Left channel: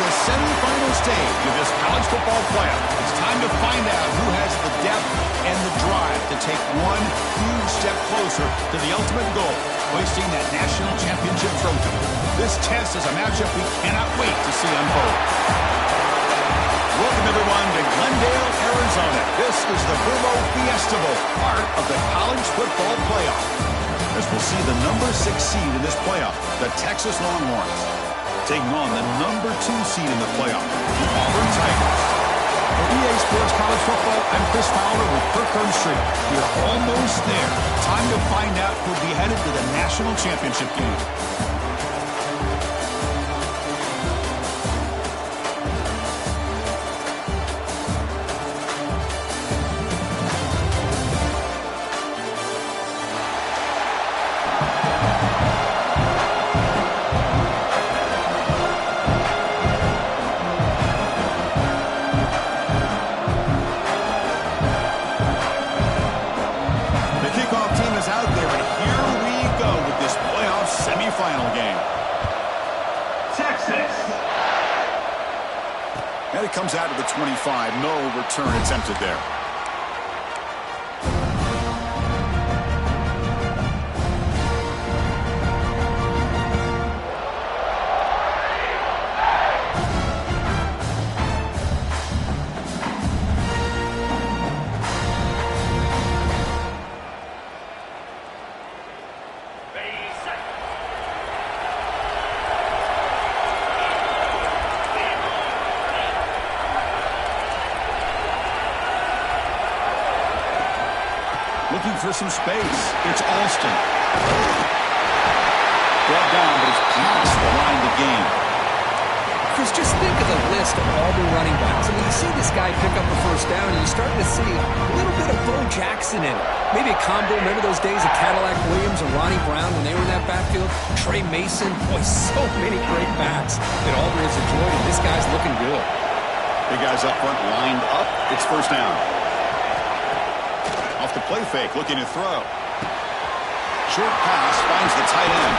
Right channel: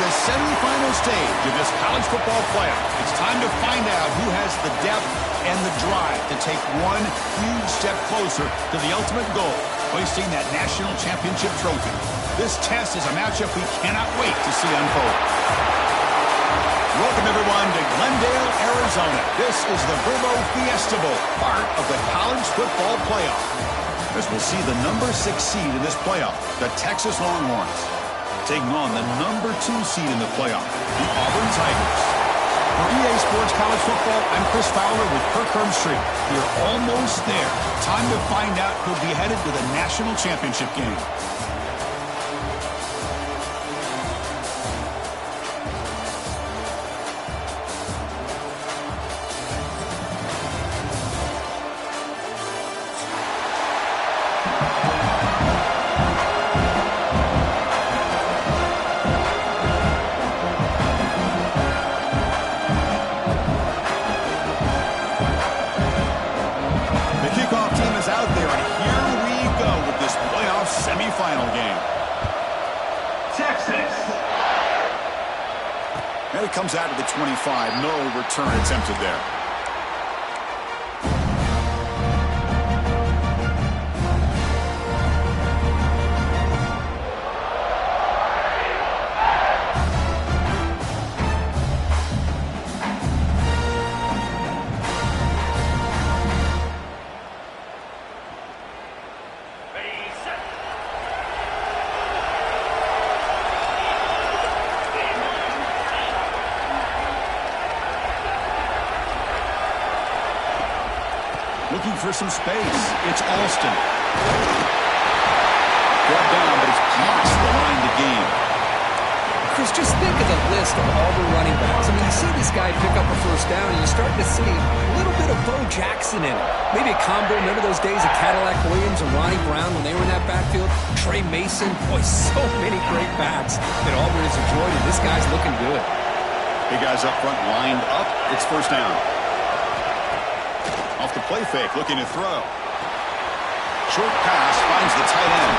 the semifinal stage of this college football playoff. It's time to find out who has the depth and the drive to take one huge step closer to the ultimate goal, hoisting that national championship trophy. This test is a matchup we cannot wait to see unfold. Welcome, everyone, to Glendale, Arizona. This is the Vrbo Fiesta Bowl, part of the college football playoff. As we'll see the number 6 seed in this playoff, the Texas Longhorns, taking on the number 2 seed in the playoff, the Auburn Tigers. For EA Sports College Football, I'm Chris Fowler with Kirk Herbstreit. We are almost there. Time to find out who'll be headed to the national championship game. Semifinal game. Texas. And it comes out of the 25. No return attempted there. Looking for some space. It's Alston. Brought down, but it's past the line to gain. Chris, just think of the list of Auburn running backs. I mean, you see this guy pick up a first down, and you're starting to see a little bit of Bo Jackson in it. Maybe a combo. Remember those days of Cadillac Williams and Ronnie Brown when they were in that backfield? Trey Mason. Boy, so many great backs that Auburn has enjoyed, and this guy's looking good. Big guys up front lined up. It's first down. Off the play fake, looking to throw. Short pass finds the tight end.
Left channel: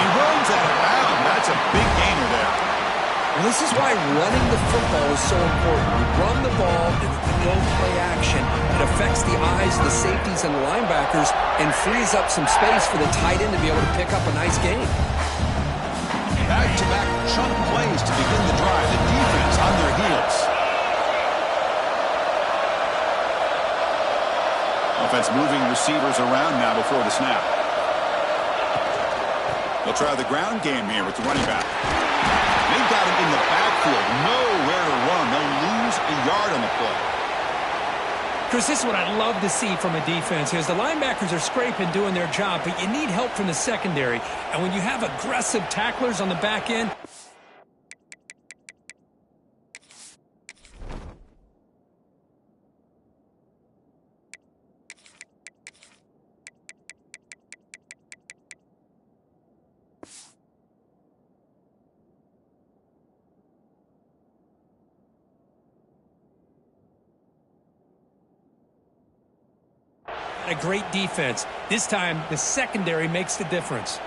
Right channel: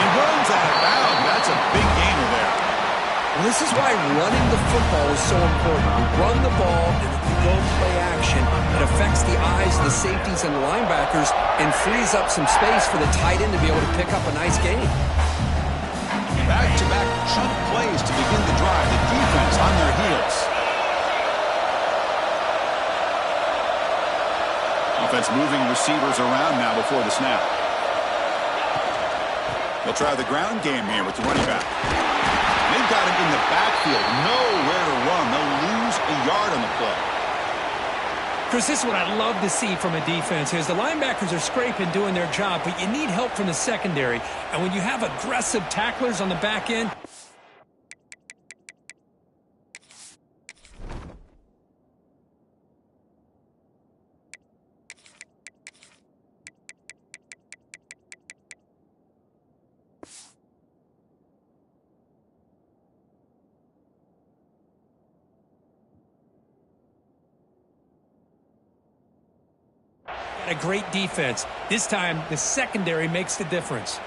He runs out of bounds. That's a big gainer there. Well, this is why running the football is so important. You run the ball, and if you go play action, it affects the eyes of the safeties and the linebackers and frees up some space for the tight end to be able to pick up a nice gain. Back-to-back chunk plays to begin the drive. The defense on their heels. Offense moving receivers around now before the snap. They'll try the ground game here with the running back. They've got him in the backfield. Nowhere to run. They'll lose a yard on the play. Chris, this is what I love to see from a defense here is the linebackers are scraping, doing their job, but you need help from the secondary. And when you have aggressive tacklers on the back end, a great defense. This time, the secondary makes the difference.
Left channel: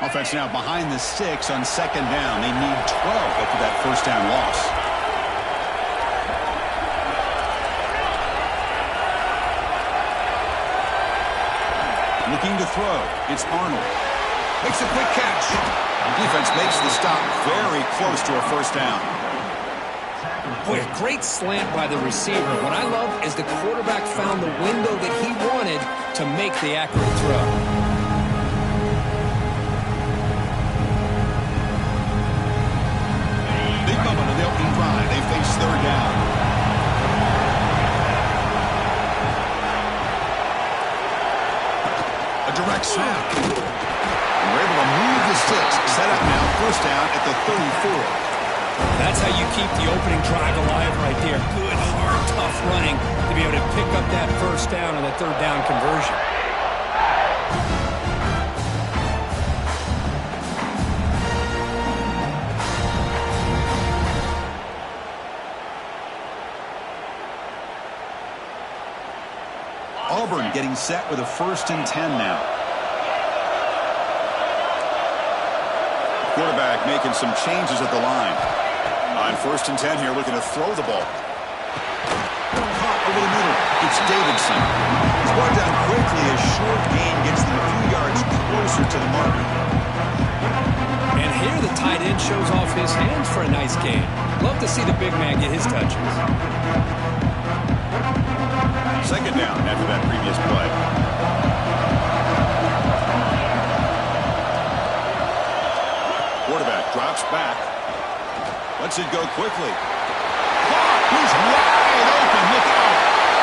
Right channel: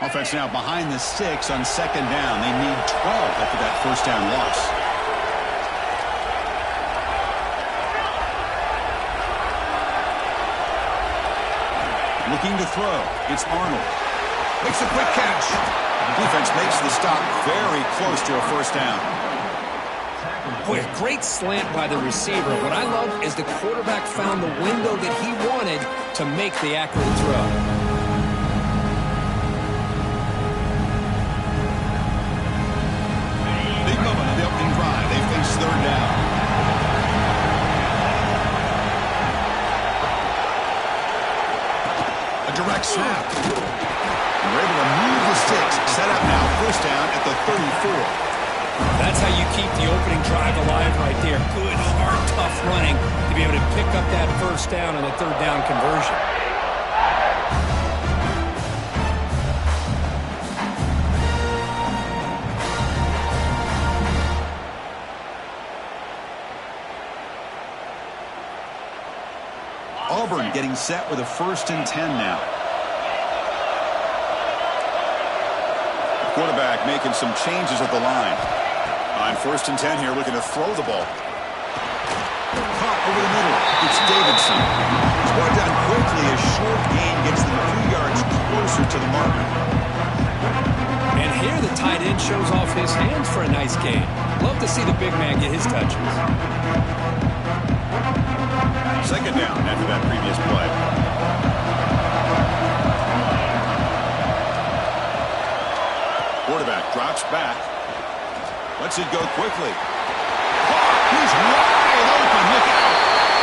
Offense now behind the 6 on second down. They need 12 after that first down loss. Looking to throw. It's Arnold. Makes a quick catch. The defense makes the stop very close to a first down. Boy, a great slant by the receiver. What I love is the quarterback found the window that he wanted to make the accurate throw. Big moment of the opening drive. They face third down. A direct snap. And we're able to move the sticks. Set up now, first down at the 34. That's how you keep the opening drive alive right there. Good, hard, tough running to be able to pick up that first down on the third down conversion. Auburn getting set with a 1st and 10 now. Quarterback making some changes at the line. On 1st and 10 here, looking to throw the ball. Caught over the middle. It's Davidson. He's brought down quickly. A short gain gets them a few yards closer to the mark. And here the tight end shows off his hands for a nice gain. Love to see the big man get his touches. 2nd down after that previous play. Quarterback drops back. Lets it go quickly. Clark, he's wide open. Look out.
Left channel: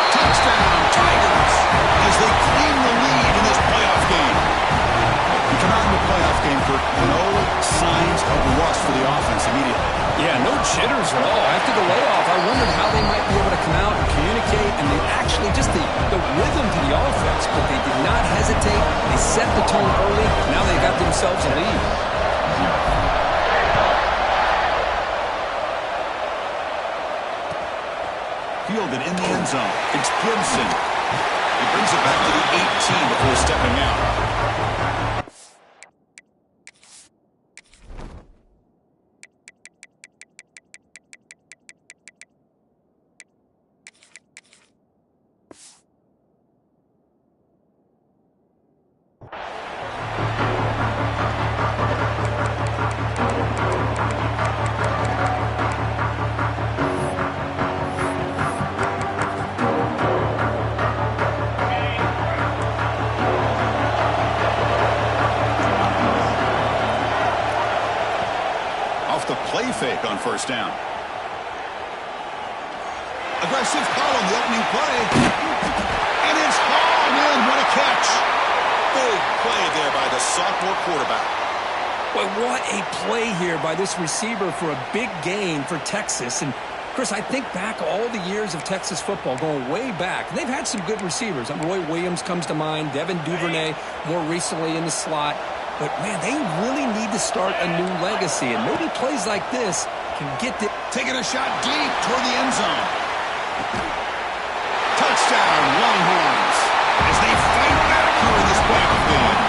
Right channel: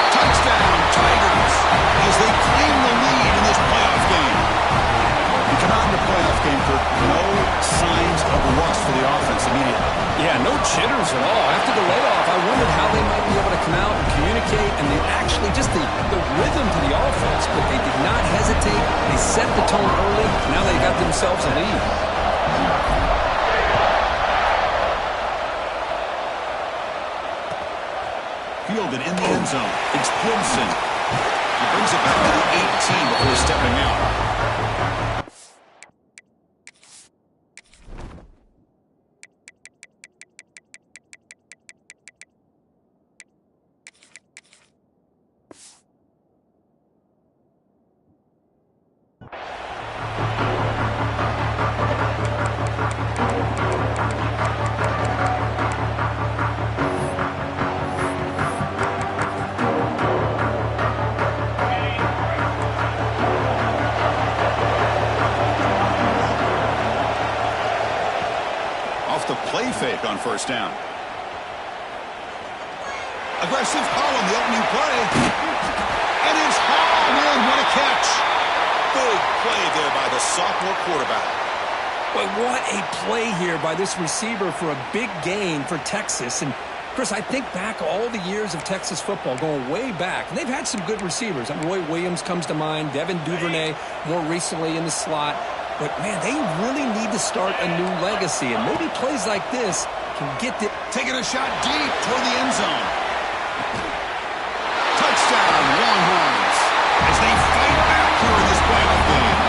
Touchdown, Tigers, as they claim the lead in this playoff game. You come out in the playoff game, Kirk, no signs of rust for the offense immediately. Yeah, no jitters at all. After the layoff, I wondered how they might be able to come out and communicate, and they actually just the rhythm to the offense, but they did not hesitate. They set the tone early. Now they got themselves a lead. Fielded in the end zone. It's Gibson. He brings it back to the 18 before stepping out. The play fake on 1st down. Aggressive call on the opening play. And it's hauled in. What a catch. Big play there by the sophomore quarterback. Boy, what a play here by this receiver for a big gain for Texas. And, Chris, I think back all the years of Texas football, going way back. And they've had some good receivers. Roy Williams comes to mind, Devin Duvernay more recently in the slot. But, man, they really need to start a new legacy. And maybe plays like this can get the... Taking a shot deep toward the end zone. Touchdown, Longhorns, as they fight back here in this playoff game.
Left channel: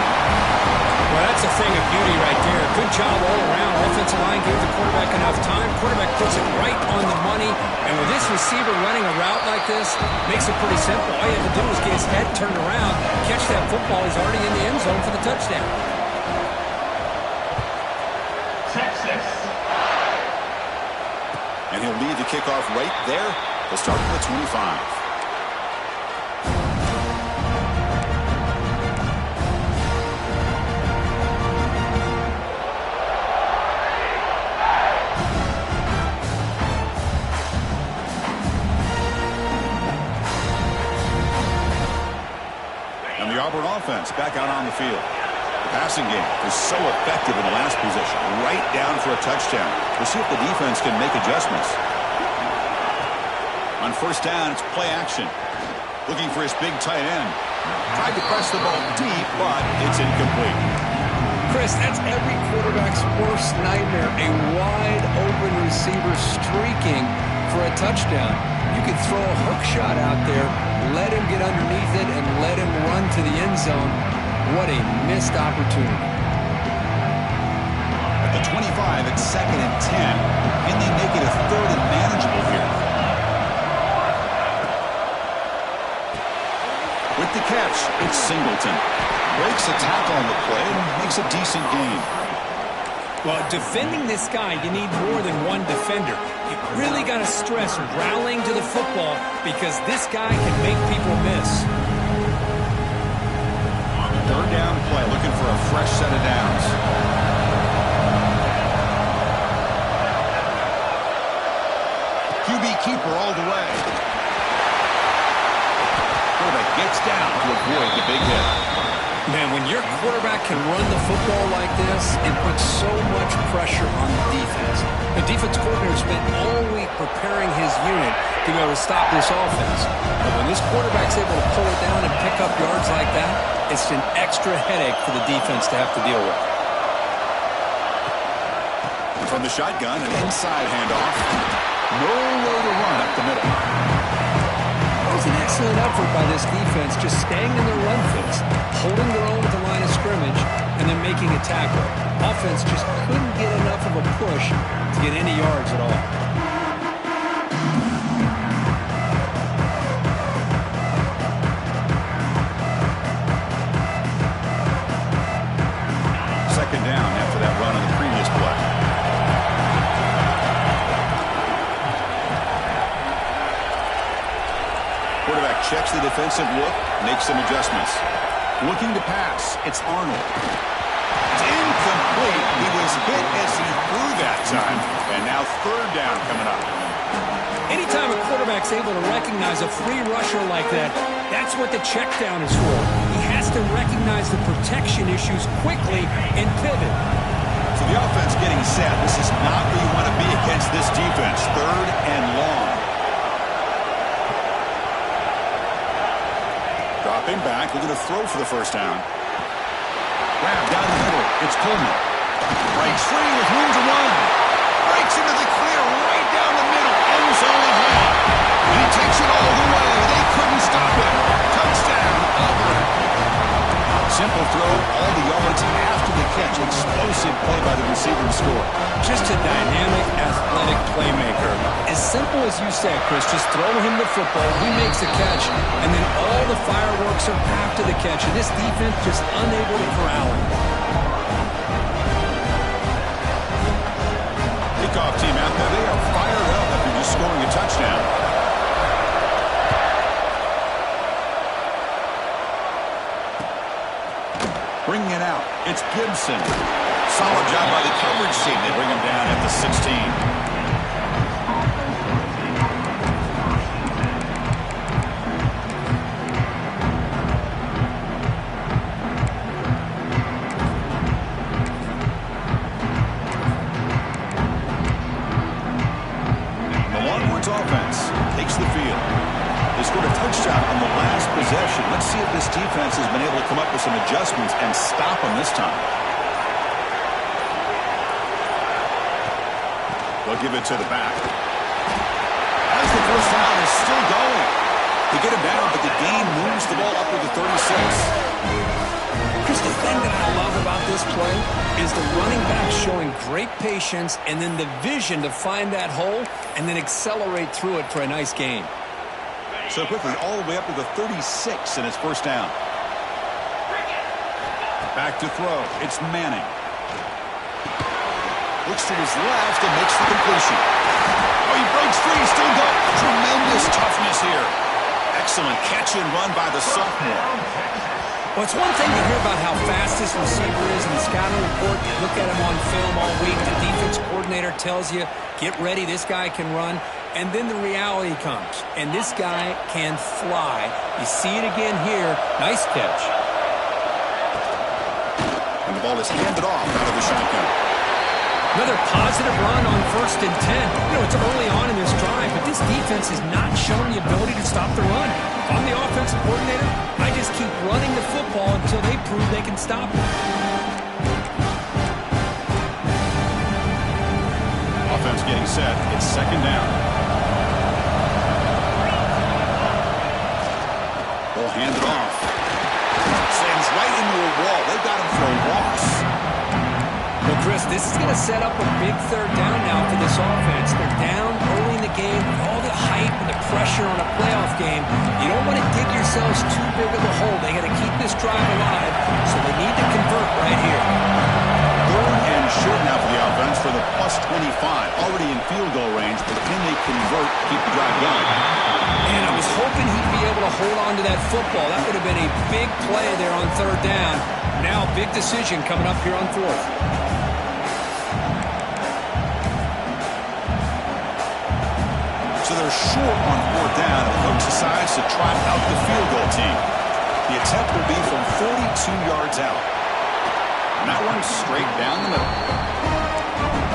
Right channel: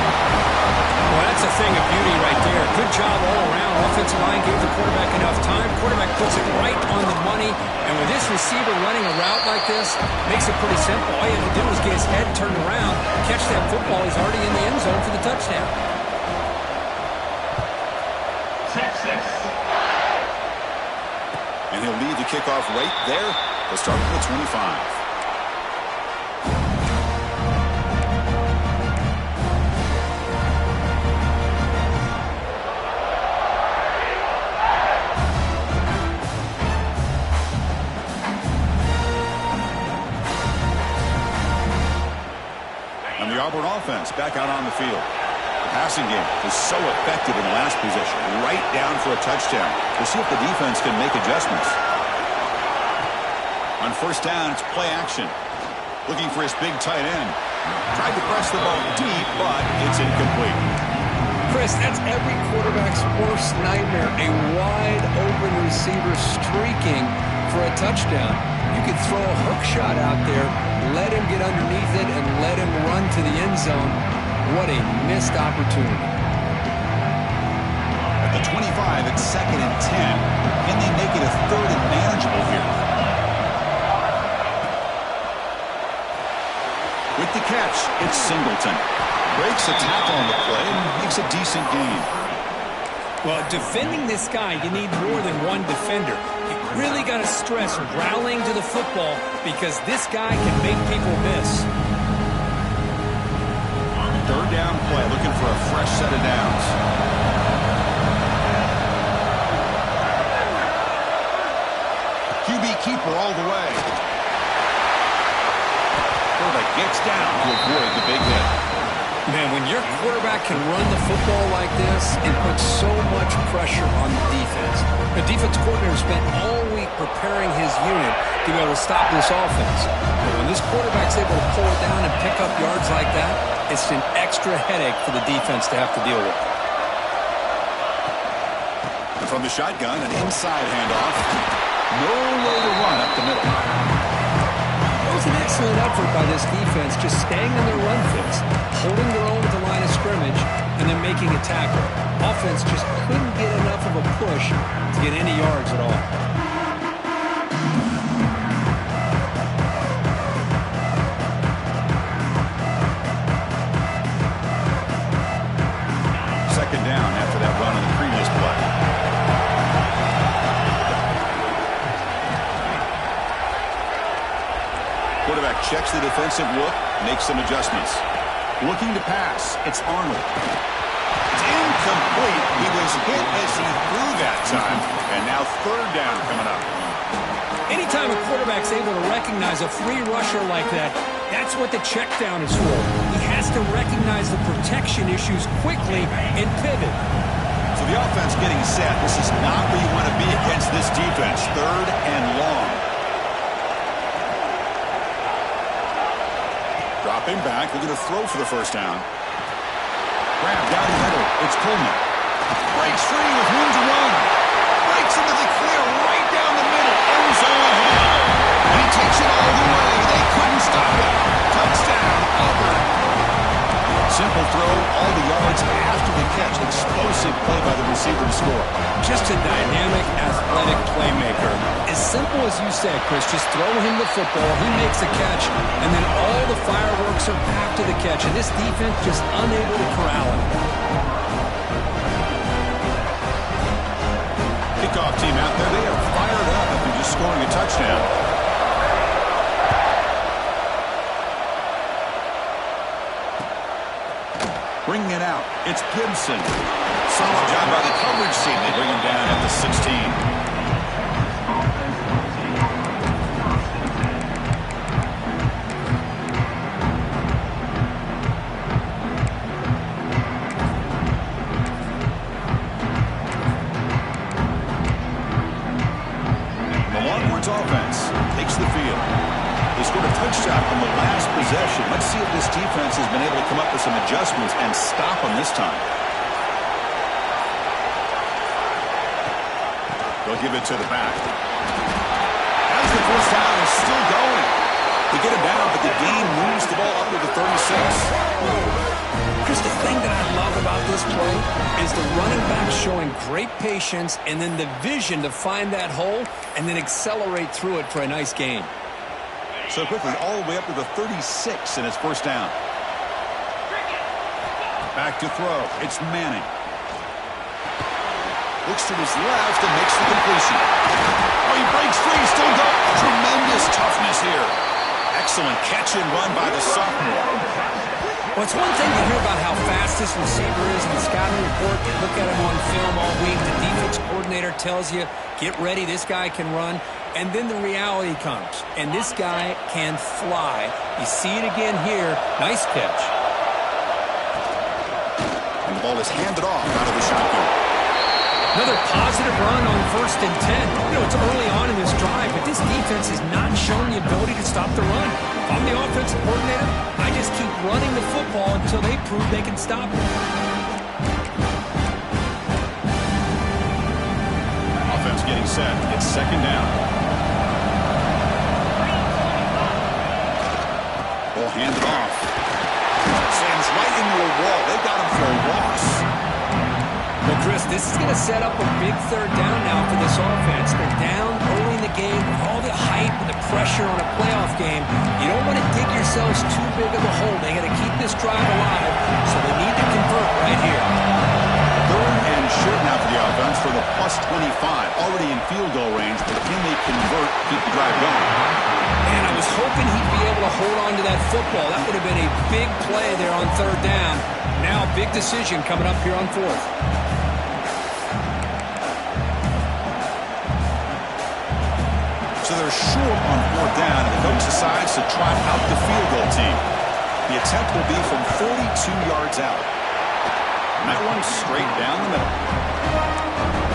Well, that's a thing of beauty right there. Good job all around. Offensive line gave the quarterback enough time. Quarterback puts it right on the money. And with this receiver running a route like this, makes it pretty simple. All you have to do is get his head turned around, catch that football. He's already in the end zone for the touchdown. Texas. And he'll lead the kickoff right there. He'll start from the 25. And the Auburn offense back out on the field. Passing game was so effective in the last possession, right down for a touchdown. We'll see if the defense can make adjustments. On 1st down, it's play action. Looking for his big tight end. Tried to press the ball deep, but it's incomplete. Chris, that's every quarterback's worst nightmare. A wide open receiver streaking for a touchdown. You could throw a hook shot out there, let him get underneath it, and let him run to the end zone. What a missed opportunity. At the 25, it's 2nd and 10. Can they make it a 3rd and manageable here? With the catch, it's Singleton. Breaks a tackle on the play and makes a decent gain. Well, defending this guy, you need more than one defender. You really got to stress rallying to the football because this guy can make people miss. 3rd down play, looking for a fresh set of downs. QB keeper all the way. Quarterback gets down to avoid the big hit. Man, when your quarterback can run the football like this, it puts so much pressure on the defense. The defense coordinator spent all week preparing his unit to be able to stop this offense. But when this quarterback's able to pull it down and pick up yards like that, it's an extra headache for the defense to have to deal with. And from the shotgun, an inside handoff. No way to run up the middle. That was an excellent effort by this defense, just staying in their run fits, holding their own at the line of scrimmage, and then making a tackle. Offense just couldn't get enough of a push to get any yards at all. Second down after that run on the previous play. Quarterback checks the defensive look, makes some adjustments. Looking to pass, it's Arnold. It's incomplete. He was hit as he threw that time, and now third down coming up. Anytime a quarterback's able to recognize a free rusher like that, that's what the check down is for. He has to recognize the protection issues quickly and pivot. So the offense getting set. This is not where you want to be against this defense. Third and long. Dropping back, looking to throw for the first down. Grab down the middle. It's Coleman. Breaks free with room to run. Breaks into the clear right down the middle. End zone ahead. And he takes it all the way. They couldn't stop him. Touchdown, Auburn. Simple throw, all the yards after the catch. Explosive play by the receiver to score. Just a dynamic, athletic playmaker. As simple as you said, Chris, just throw him the football, he makes a catch, and then all the fireworks are after the catch, and this defense just unable to corral him. Kickoff team out there, they are fired up after just scoring a touchdown. Bringing it out, it's Gibson. Solid job by the coverage team. They bring him down at the 16. The Longhorns offense takes the field. They scored a touchdown on the last possession. Let's see if this defense has been able to come up with some adjustments and stop them this time. They'll give it to the back. As the first down is still going. They get him down, but the game moves the ball up to the 36. Chris, the thing that I love about this play is the running back showing great patience and then the vision to find that hole and then accelerate through it for a nice gain. So quickly, all the way up to the 36 in his first down. Back to throw. It's Manning. Looks to his left and makes the completion. Oh, he breaks free. Still go. Tremendous toughness here. Excellent catch and run by the sophomore. Well, it's one thing to hear about how fast this receiver is in the scouting report. You look at him on film all week. The defense coordinator tells you, get ready, this guy can run. And then the reality comes, and this guy can fly. You see it again here. Nice catch. And the ball is handed off out of the shotgun. Another positive run on 1st and 10. You know, it's early on in this drive, but this defense has not shown the ability to stop the run. If I'm the offensive coordinator, I just keep running the football until they prove they can stop it. Offense getting set. It's second down. Ball handed off. Slams right into a wall. They got him for a loss. Well, Chris, this is going to set up a big third down now for this offense. They're down early in the game with all the hype and the pressure on a playoff game. You don't want to dig yourselves too big of a hole. They got to keep this drive alive, so they need to convert right here. Third and short now for the offense for the plus 25. Already in field goal range, but can they convert, keep the drive going? And I was hoping he'd be able to hold on to that football. That would have been a big play there on third down. Now, big decision coming up here on fourth. So they're short on fourth down, and the coach decides to trot out the field goal team. The attempt will be from 42 yards out. And that one's straight down the middle.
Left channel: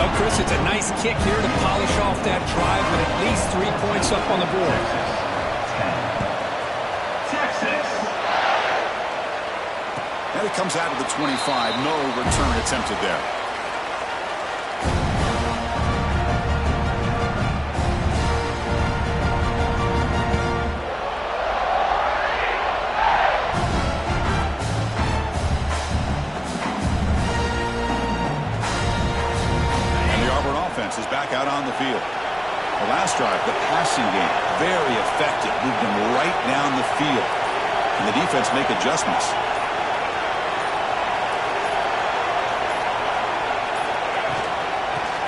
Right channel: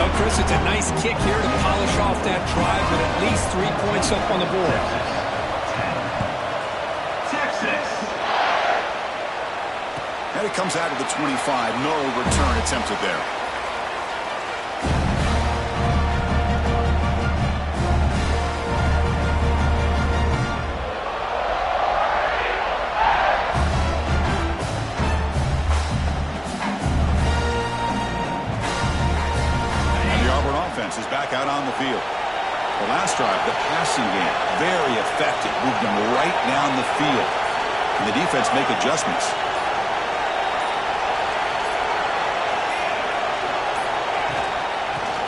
Oh, Chris, it's a nice kick here to polish off that drive with at least 3 points up on the board. Texas. And it comes out of the 25. No return attempted there. defense is back out on the field. The last drive, the passing game, very effective. Moved him right down the field. Can the defense make adjustments?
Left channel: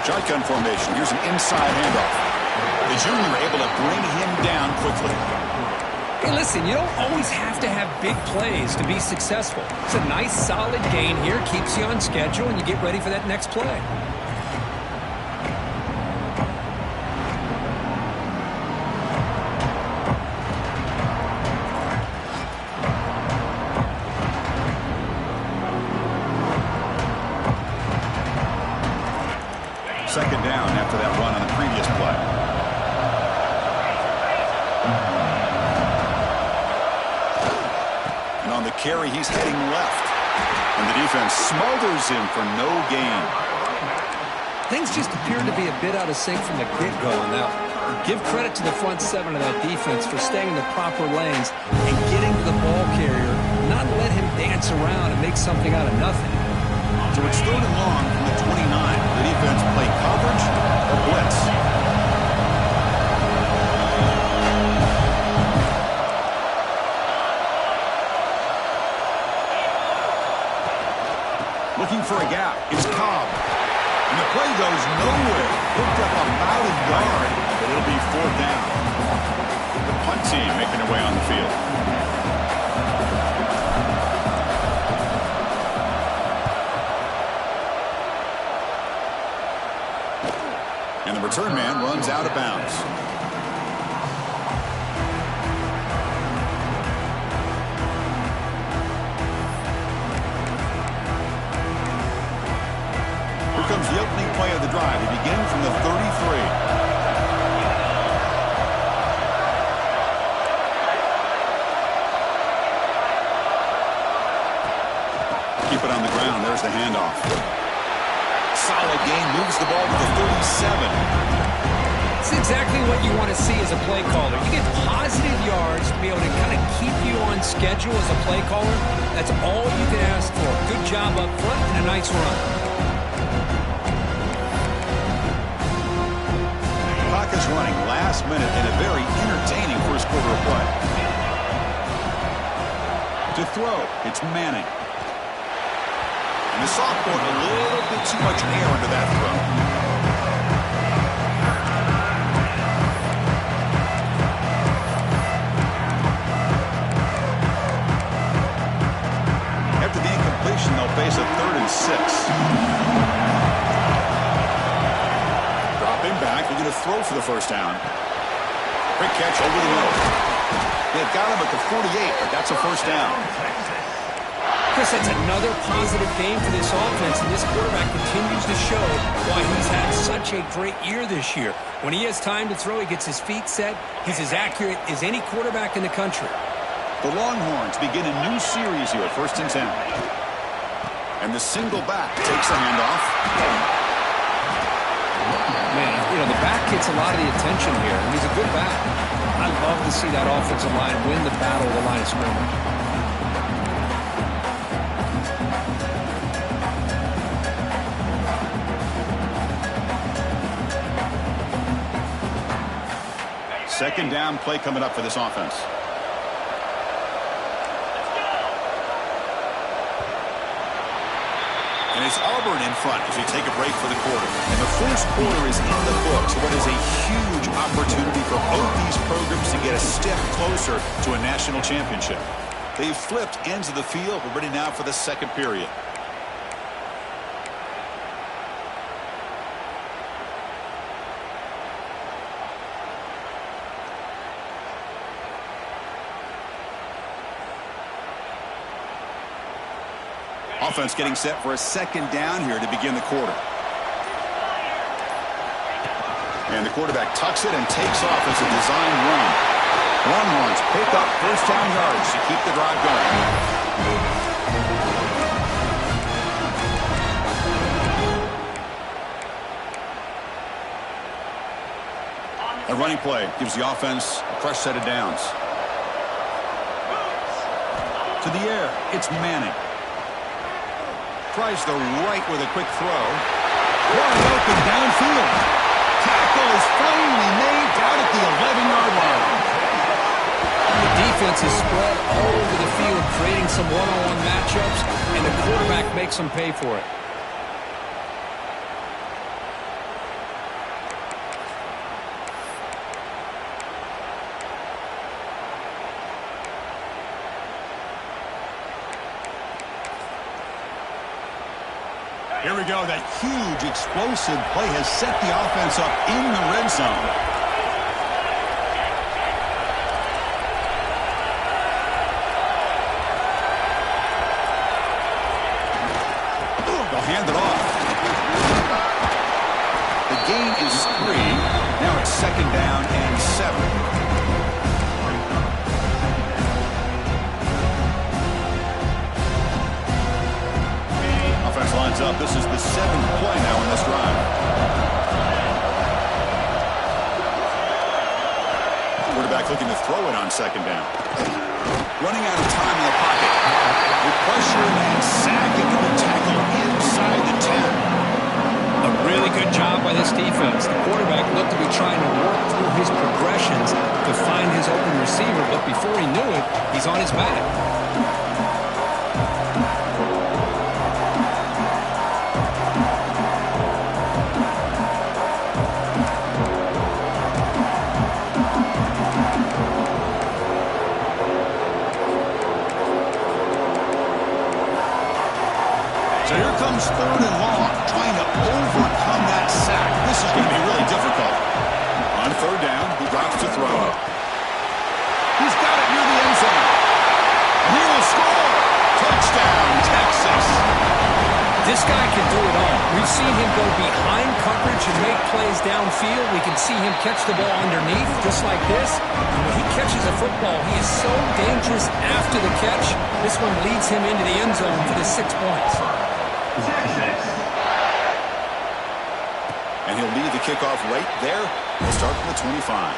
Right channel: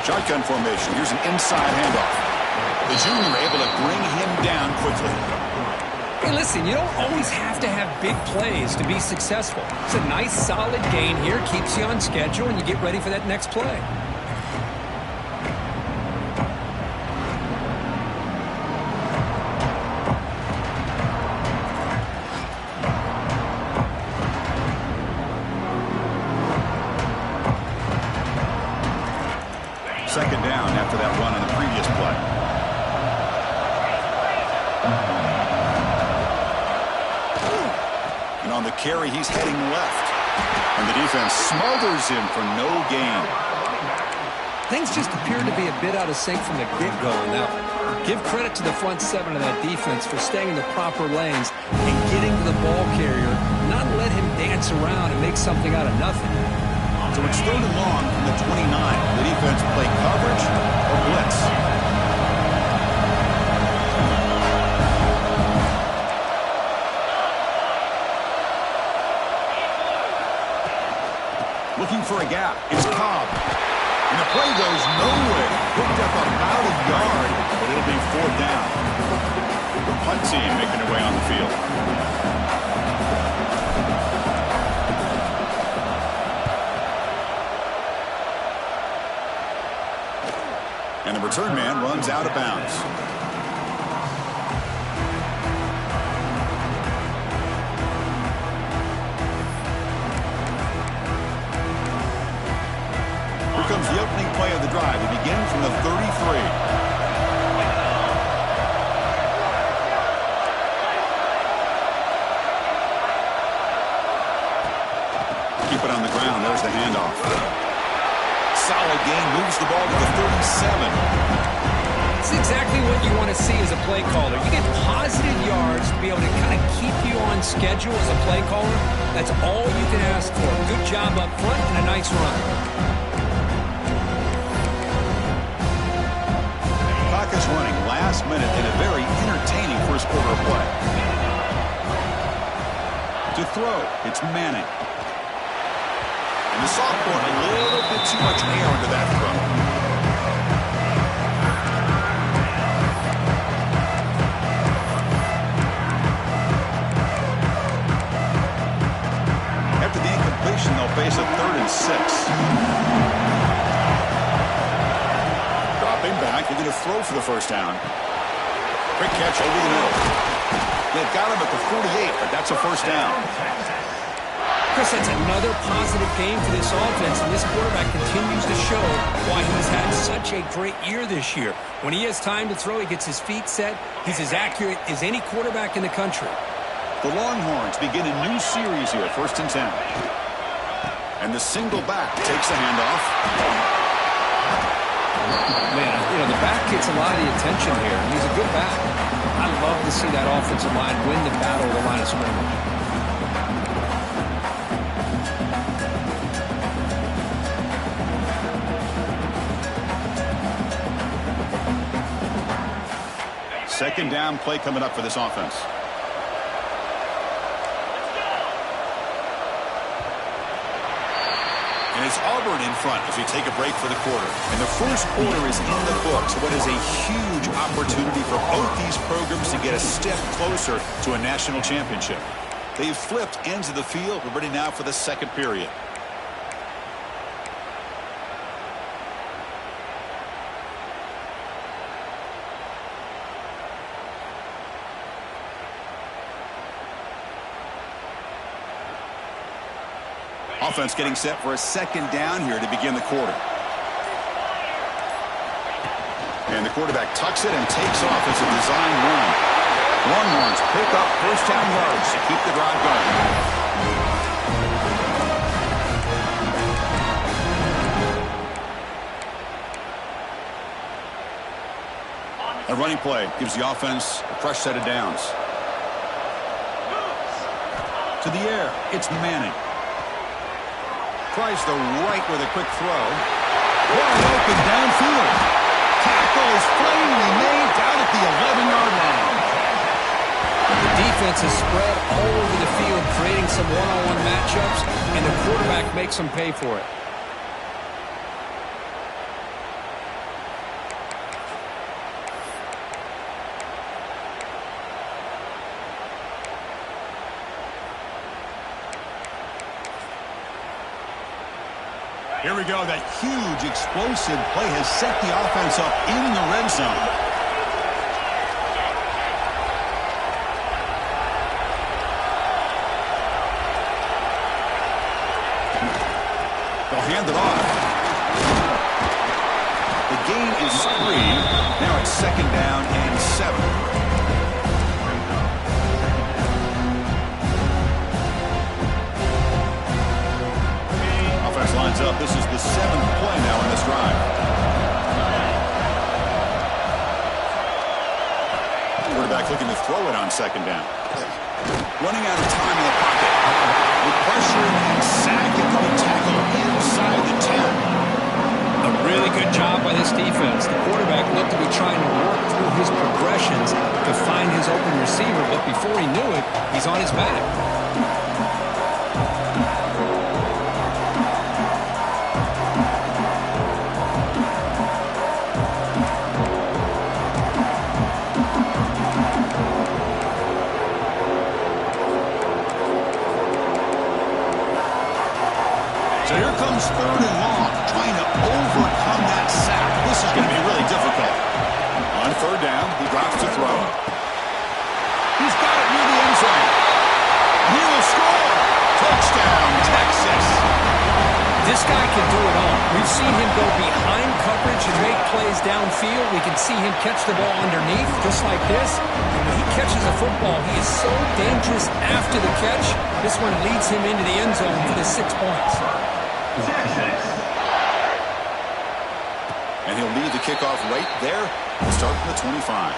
Shotgun formation. Here's an inside handoff. The junior able to bring him down quickly. Hey, listen, you don't always have to have big plays to be successful. It's a nice, solid gain here. Keeps you on schedule, and you get ready for that next play. Second down after that run on the previous play. And on the carry, he's heading left. And the defense smothers him for no gain. Things just appeared to be a bit out of sync from the get-go on that one. Give credit to the front seven of that defense for staying in the proper lanes and getting to the ball carrier, not let him dance around and make something out of nothing. So it's 3rd and long from the 29. The defense play coverage or blitz. Looking for a gap. It's Cobb. And the play goes nowhere. Hooked up about a yard, but it'll be 4th down. The punt team making their way on the field. And the return man runs out of bounds. Here comes the opening play of the drive. They begin from the 33. Keep it on the ground. There's the handoff. Solid gain, moves the ball to the 37. It's exactly what you want to see as a play caller. You get positive yards to be able to kind of keep you on schedule as a play caller. That's all you can ask for. Good job up front and a nice run. Clock is running last minute in a very entertaining first quarter of play. To throw, it's Manning. And the sophomore, a little bit too much air into that throw. After the incompletion, they'll face a 3rd and 6. Dropping back, they're going to throw for the first down. Quick catch over the middle. They've got him at the 48, but that's a first down. Chris, that's another positive game for this offense, and this quarterback continues to show why he's had such a great year this year. When he has time to throw, he gets his feet set. He's as accurate as any quarterback in the country. The Longhorns begin a new series here, 1st and 10. And the single back takes the handoff. Man, you know, the back gets a lot of the attention here, and he's a good back. I love to see that offensive line win the battle of the line of scrimmage. Second down play coming up for this offense. And it's Auburn in front as we take a break for the quarter. And the first quarter is in the books. What is a huge opportunity for both these programs to get a step closer to a national championship. They've flipped ends of the field. We're ready now for the second period. Offense getting set for a second down here to begin the quarter. And the quarterback tucks it and takes off as a design run. Longhorns pick up first down yards to keep the drive going. A running play gives the offense a fresh set of downs. To the air, it's Manning. Tries the right with a quick throw. Wide open downfield. tackle is finally made down at the 11-yard line. The defense is spread all over the field, creating some one-on-one matchups, and the quarterback makes them pay for it. Here we go. That huge, explosive play has set the offense up in the red zone. They'll hand it off. The gain is 3. Now it's 2nd down and 7. Offense lines up. This is the 7th play now in this drive. Quarterback looking to throw it on 2nd down. Running out of time in the pocket. With pressure and sack, and going to tackle inside the 10. A really good job by this defense. The quarterback looked to be trying to work through his progressions to find his open receiver, but before he knew it, he's on his back. So here comes 3rd and long, trying to overcome that sack. This is going to be really difficult. On 3rd down, he drops to throw. He's got it near the end zone. And he will score. Touchdown, Texas. This guy can do it all. We've seen him go behind coverage and make plays downfield. We can see him catch the ball underneath, just like this. And when he catches a football, he is so dangerous after the catch. This one leads him into the end zone for the 6 points. And he'll lead the kickoff right there. We'll start from the 25.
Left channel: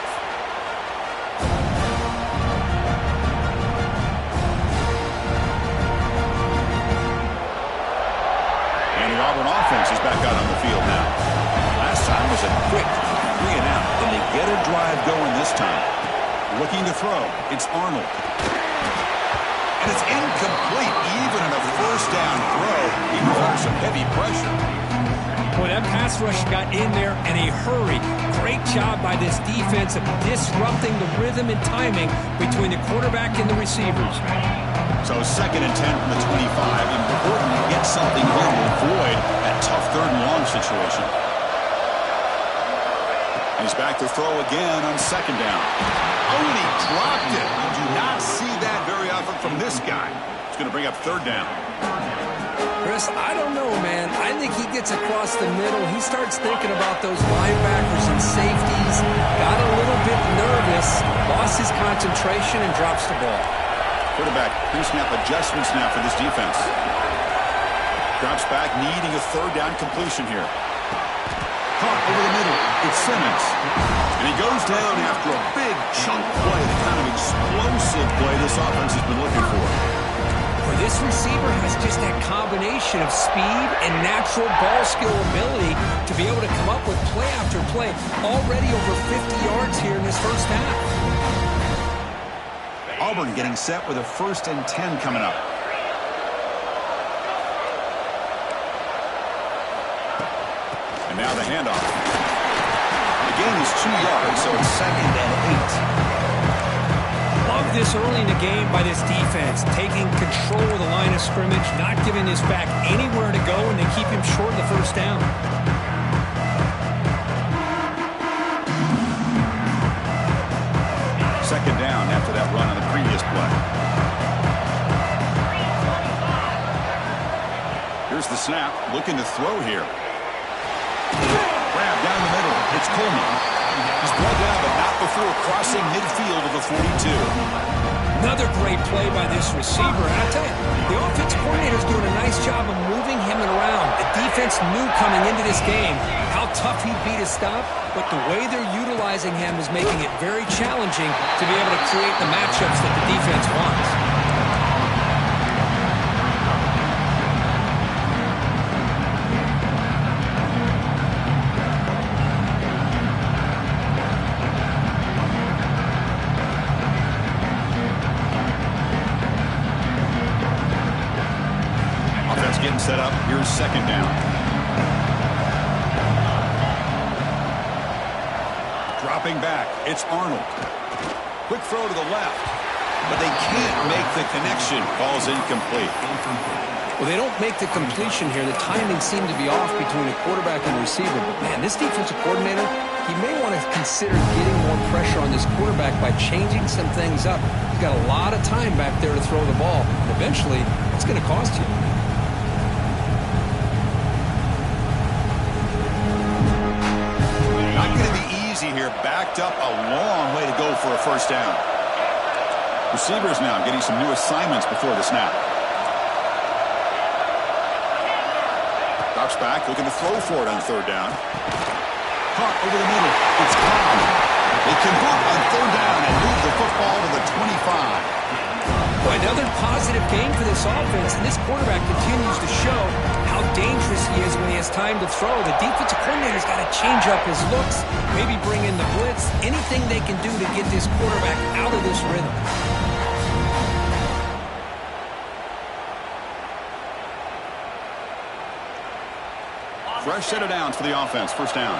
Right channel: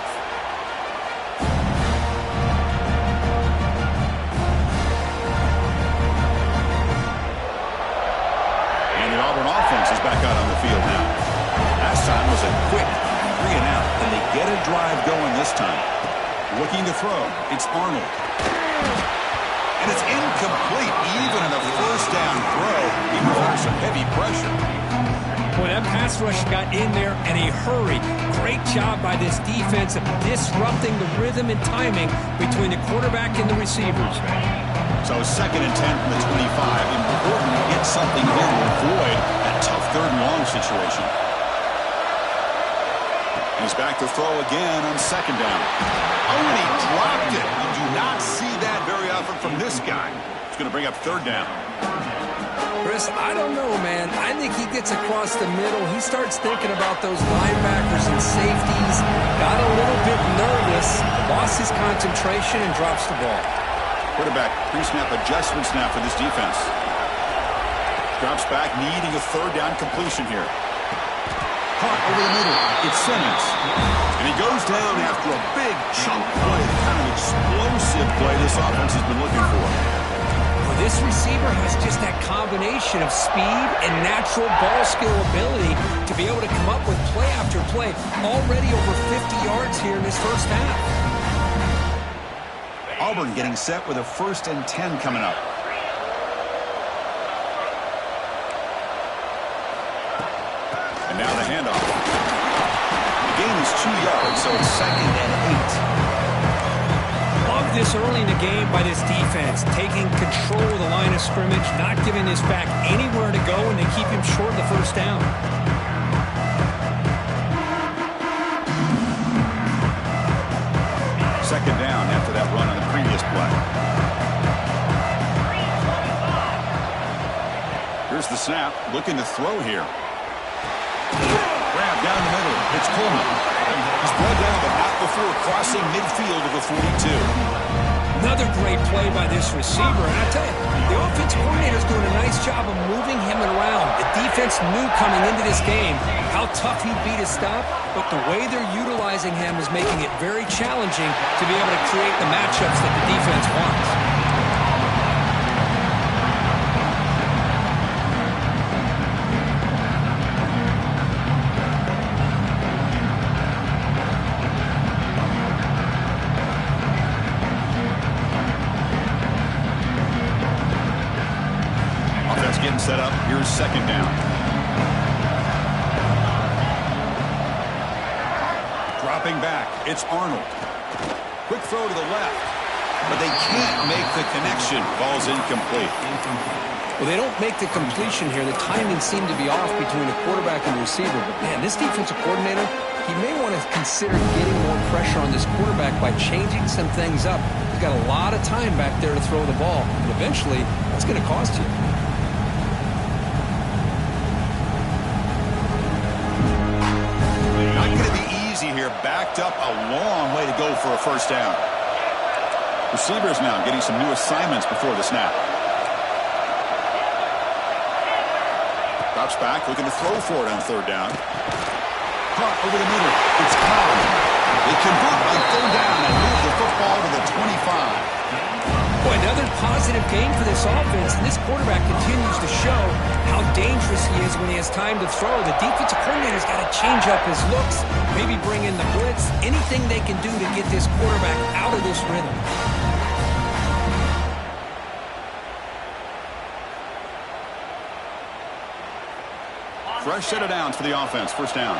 And the Auburn offense is back out on the field now. Last time was a quick 3 and out, and they get a drive going this time. Looking to throw. It's Arnold. And it's incomplete, even in a 1st down throw, even under some heavy pressure. Boy, that pass rush got in there in a hurry. Great job by this defense of disrupting the rhythm and timing between the quarterback and the receivers. So 2nd and 10 from the 25. Important to get something here to avoid that tough 3rd and long situation. And he's back to throw again on 2nd down. Oh, and he dropped it. You do not see that very often from this guy. He's going to bring up 3rd down. Chris, I don't know, man. I think he gets across the middle. He starts thinking about those linebackers and safeties. Got a little bit nervous, lost his concentration, and drops the ball. Quarterback pre-snap adjustments now for this defense. Drops back, needing a 3rd down completion here. Caught over the middle. It's Simmons. And he goes down after a big chunk play, the kind of explosive play this offense has been looking for. Well, this receiver has just that combination of speed and natural ball skill ability to be able to come up with play after play. Already over 50 yards here in this 1st half. Auburn getting set with a 1st and 10 coming up. And now the handoff. The gain is 2 yards, so it's 2nd and 8. Love this early in the game by this defense, taking control of the line of scrimmage, not giving this back anywhere to go, and they keep him short of the 1st down. Second down after that run on the previous play. Here's the snap, looking to throw here. Grab down the middle. It's Coleman. He's brought down, but not before crossing midfield of the 42. Another great play by this receiver. And I tell you, the offense coordinator is doing a nice job of moving him around. The defense knew coming into this game how tough he'd be to stop, but the way they're utilizing him is making it very challenging to be able to create the matchups that the defense wants. down set up. Here's second down. Dropping back, it's Arnold. Quick throw to the left, but they can't make the connection. Ball's incomplete. Well, they don't make the completion here. The timing seemed to be off between the quarterback and the receiver. But, man, this defensive coordinator, he may want to consider getting more pressure on this quarterback by changing some things up. He's got a lot of time back there to throw the ball, and eventually that's going to cost you. Not going to be easy here. Backed up a long way to go for a first down. Receivers now getting some new assignments before the snap. Drops back, looking to throw for it on third down. Caught over the middle. It's Cobb. They convert on third down and move the football to the 25. Boy, another positive game for this offense, and this quarterback continues to show how dangerous he is when he has time to throw. The defensive coordinator's got to change up his looks, maybe bring in the blitz, anything they can do to get this quarterback out of this rhythm. Fresh set of downs for the offense. First down.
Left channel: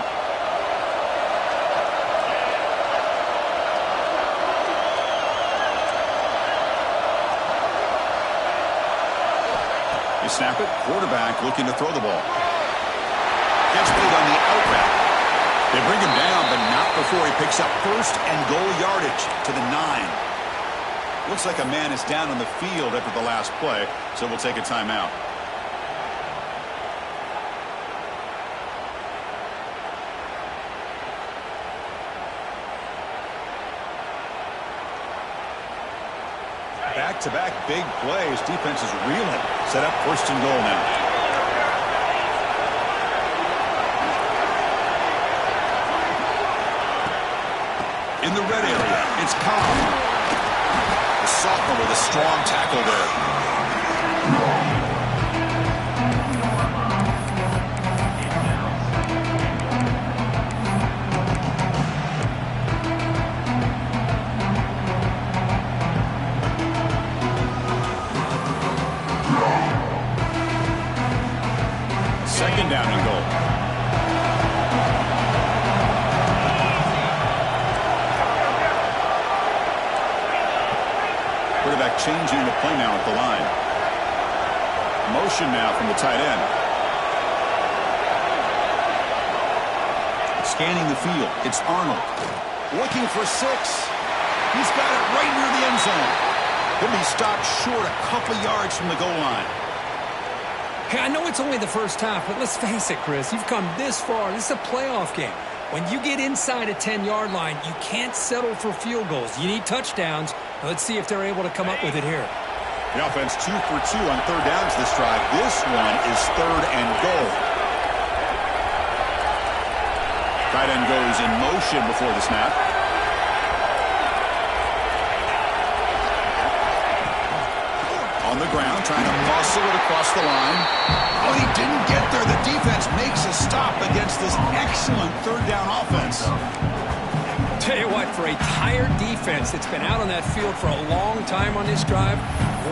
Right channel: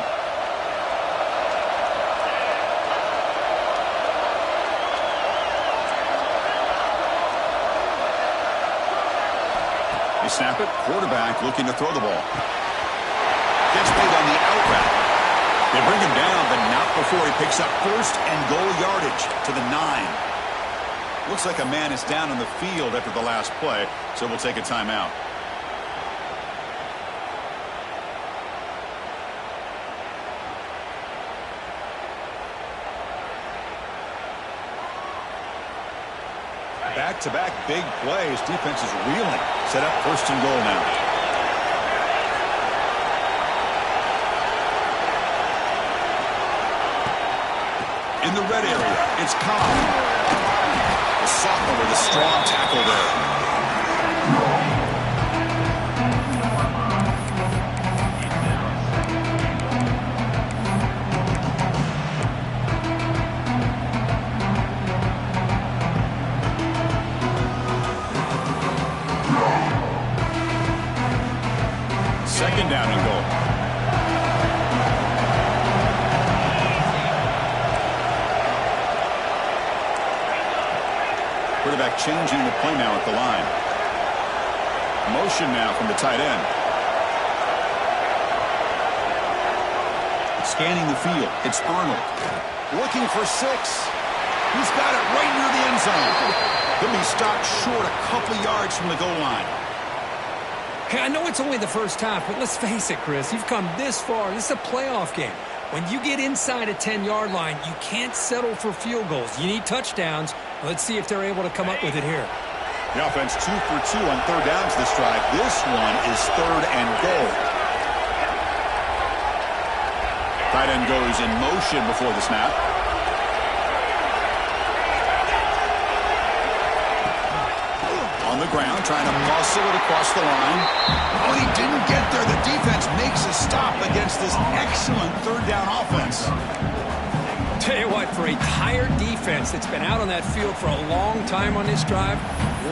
You snap it. Quarterback looking to throw the ball. Gets made on the out route. They bring him down, but not before he picks up first and goal yardage to the 9. Looks like a man is down on the field after the last play, so we'll take a timeout. Back-to-back big plays. Defense is reeling. Set up first and goal now. In the red area, it's Cobb. The sophomore with a strong tackle there. Second down and goal. Quarterback changing the play now at the line. Motion now from the tight end. Scanning the field. It's Arnold. Looking for 6. He's got it right near the end zone. Could be stopped short a couple yards from the goal line. Hey, I know it's only the first half, but let's face it, Chris. You've come this far. This is a playoff game. When you get inside a 10-yard line, you can't settle for field goals. You need touchdowns. Let's see if they're able to come up with it here. The offense 2 for 2 on third downs this drive. This one is third and goal. Tight end goes in motion before the snap. On the ground, trying to muscle it across the line. Oh, he didn't get there. The defense makes a stop against this excellent third down offense. Tell you what, for a tired defense that's been out on that field for a long time on this drive,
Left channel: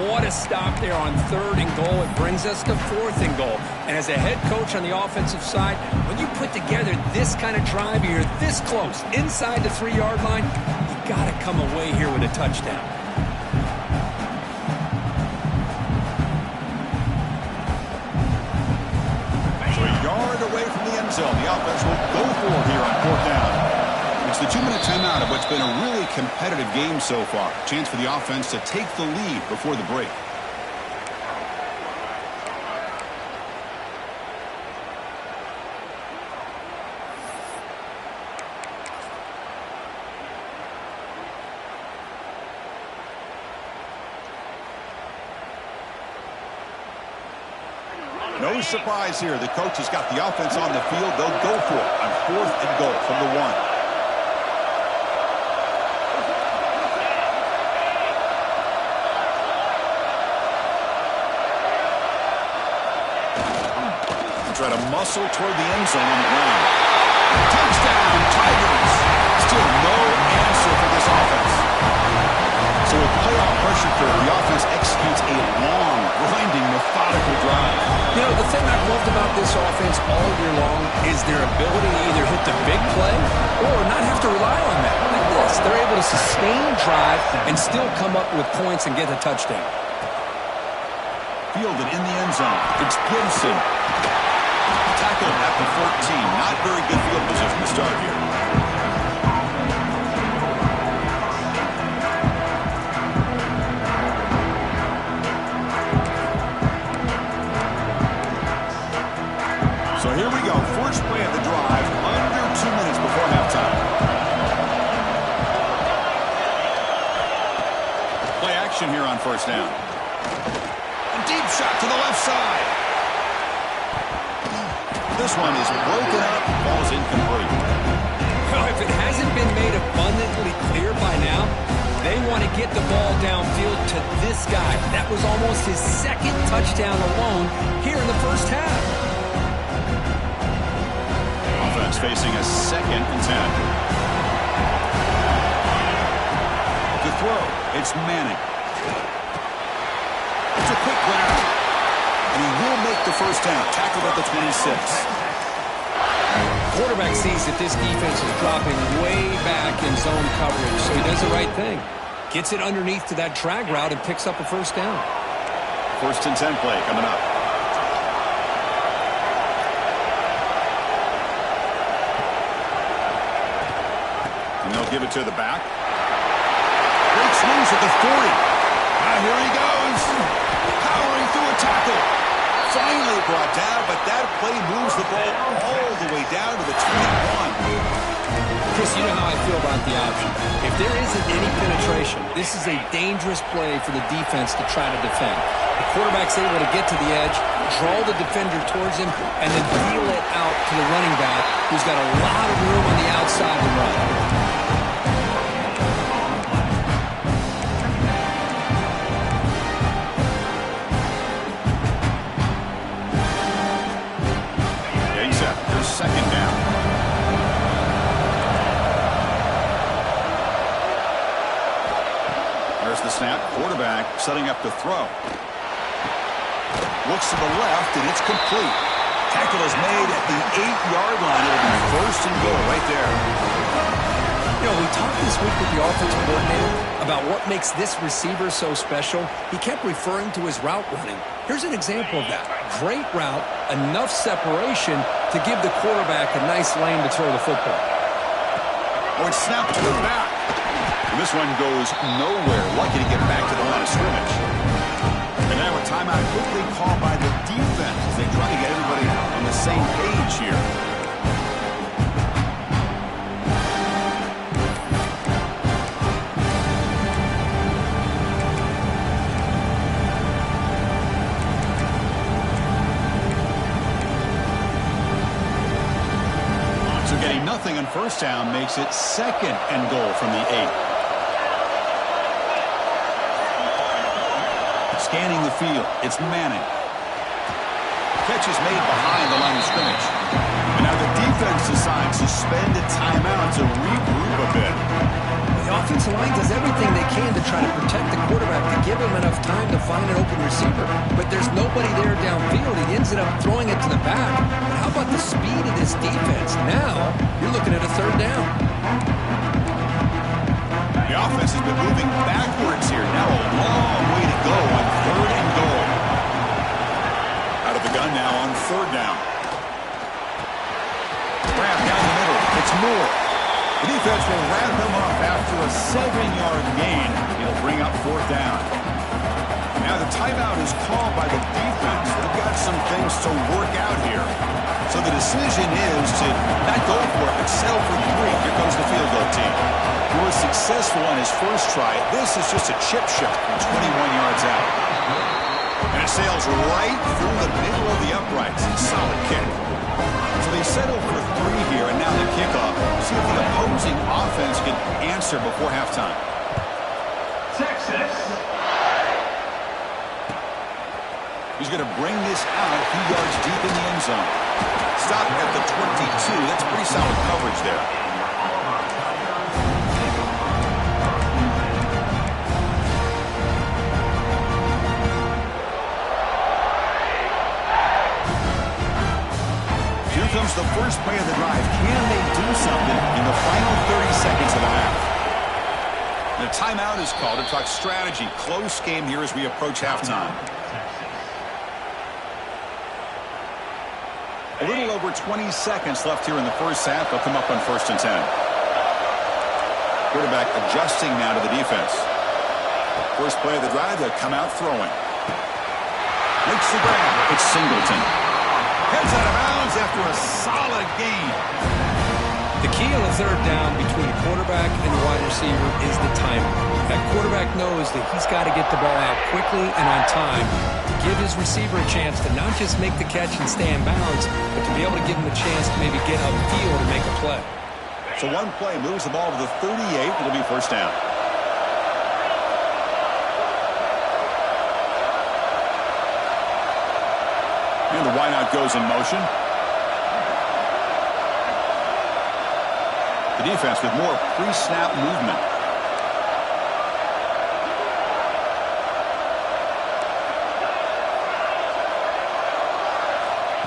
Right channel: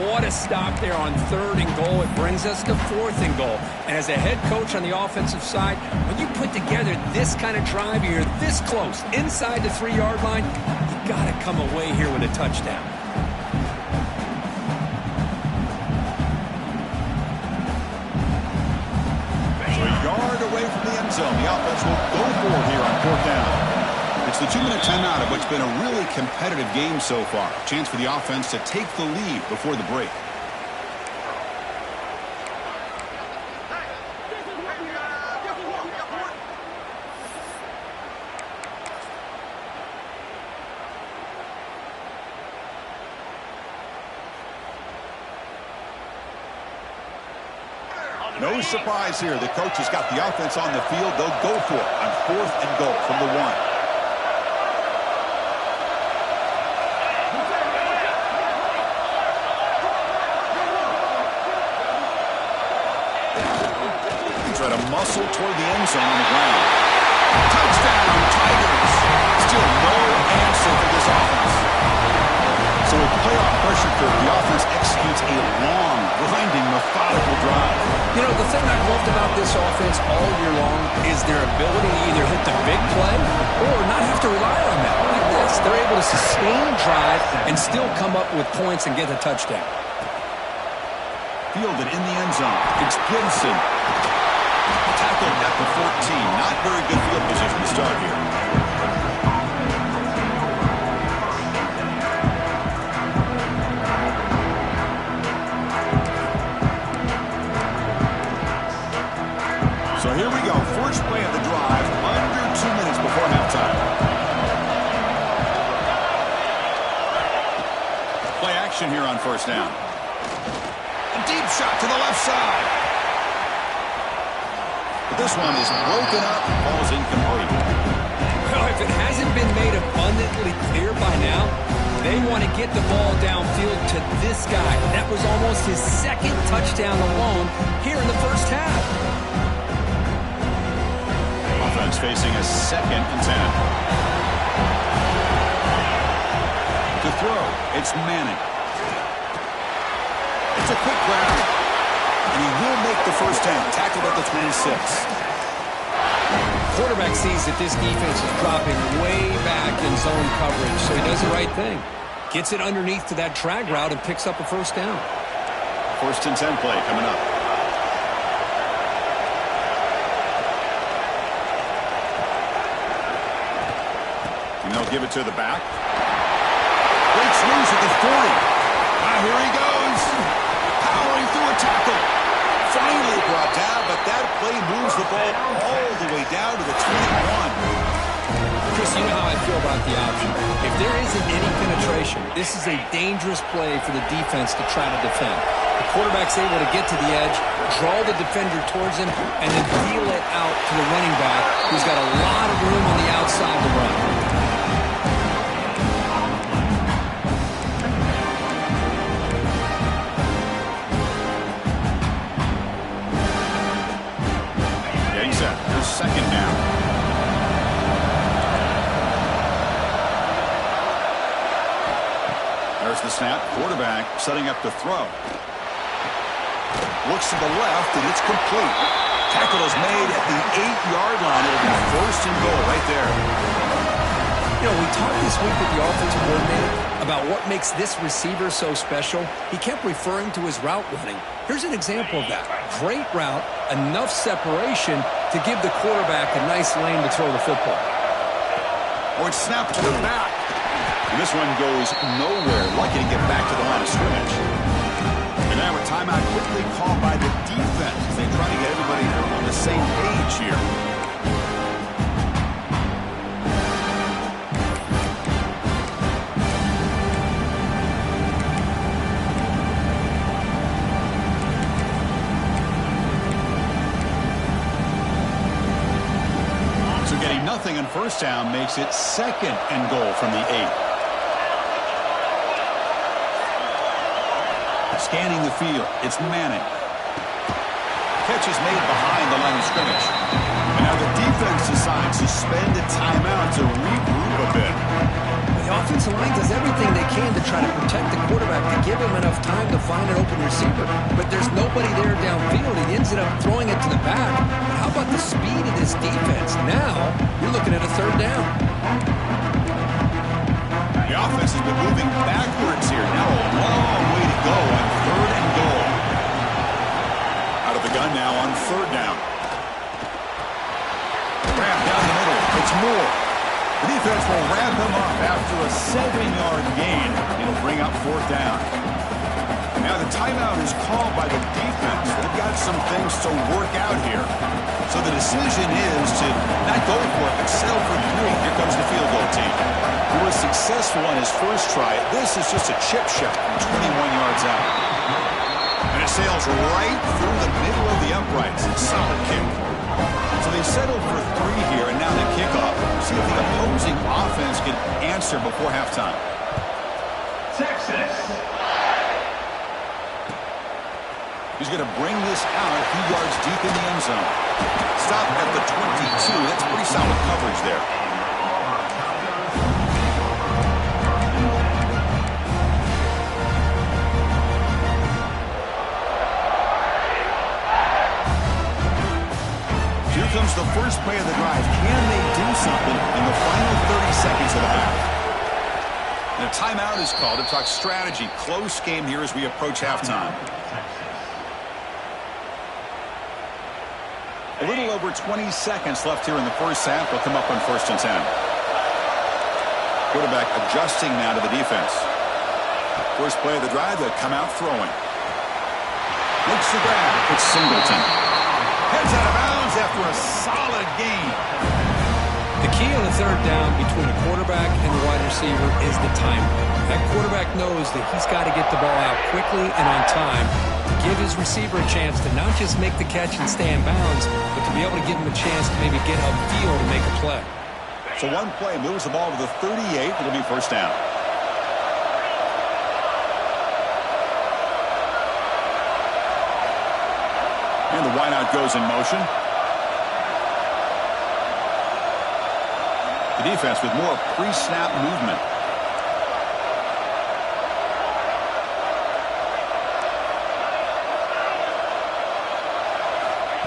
what a stop there on third and goal. It brings us to fourth and goal. And as a head coach on the offensive side, when you put together this kind of drive, you're this close, inside the 3-yard line, you got to come away here with a touchdown. So a yard away from the end zone. The offense will go for it here on fourth down. It's the 2-minute timeout of what's been a really competitive game so far. Chance for the offense to take the lead before the break. No surprise here. The coach has got the offense on the field. They'll go for it on fourth and goal from the 1. Try to muscle toward the end zone on the ground. Touchdown, Tigers. Still no answer for this offense. So with playoff pressure pressure curve, the offense executes a long, grinding, methodical drive. You know, the thing I've loved about this offense all year long is their ability to either hit the big play or not have to rely on that. Like this, they're able to sustain drive and still come up with points and get a touchdown. Fielded in the end zone. It's Gibson. Tackled at the 14. Not very good field position to start here. So here we go. First play of the drive. Under 2 minutes before halftime. Play action here on first down. A deep shot to the left side. This one is broken up. Ball's incomplete. Well, if it hasn't been made abundantly clear by now, they want to get the ball downfield to this guy. That was almost his second touchdown alone here in the first half. Offense facing a 2nd and 10. To throw, it's Manning. It's a quick grab. And he will make the first down. Tackled at the 26. Quarterback sees that this defense is dropping way back in zone coverage, so he does the right thing. Gets it underneath to that drag route and picks up a first down. 1st and 10 play coming up. And they'll give it to the back. Breaks loose at the 40. Now here he goes. Powering through a tackle. Finally brought down, but that play moves the ball all the way down to the 21. Chris, you know how I feel about the option. If there isn't any penetration, this is a dangerous play for the defense to try to defend. The quarterback's able to get to the edge, draw the defender towards him, and then peel it out to the running back, who's got a lot of room on the outside to run. Here's 2nd down. There's the snap. Quarterback setting up to throw. Looks to the left, and it's complete. Tackle is made at the 8-yard line. It'll be 1st and goal right there. You know, we talked this week with the offensive coordinator about what makes this receiver so special. He kept referring to his route running. Here's an example of that. Great route, enough separation to give the quarterback a nice lane to throw the football. Oh, it's snapped to the back. And this one goes nowhere. Lucky to get back to the line of scrimmage. And now a timeout quickly called by the defense as they try to get everybody on the same page here. So getting nothing on first down makes it 2nd and goal from the 8. Scanning the field, it's Manning. Catch is made behind the line of scrimmage. And now the defense decides to spend a timeout to regroup a bit. The offensive line does everything they can to try to protect the quarterback, to give him enough time to find an open receiver. But there's nobody there downfield. He ends up throwing it to the back. But how about the speed of this defense? Now, you're looking at a 3rd down. The offense has been moving backwards here. Now a long way to go on 3rd and goal. Out of the gun now on 3rd down. Grab down the middle. It's Moore. The defense will wrap him up after a 7-yard gain. It'll bring up 4th down. Now the timeout is called by the defense. They've got some things to work out here. So the decision is to not go for it, but settle for 3. Here comes the field goal team. He was successful on his first try. This is just a chip shot from 21 yards out. And it sails right through the middle of the uprights. Solid kick. So they settled for 3 here, and now the kickoff. See if the opposing offense can answer before halftime. Texas. He's going to bring this out a few yards deep in the end zone. Stop at the 22. That's pretty solid coverage there. use the first play of the drive. Can they do something in the final 30 seconds of the half? And a timeout is called to talk strategy. Close game here as we approach halftime. A little over 20 seconds left here in the first half. They'll come up on 1st and 10. Quarterback adjusting now to the defense. First play of the drive, they'll come out throwing. Makes the grab. It's Singleton. Heads out of bounds after a solid gain. The key on a third down between the quarterback and the wide receiver is the timing. That quarterback knows that he's got to get the ball out quickly and on time to give his receiver a chance to not just make the catch and stay in bounds, but to be able to give him a chance to maybe get upfield and make a play. So one play moves the ball to the 38. It'll be first down. And the wideout goes in motion. The defense with more pre-snap movement.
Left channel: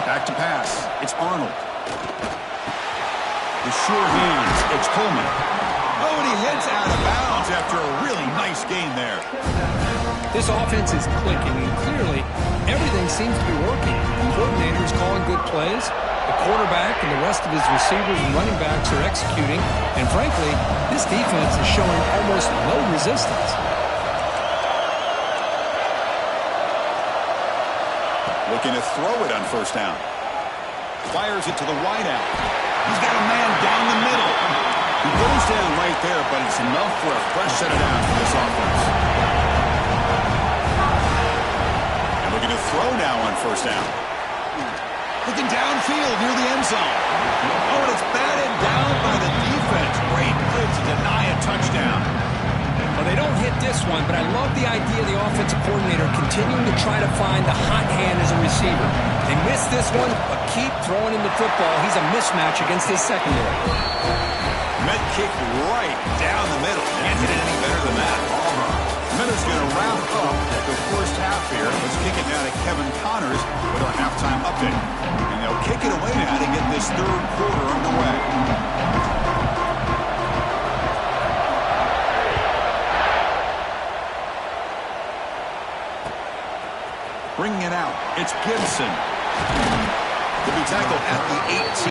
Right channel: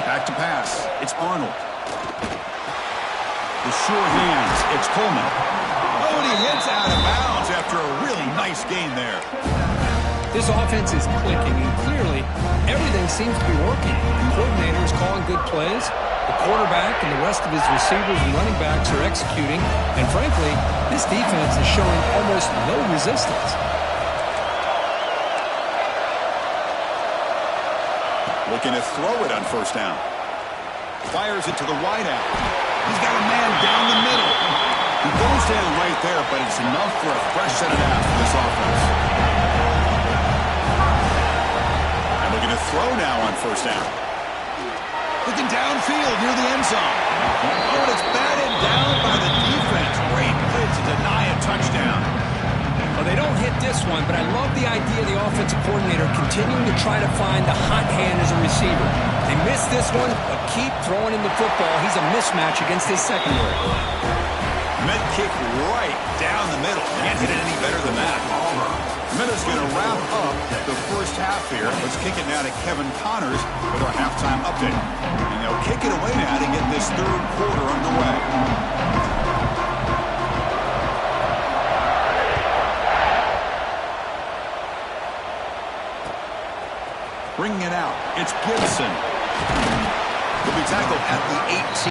Back to pass. It's Arnold. The sure hands. It's Coleman. Oh, and he hits out of bounds after a really nice gain there. This offense is clicking, and clearly everything seems to be working. The coordinator is calling good plays. The quarterback and the rest of his receivers and running backs are executing. And frankly, this defense is showing almost no resistance. Looking to throw it on first down. Fires it to the wideout. He's got a man down the middle. He goes down right there, but it's enough for a fresh set of downs for this offense. And looking to throw now on first down. Looking downfield near the end zone. Oh, and it's batted down by the defense. Great play to deny a touchdown. Well, they don't hit this one, but I love the idea of the offensive coordinator continuing to try to find the hot hand as a receiver. They missed this one, but keep throwing him the football. He's a mismatch against his secondary. Med kick right down the middle. Can't hit it any better than that. Minutes going to wrap up the first half here. Let's kick it now to Kevin Connors with our halftime update. And they'll kick it away now to get this third quarter underway. Bringing it out, it's Gibson. Will be tackled at the 18.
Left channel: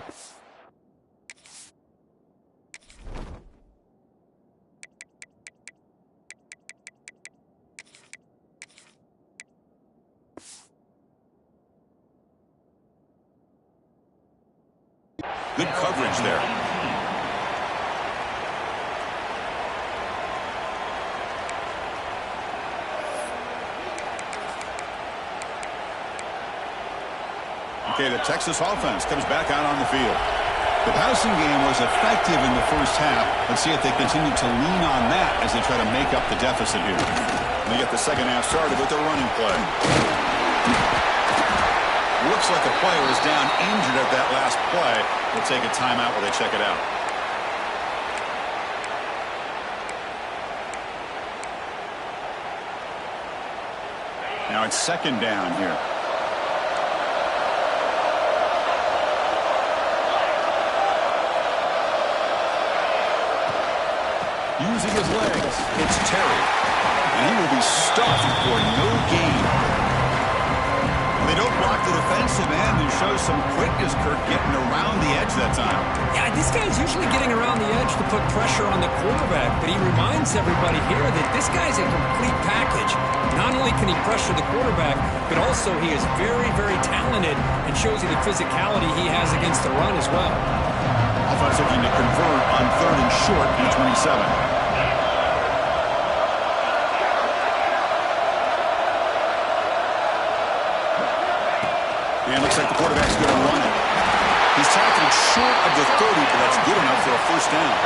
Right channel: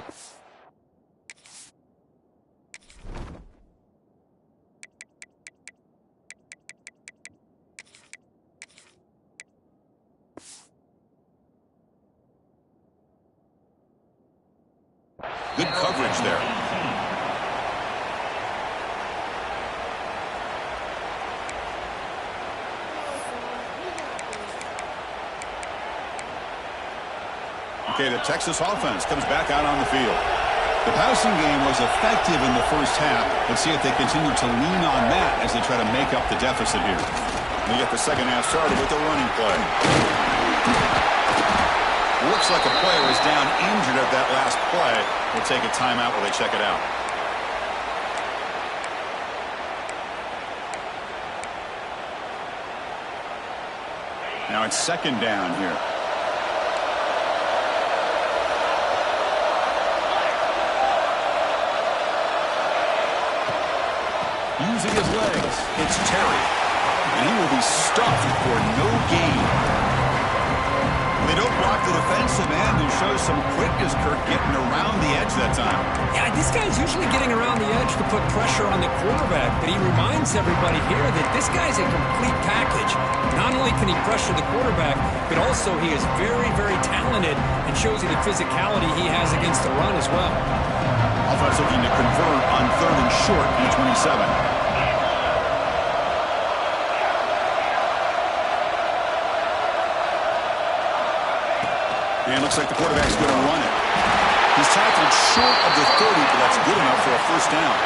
Good coverage there. Okay, the Texas offense comes back out on the field. The passing game was effective in the first half. Let's see if they continue to lean on that as they try to make up the deficit here. They get the second half started with the running play. Looks like a player is down injured at that last play. We'll take a timeout while they check it out. Now it's second down here. Using his legs, it's Terry. And he will be stuffed for no gain. They don't block the defensive end and show some quickness, Kirk, getting around the edge that time. Yeah, this guy's usually getting around the edge to put pressure on the quarterback, but he reminds everybody here that this guy's a complete package. Not only can he pressure the quarterback, but also he is very, very talented and shows you the physicality he has against the run as well. Offense looking to convert on third and short at 27. And looks like the quarterback's going to run it. He's tackled short of the 30, but that's good enough for a first down.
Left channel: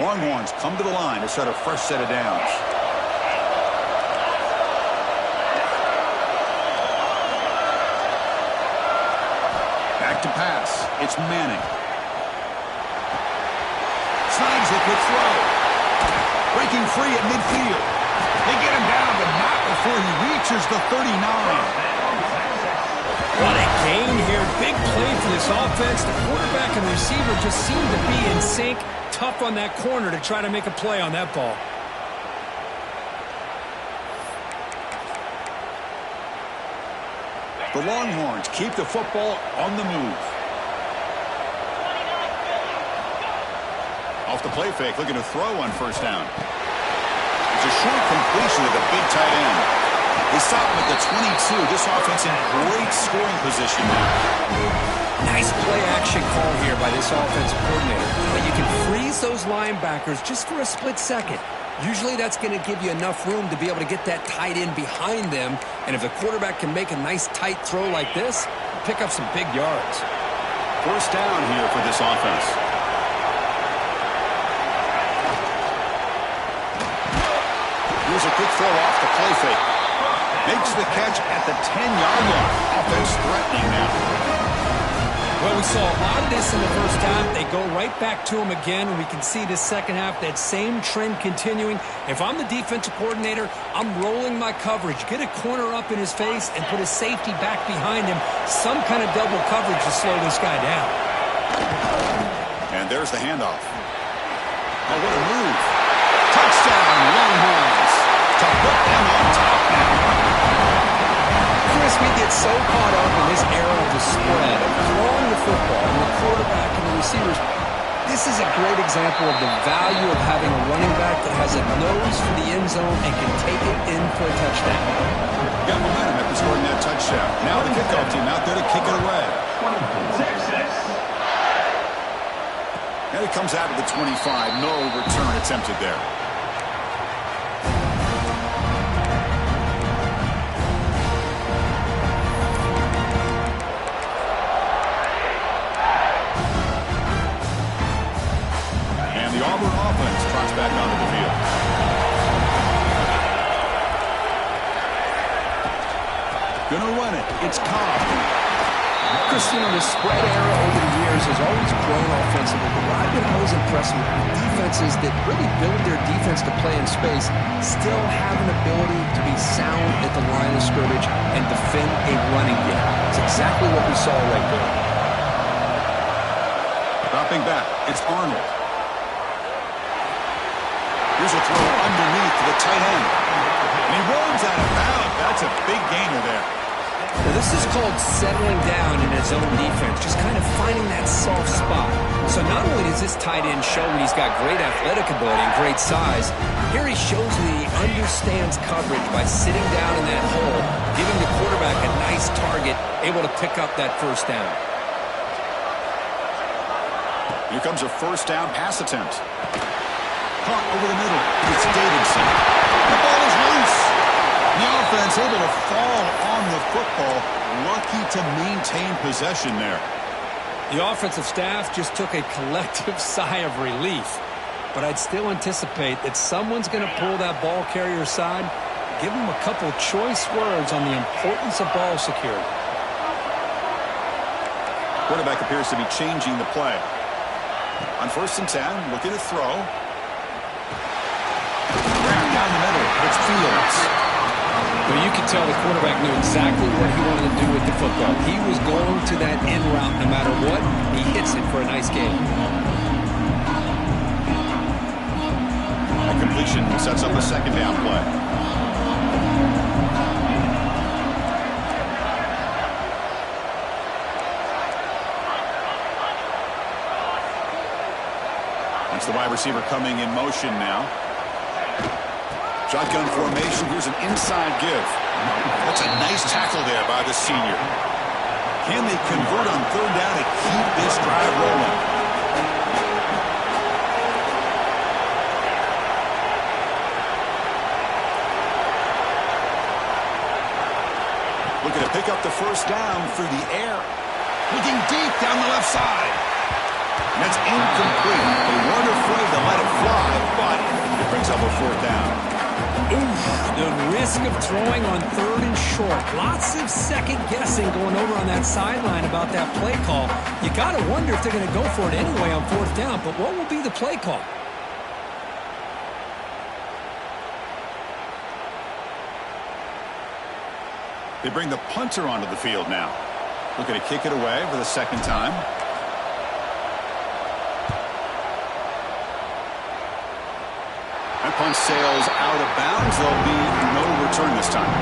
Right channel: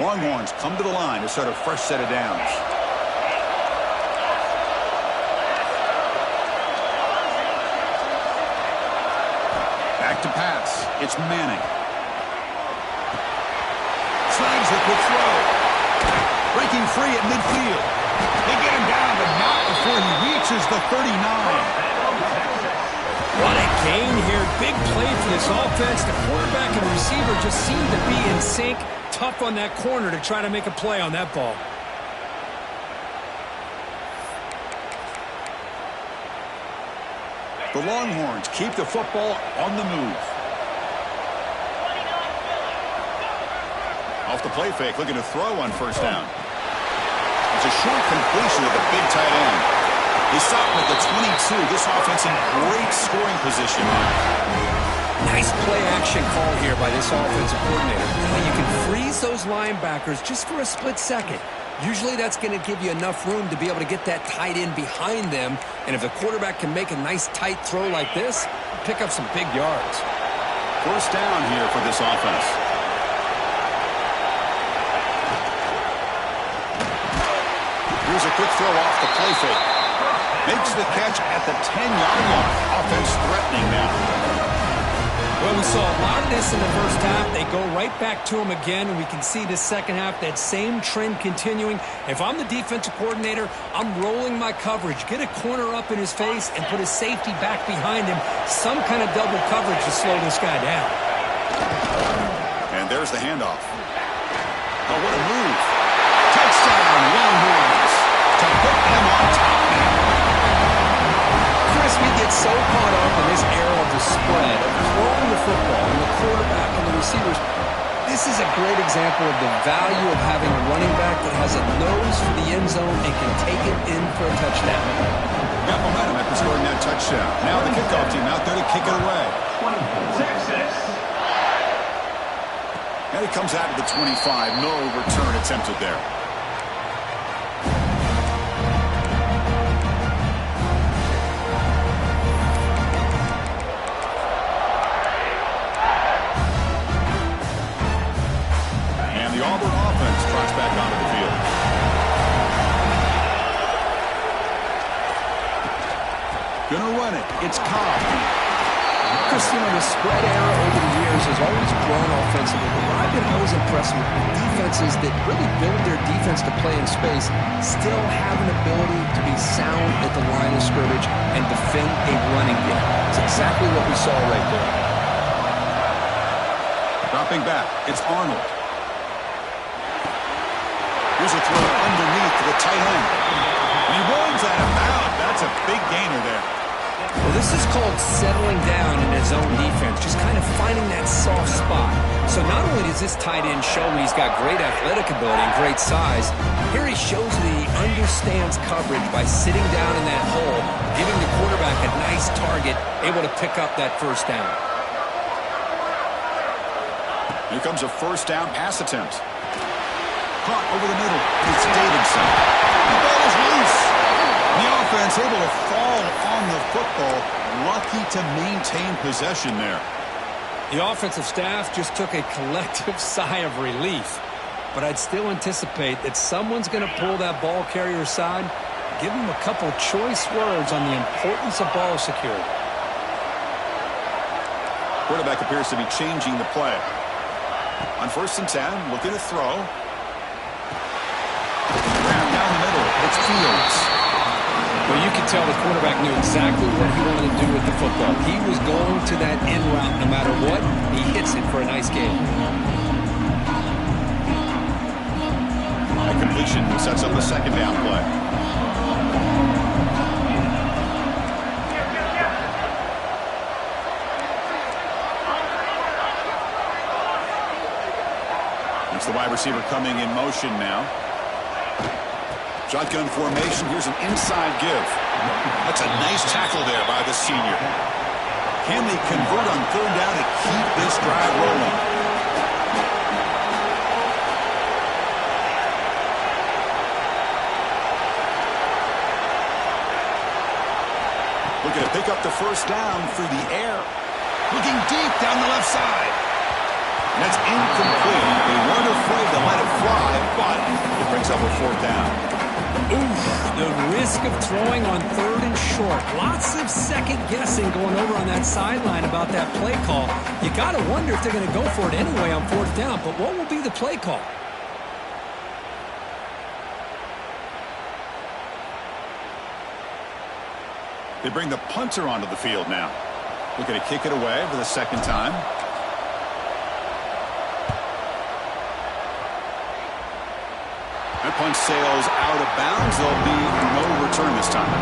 Longhorns come to the line to start a fresh set of downs. Back to pass. It's Manning. snags the quick throw. Breaking free at midfield. They get him down, but not before he reaches the 39. What a gain here. Big play for this offense. The quarterback and receiver just seem to be in sync. Tough on that corner to try to make a play on that ball. The Longhorns keep the football on the move. Off the play fake, looking to throw on first down. It's a short completion of the big tight end. They stop him at the 22. This offense in great scoring position now. Nice play-action call here by this offensive coordinator. You can freeze those linebackers just for a split second. Usually that's going to give you enough room to be able to get that tight end behind them. And if the quarterback can make a nice tight throw like this, pick up some big yards. First down here for this offense. Here's a quick throw off the play fake. Makes the catch at the 10-yard line. Offense threatening now. Well, we saw a lot of this in the first half. They go right back to him again, and we can see the second half, that same trend continuing. If I'm the defensive coordinator, I'm rolling my coverage. Get a corner up in his face and put his safety back behind him. Some kind of double coverage to slow this guy down. And there's the handoff. Oh, what a move. Touchdown, Longhorns. To put them on top now. Chris, we get so caught up in this era of the spread, of throwing the football and the quarterback and the receivers. This is a great example of the value of having a running back that has a nose for the end zone and can take it in for a touchdown. Got momentum after scoring that touchdown. Now the kickoff team out there to kick it away. And it comes out of the 25. No return attempted there. The Auburn offense trots back onto the field. Gonna run it. It's Cobb. Chris, the spread era over the years has always grown offensively, but what I've been always impressed with defenses that really build their defense to play in space still have an ability to be sound at the line of scrimmage and defend a running game. It's exactly what we saw right there. Dropping back. It's Arnold. Here's a throw underneath to the tight end. And he runs out of bounds. That's a big gainer there. Well, this is called settling down in his own defense, just kind of finding that soft spot. So not only does this tight end show that he's got great athletic ability and great size, here he shows that he understands coverage by sitting down in that hole, giving the quarterback a nice target, able to pick up that first down. Here comes a first down pass attempt. Caught over the middle. It's Davidson. The ball is loose. The offense able to fall on the football. Lucky to maintain possession there. The offensive staff just took a collective sigh of relief. But I'd still anticipate that someone's going to pull that ball carrier aside, give him a couple choice words on the importance of ball security. Quarterback appears to be changing the play. On 1st and 10, looking to throw. Grab down the middle. It's Fields. Well, you could tell the quarterback knew exactly what he wanted to do with the football. He was going to that in route no matter what. He hits it for a nice gain. That completion sets up a second down play. That's the wide receiver coming in motion now. Shotgun formation. Here's an inside give. That's a nice tackle there by the senior. Can they convert on 3rd down to keep this drive rolling? Looking to pick up the first down through the air. Looking deep down the left side. And that's incomplete. They weren't afraid to let it fly, but it brings up a 4th down. Oof, the risk of throwing on 3rd and short. Lots of second guessing going over on that sideline about that play call. You got to wonder if they're going to go for it anyway on 4th down, but what will be the play call? They bring the punter onto the field now. Looking to kick it away for the 2nd time. That punch sails out of bounds. There'll be no return this time.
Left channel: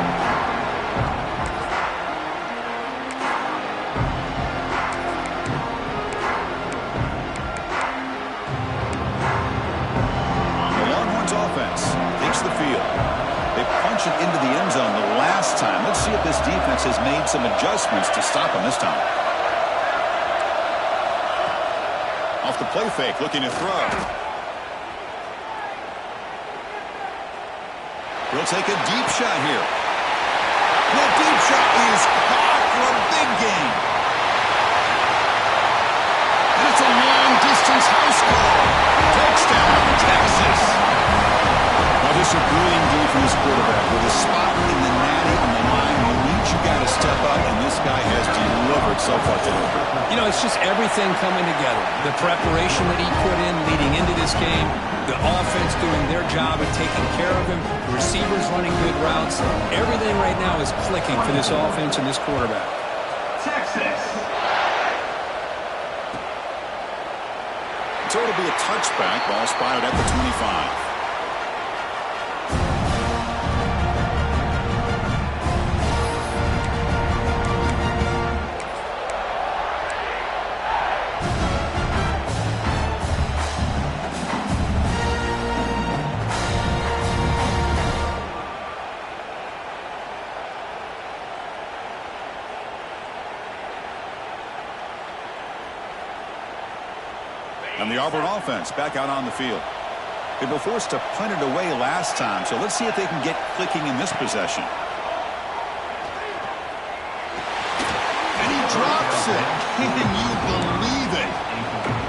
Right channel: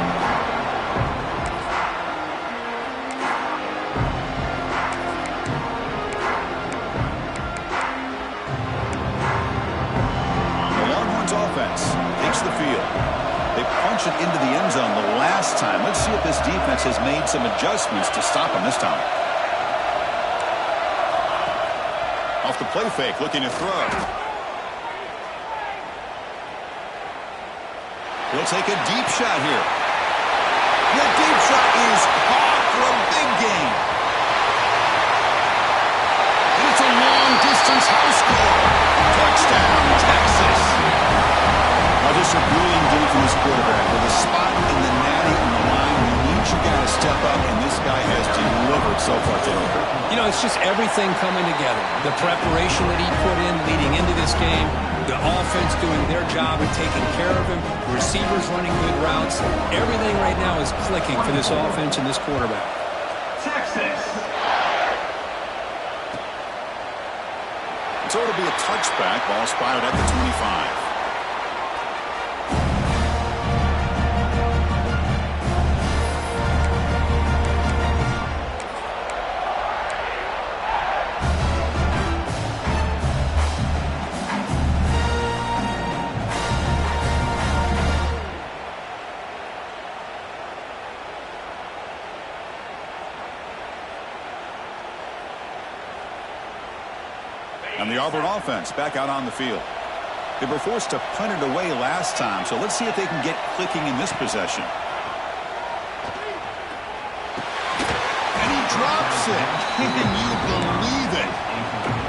The Longhorns offense takes the field. They punch it into the end zone the last time. Let's see if this defense has made some adjustments to stop them this time. Off the play fake, looking to throw. He'll take a deep shot here. That deep shot is caught for a big gain. And it's a long-distance house call. Touchdown, Texas. Now just a brilliant game from this quarterback. With a spot in the natty on the line, you need your guy to step up, and this guy has delivered so far today. You know, it's just everything coming together. The preparation that he put in leading into this game, the offense doing their job of taking care of him, the receivers running good routes. Everything right now is clicking for this offense and this quarterback. Texas. So it'll be a touchback. Ball spotted at the 25. And the Auburn offense back out on the field. They were forced to punt it away last time, so let's see if they can get clicking in this possession. And he drops it. Can you believe it?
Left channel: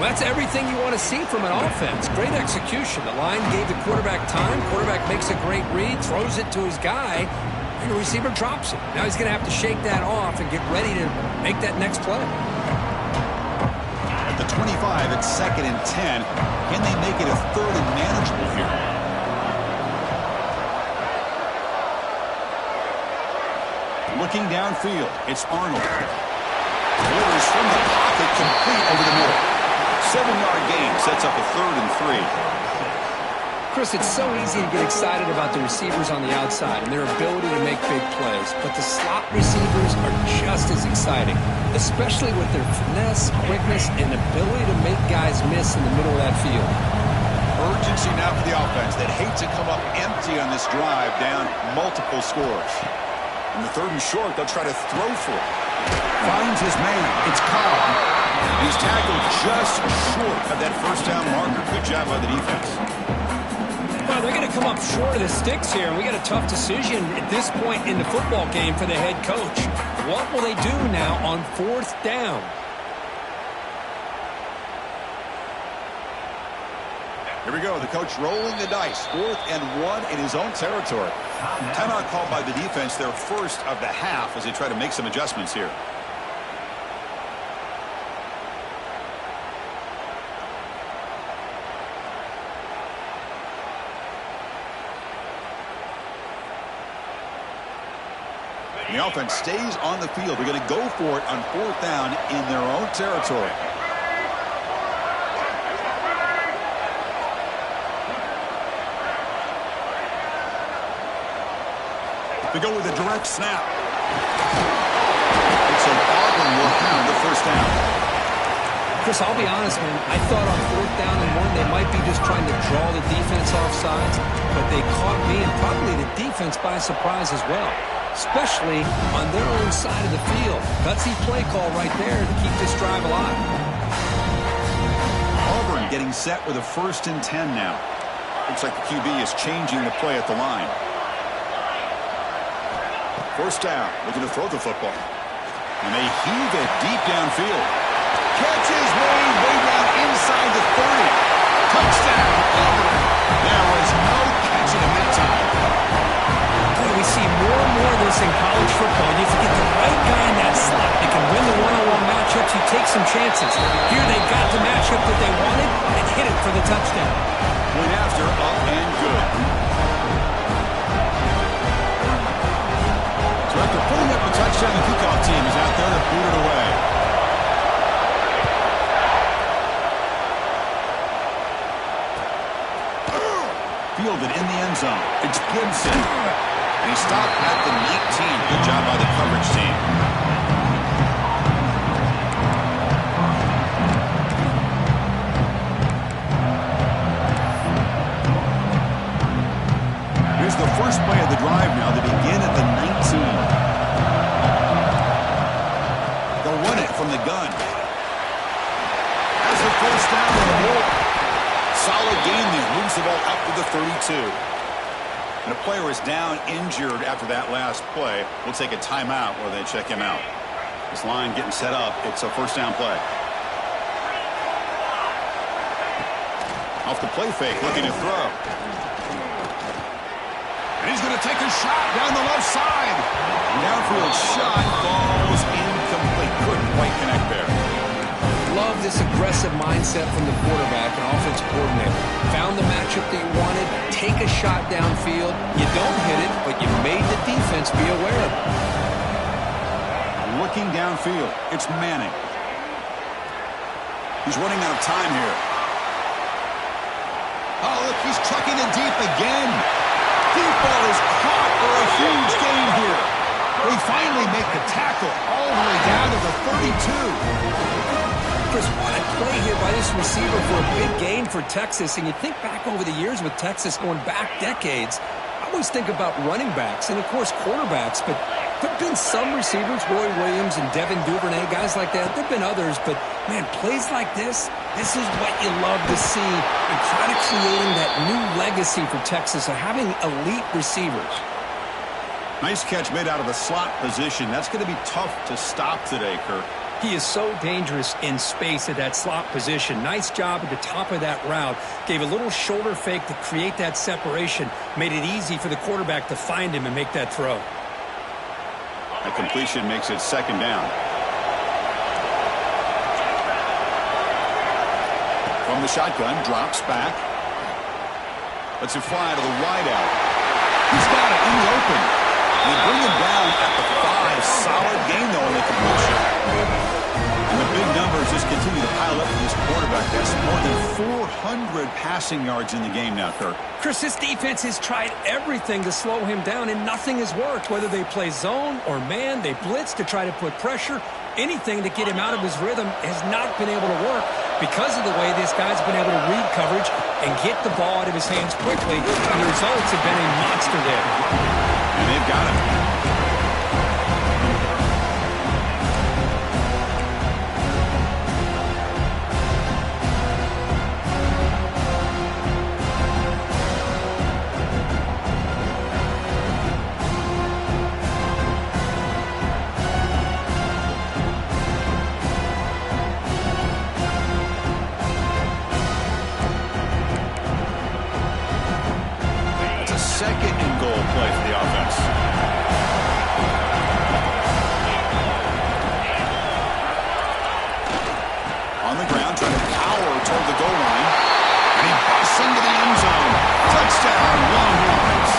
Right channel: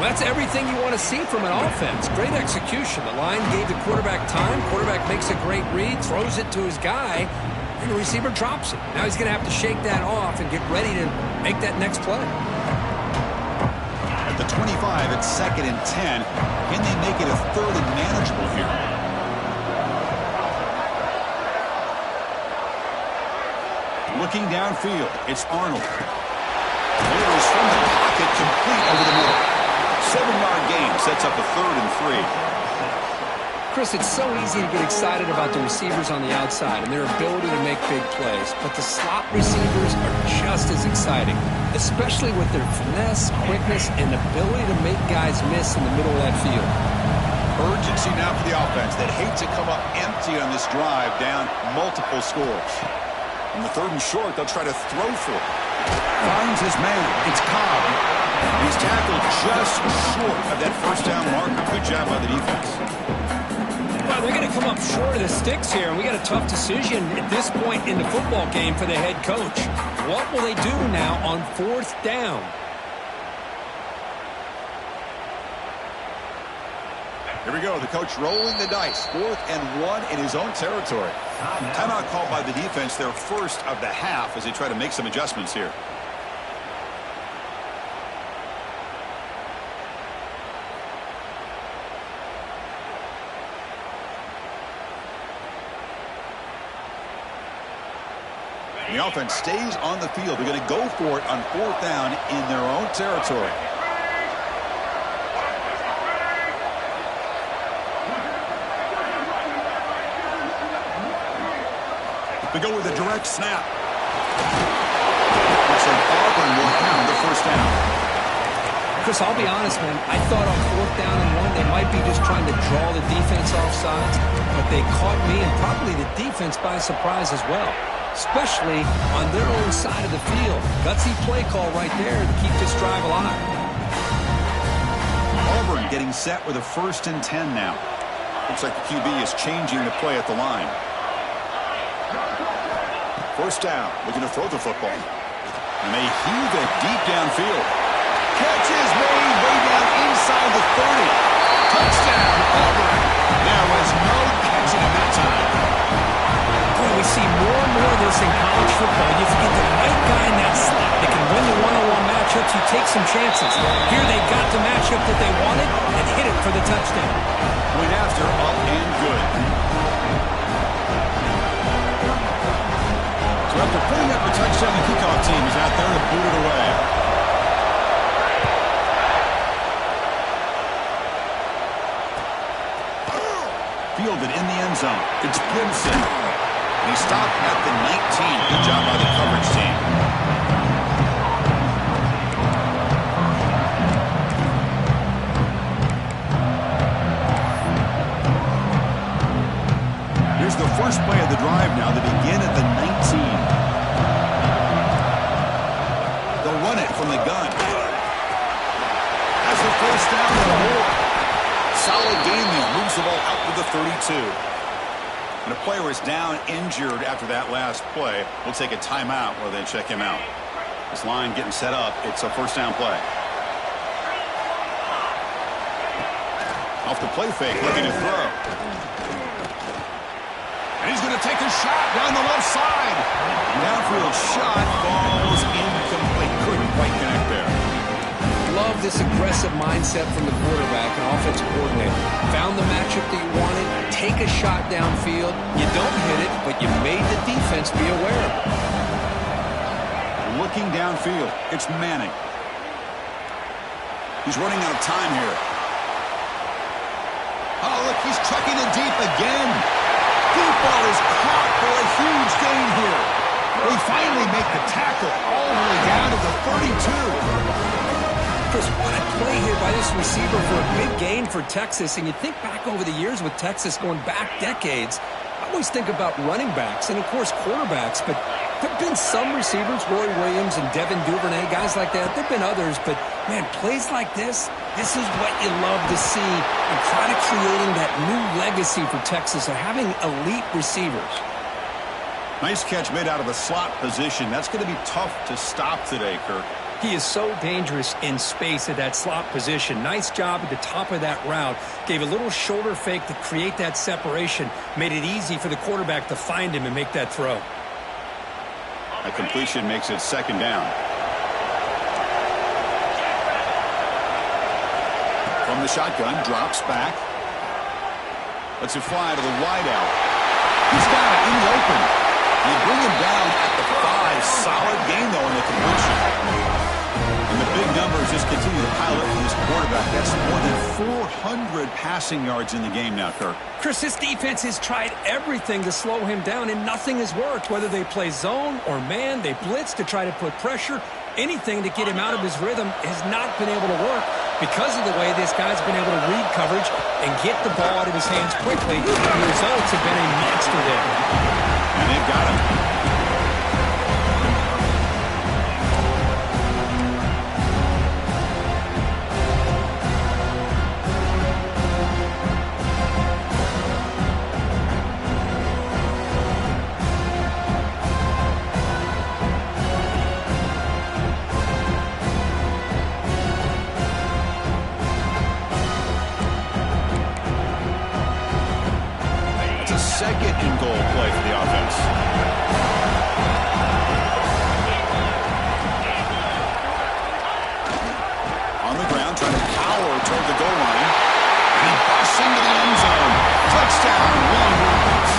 Well, that's everything you want to see from an offense. Great execution. The line gave the quarterback time. Quarterback makes a great read, throws it to his guy, and the receiver drops it. Now he's going to have to shake that off and get ready to make that next play. The 25 at 2nd and 10. Can they make it a 3rd and manageable here? Looking downfield, it's Arnold. Delivers from the pocket, complete over the middle. 7-yard gain sets up a 3rd and 3. Chris, it's so easy to get excited about the receivers on the outside and their ability to make big plays, but the slot receivers are just as exciting, especially with their finesse, quickness, and ability to make guys miss in the middle of that field. Urgency now for the offense that hates to come up empty on this drive, down multiple scores. In the 3rd and short, they'll try to throw for it. Finds his man. It's Cobb. And he's tackled just short of that 1st down marker. Good job by the defense. Well, they're going to come up short of the sticks here, and we got a tough decision at this point in the football game for the head coach. What will they do now on 4th down? Here we go. The coach rolling the dice. 4th and 1 in his own territory. Timeout called by the defense, their first of the half, as they try to make some adjustments here. The offense stays on the field. They're going to go for it on 4th down in their own territory. They go with a direct snap. Looks like Auburn will have the 1st down. Chris, I'll be honest, man. I thought on 4th down and 1, they might be just trying to draw the defense off sides, but they caught me and probably the defense by surprise as well, especially on their own side of the field. Gutsy play call right there to keep this drive alive. Auburn getting set with a 1st and 10 now. Looks like the QB is changing the play at the line. 1st down, looking to throw the football. And they heave it deep downfield. Catch is made way down inside the 30. Touchdown, Auburn. There was no catching him that time. Boy, we see more and more of this in college football. If you get the right guy in that slot that can win the one-on-one matchups, you take some chances. Here they got the matchup that they wanted and hit it for the touchdown. Point after, up and good. So after putting up the touchdown, the kickoff team is out there to boot it away. Fielded in the end zone. It's Gibson. And he stopped at the 19. Good job by the coverage team. Here's the first play of the drive now. They begin at the 19. They'll run it from the gun. Has the first down and more. Solid gain there. Moves the ball out to the 32. And a player is down injured after that last play. We'll take a timeout where they check him out. This line getting set up. It's a first down play. Off the play fake, looking to throw. And he's going to take a shot down the left side. Downfield shot falls incomplete. Couldn't quite connect there. Love this aggressive mindset from the quarterback and offensive coordinator. Found the matchup that you wanted, take a shot downfield. You don't hit it, but you made the defense be aware of it. Looking downfield, it's Manning. He's running out of time here. Oh, look, he's chucking it deep again. Deep ball is caught for a huge gain here. They finally make the tackle all the way down to the 32. Chris, what a play here by this receiver for a big gain for Texas. And you think back over the years with Texas going back decades, I always think about running backs and, of course, quarterbacks. But there have been some receivers, Roy Williams and Devin Duvernay, guys like that. There have been others. But, man, plays like this is what you love to see and kind of creating that new legacy for Texas of having elite receivers. Nice catch made out of the slot position. That's going to be tough to stop today, Kirk. He is so dangerous in space at that slot position. Nice job at the top of that route. Gave a little shoulder fake to create that separation. Made it easy for the quarterback to find him and make that throw. A completion makes it second down. From the shotgun, drops back. Lets it fly to the wideout. He's got it in the open. And they bring him down at the 5. Solid gain, though, in the completion. And the big numbers just continue to pile up for this quarterback. That's more than 400 passing yards in the game now, Kirk. Chris, this defense has tried everything to slow him down, and nothing has worked. Whether they play zone or man, they blitz to try to put pressure. Anything to get him out of his rhythm has not been able to work because of the way this guy's been able to read coverage and get the ball out of his hands quickly. And the results have been a monster there. And they've got him. Second and goal play for the offense. On the ground, trying to power toward the goal line. And he busts into the end zone. Touchdown, Longhorns.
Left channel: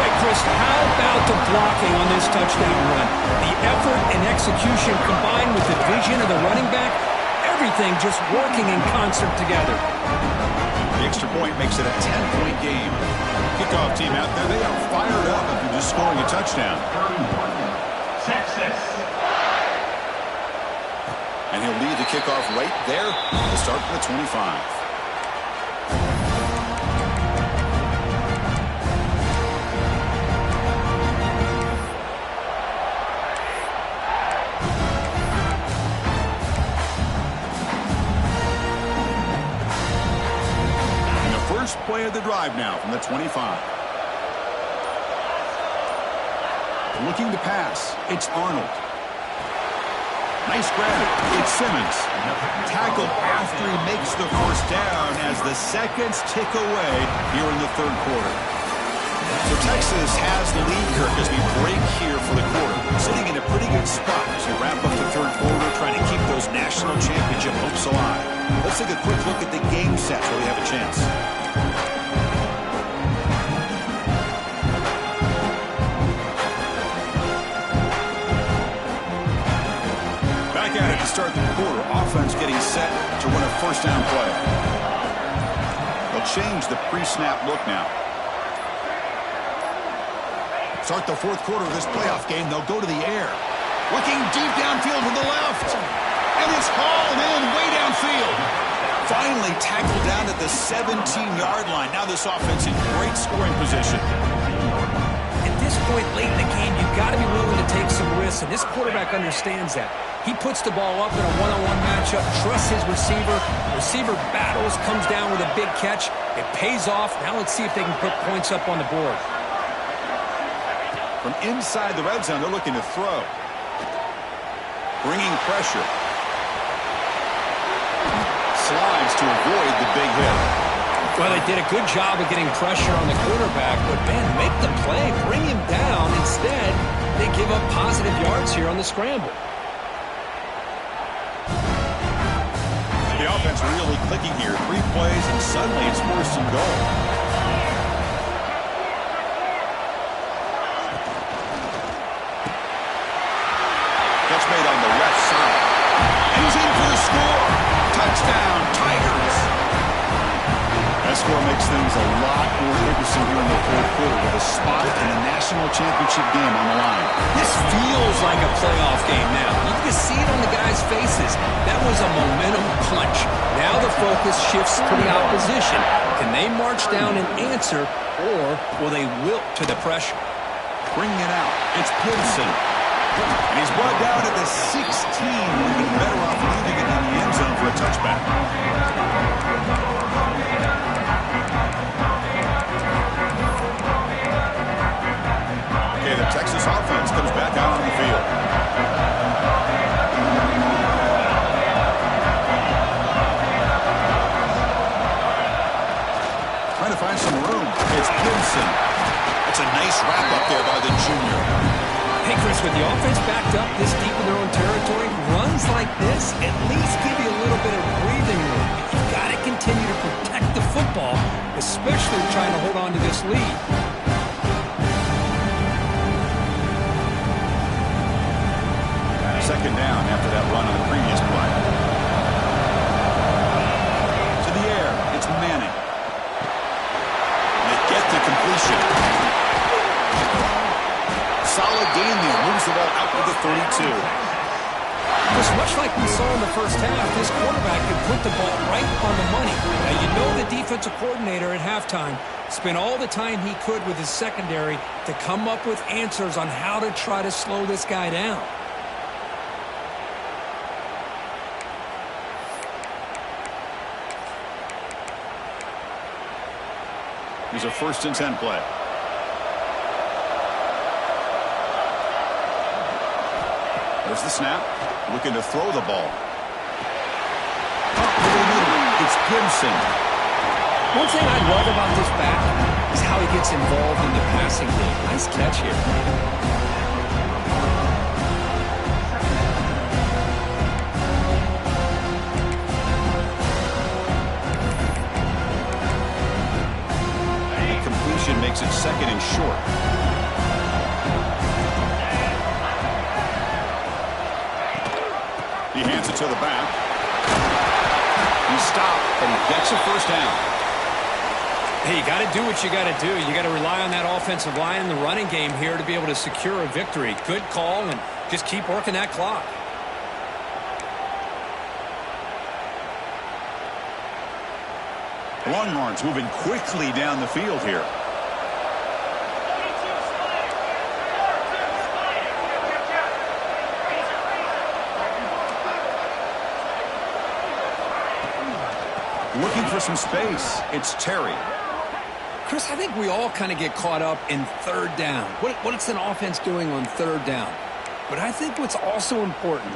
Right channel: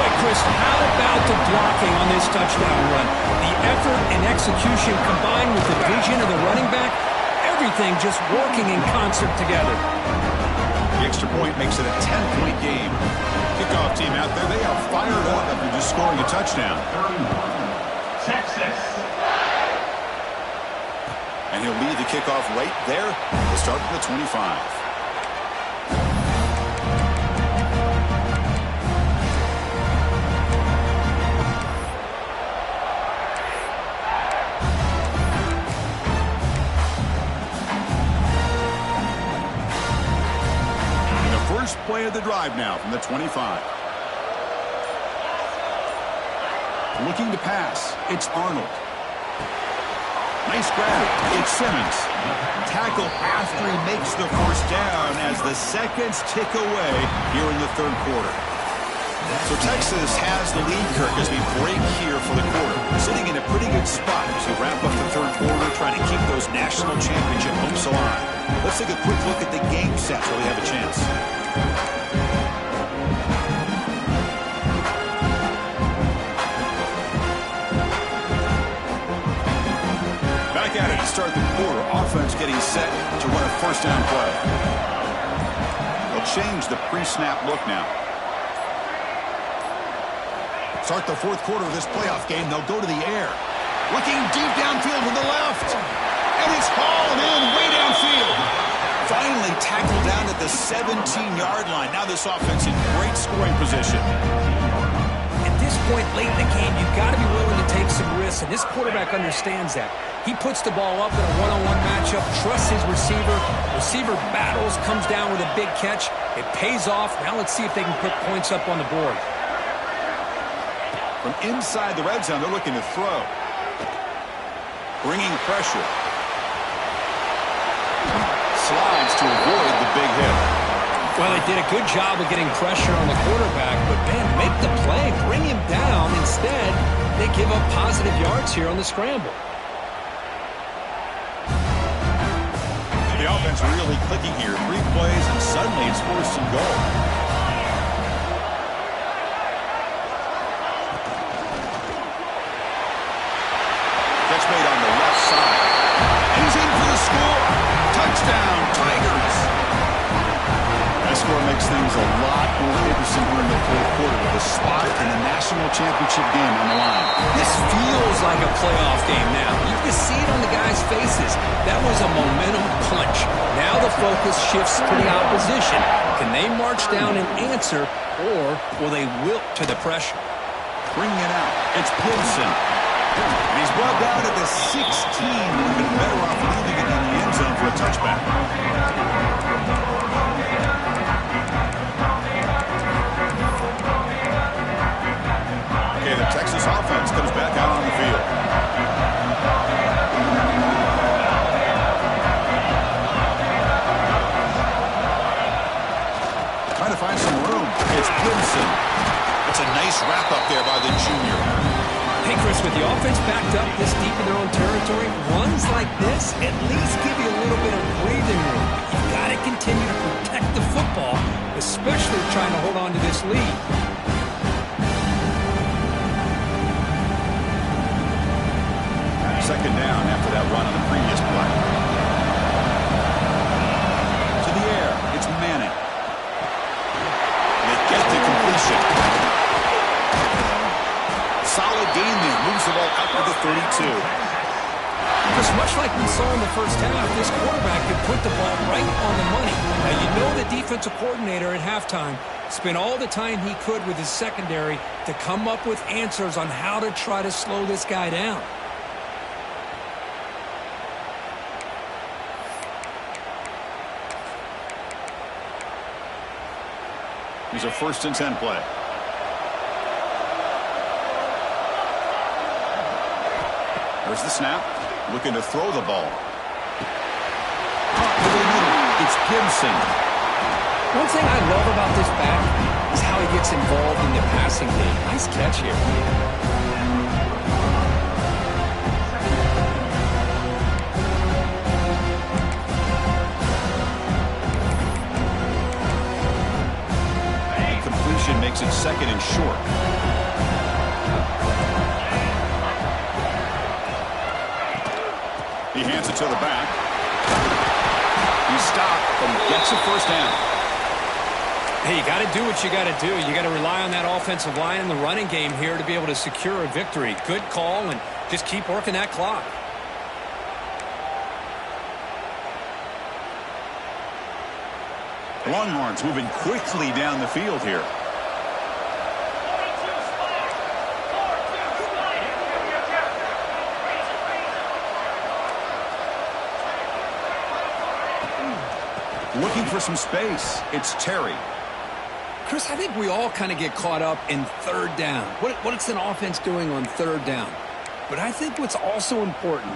Boy, Chris, how about the blocking on this touchdown run? The effort and execution combined with the vision of the running back, everything just working in concert together. The extra point makes it a 10-point game. Kickoff team out there, they are fired up after just scoring a touchdown. Texas. And he'll lead the kickoff right there. We'll start from the 25. First play of the drive now from the 25. Looking to pass. It's Arnold. Nice grab. It's Simmons. Tackle after he makes the first down as the seconds tick away here in the third quarter. So Texas has the lead, Kirk, as we break here for the quarter. Sitting in a pretty good spot as we wrap up the third quarter, trying to keep those national championship hopes alive. Let's take a quick look at the game sets where we have a chance. Back at it to start the quarter. Offense getting set to run a first down play. They'll change the pre-snap look now. Start the fourth quarter of this playoff game. They'll go to the air. Looking deep downfield to the left. And it's hauled in way downfield. Finally tackled down at the 17-yard line. Now this offense in great scoring position. At this point late in the game, you've got to be willing to take some risks, and this quarterback understands that. He puts the ball up in a one-on-one matchup, trusts his receiver. Receiver battles, comes down with a big catch. It pays off. Now let's see if they can put points up on the board. From inside the red zone, they're looking to throw. Bringing pressure. Slides to avoid the big hit. Well, they did a good job of getting pressure on the quarterback, but, man, make the play, bring him down. Instead, they give up positive yards here on the scramble. The offense really clicking here. 3 plays, and suddenly it's 1st and goal. Catch made on the left side. And he's in for the score. Touchdown, Tigers. That score makes things a lot more interesting here in the fourth quarter with a spot in the national championship game on the line. This feels like a playoff game now. You can see it on the guys' faces. That was a momentum punch. Now the focus shifts to the opposition. Can they march down and answer, or will they wilt to the pressure? Bringing it out. It's Gibson. And he's brought down at the 16. Would have been better off leaving it in the end zone for a touchback. Okay, the Texas offense comes back out on the field. Trying to find some room. It's Gibson. That's a nice wrap up there by the junior. Hey, Chris, with the offense backed up this deep in their own territory, runs like this at least give you a little bit of breathing room. But you've got to continue to protect the football, especially trying to hold on to this lead. Second down after that run on the previous play. To the air, it's Manning. They get the completion. Solid gain there. Moves the ball out to the 32. Just much like we saw in the first half, this quarterback could put the ball right on the money. Now, you know the defensive coordinator at halftime spent all the time he could with his secondary to come up with answers on how to try to slow this guy down. Here's a 1st and 10 play. There's the snap. Looking to throw the ball. Caught over the middle. It's Gibson. One thing I love about this back is how he gets involved in the passing game. Nice catch here. The completion makes it 2nd and short. He hands it to the back. He's stopped, but he gets a first down. Hey, you got to do what you got to do. You got to rely on that offensive line and the running game here to be able to secure a victory. Good call, and just keep working that clock. The Longhorns moving quickly down the field here. Looking for some space. It's Terry. Chris, I think we all kind of get caught up in third down. What's an offense doing on third down? But I think what's also important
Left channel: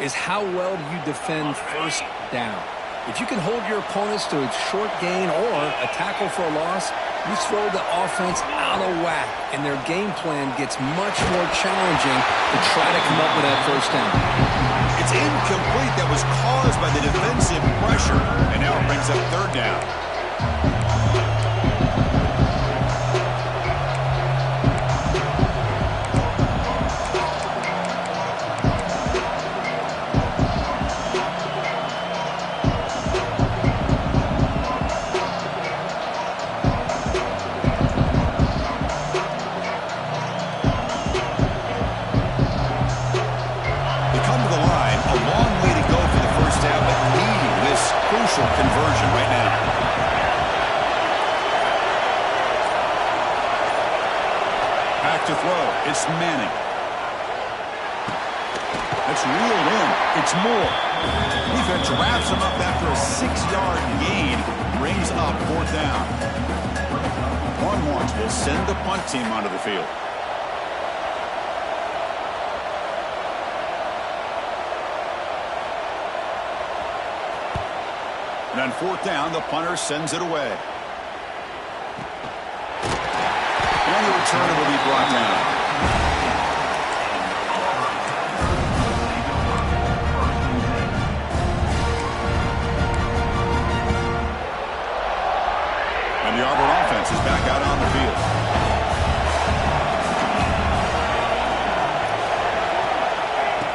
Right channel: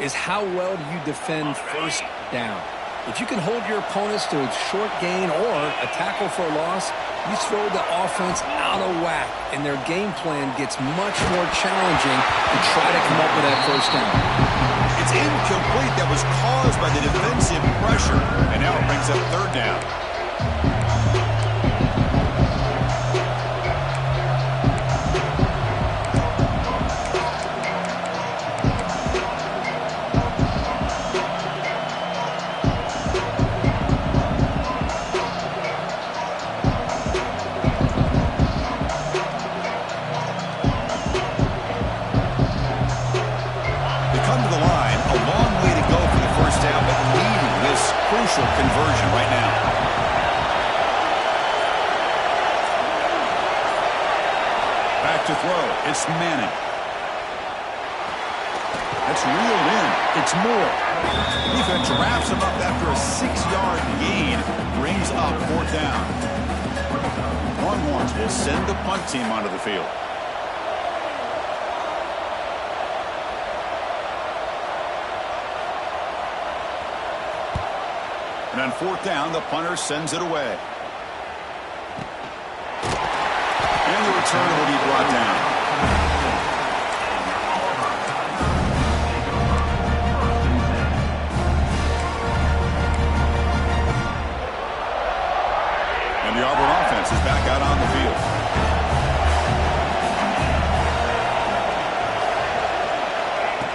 is how well do you defend first down. If you can hold your opponents to a short gain or a tackle for a loss, you throw the offense out of whack, and their game plan gets much more challenging to try to come up with that first down. It's incomplete. That was caused by the defensive pressure, and now it brings up third down. Conversion right now. Back to throw. It's Manning. That's reeled in. It's Moore. Defense wraps him up after a 6-yard gain. Brings up fourth down. Longhorns will send the punt team onto the field. And on fourth down, the punter sends it away. And the returner will be brought down. And the Auburn offense is back out on the field.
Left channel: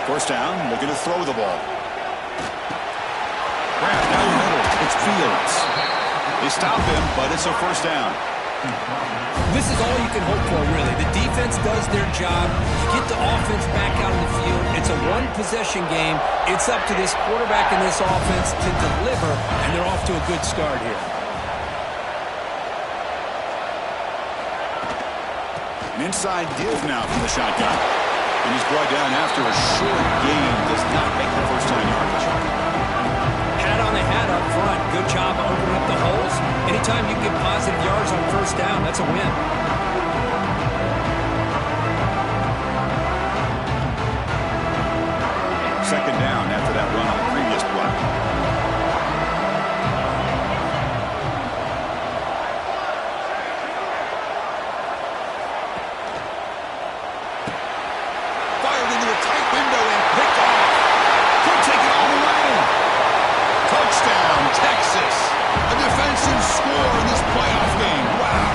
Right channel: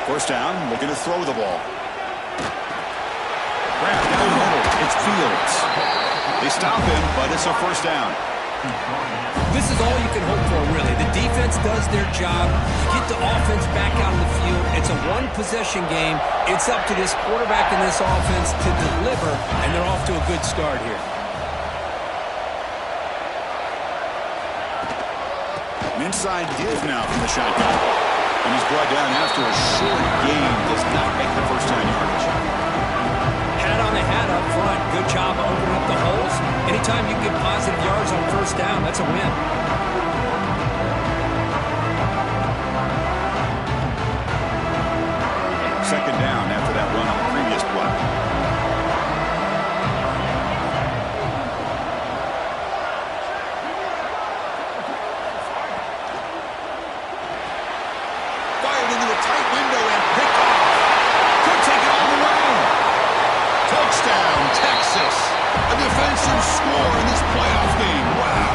First down, looking to throw the ball. Wrap down the middle. It's Fields. They stop him, but it's a first down. This is all you can hope for, really. The defense does their job. You get the offense back out on the field. It's a one-possession game. It's up to this quarterback and this offense to deliver, and they're off to a good start here. An inside give now from the shotgun. And he's brought down after a short gain. Does not make the first down yardage. Hat on the hat up front. Good job of opening up the holes. Anytime you get positive yards on first down, that's a win. Second down after that run on the previous play. Fired into a tight window and picked off. Could take it all the way. Touchdown, Texas. A defensive score in this playoff game. Wow.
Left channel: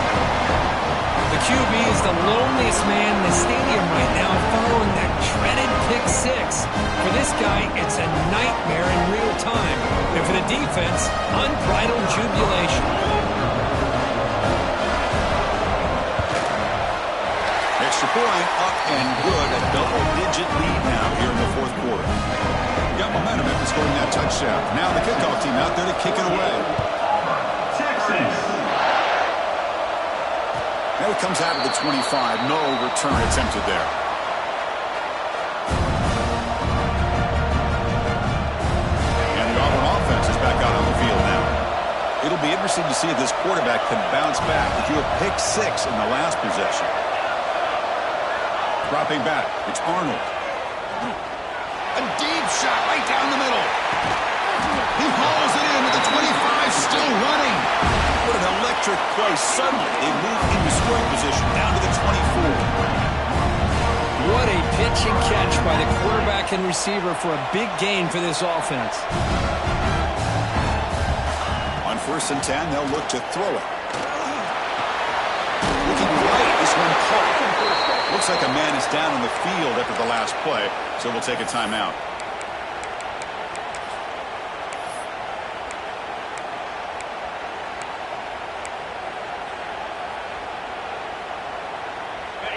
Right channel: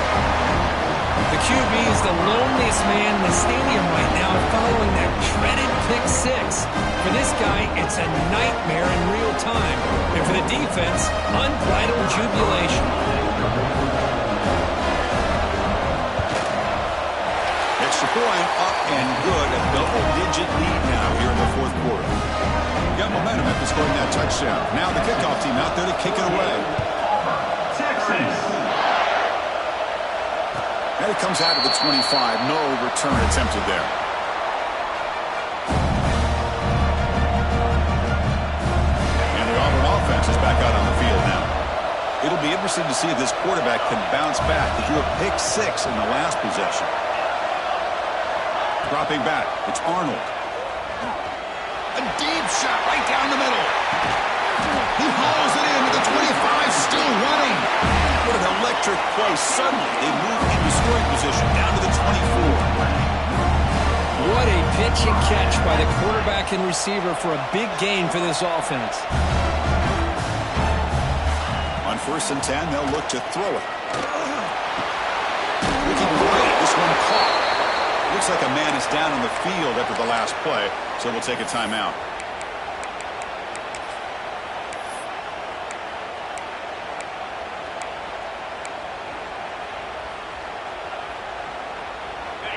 The QB is the loneliest man in the stadium right now following that dreaded pick six. For this guy, it's a nightmare in real time. And for the defense, unbridled jubilation. Extra point, up and good. A double-digit lead now here in the fourth quarter. Got momentum after scoring that touchdown. Now the kickoff team out there to kick it away. Texas. And it comes out of the 25. No return attempted there. And the Auburn offense is back out on the field now. It'll be interesting to see if this quarterback can bounce back. If you have pick six in the last possession. Dropping back. It's Arnold. A deep shot right down the middle. He hauls it in at the 25, still running. What an electric play. Suddenly, they move into scoring position down to the 24. What a pitch and catch by the quarterback and receiver for a big gain for this offense. On 1st and 10, they'll look to throw it. Looking right, this one caught. Looks like a man is down on the field after the last play, so we'll take a timeout.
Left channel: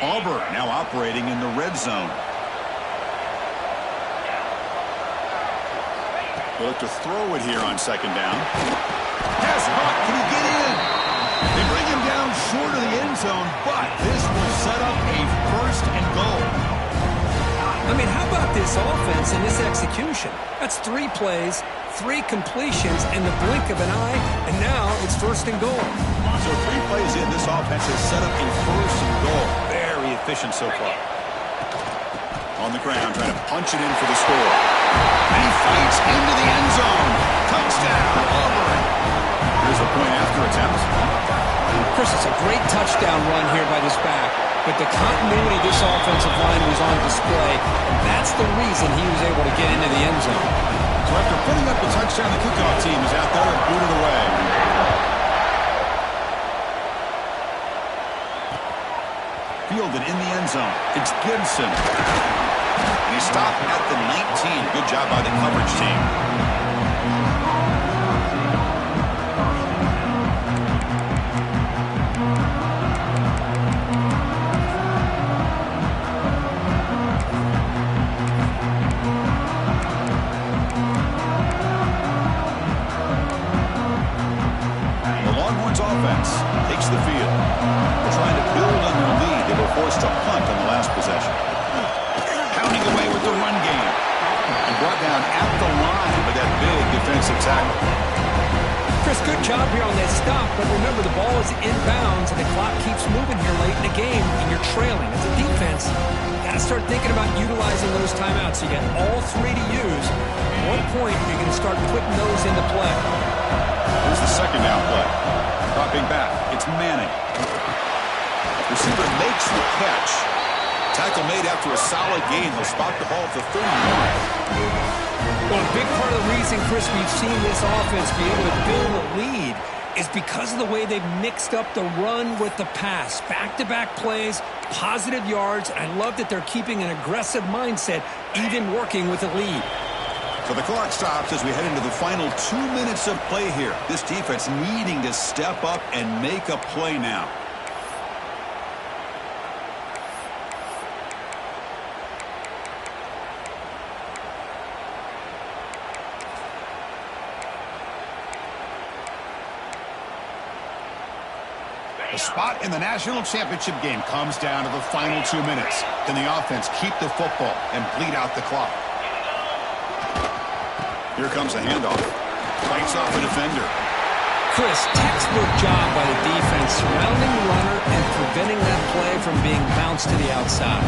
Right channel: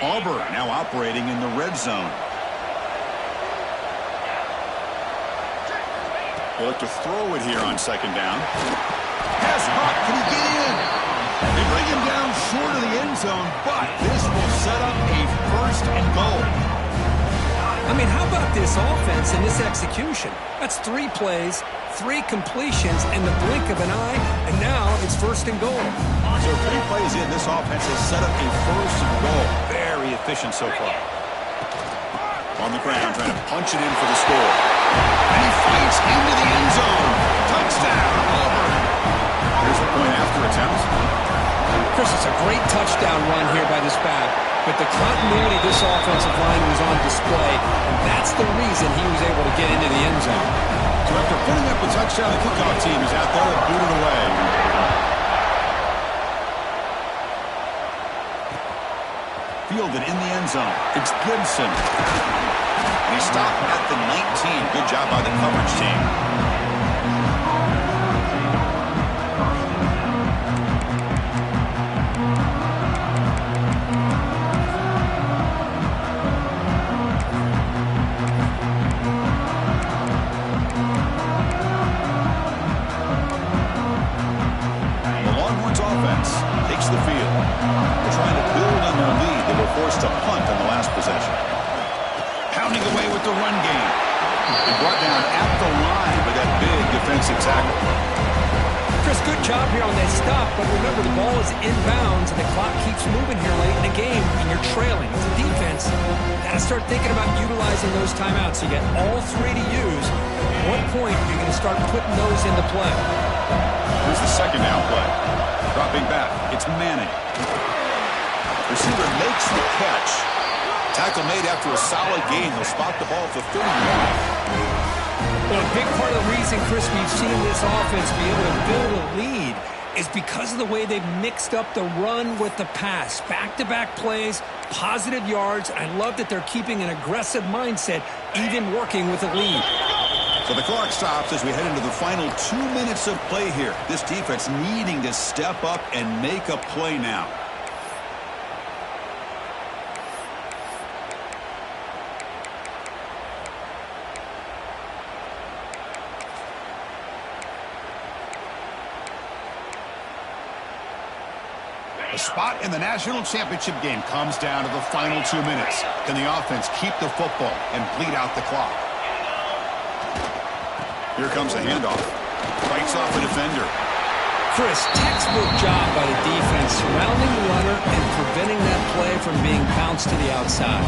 Auburn now operating in the red zone. They look to throw it here on second down. Has Huck, can he get in? They bring him down short of the end zone, but this will set up a first and goal. I mean, how about this offense and this execution? That's 3 plays, 3 completions in the blink of an eye, and now it's first and goal. So 3 plays in, this offense has set up a first and goal. Very efficient so far. On the ground, trying to punch it in for the score. And he fights into the end zone. Touchdown, Auburn. Here's the point after attempt. Chris, it's a great touchdown run here by this back, but the continuity of this offensive line was on display, and that's the reason he was able to get into the end zone. So after putting up the touchdown, the kickoff team is out there and booted away. Fielded in the end zone. It's Gibson. And he stopped at the 19. Good job by the coverage team. Takes the field. They're trying to build on their lead. They were forced to punt on the last possession. Pounding away with the run game. And brought down at the line by that big defensive tackle. Chris, good job here on that stop, but remember the ball is inbounds and the clock keeps moving here late in the game and you're trailing. As a defense, you got to start thinking about utilizing those timeouts. You got all three to use. At what point are you going to start putting those into play? Here's the second down play. Dropping back, it's Manning. Receiver makes the catch. Tackle made after a solid gain. They'll spot the ball at the 31. Well, a big part of the reason, Chris, we've seen this offense be able to build a lead is because of the way they've mixed up the run with the pass. Back-to-back plays, positive yards, and I love that they're keeping an aggressive mindset, even working with a lead. So the clock stops as we head into the final 2 minutes of play here. This defense needing to step up and make a play now. The spot in the national championship game comes down to the final 2 minutes. Can the offense keep the football and bleed out the clock? Here comes the handoff. Fights off a defender. Chris, textbook job by the defense surrounding the runner and preventing that play from being bounced to the outside.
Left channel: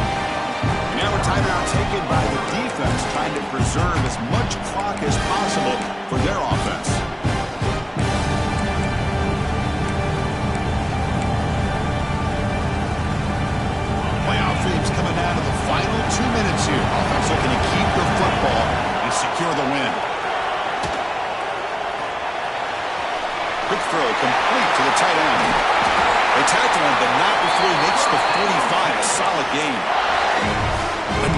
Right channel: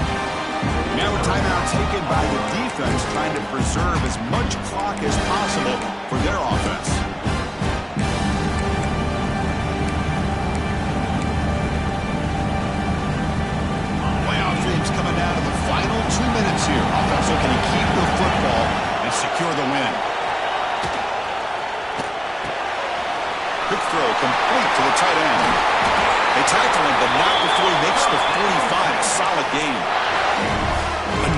And now a timeout taken by the defense trying to preserve as much clock as possible for their offense. Playoff dreams coming down to the final 2 minutes here. Offense looking to keep the football and secure the win. Quick throw complete to the tight end. They tackle him, but not before he makes the 45. A solid game.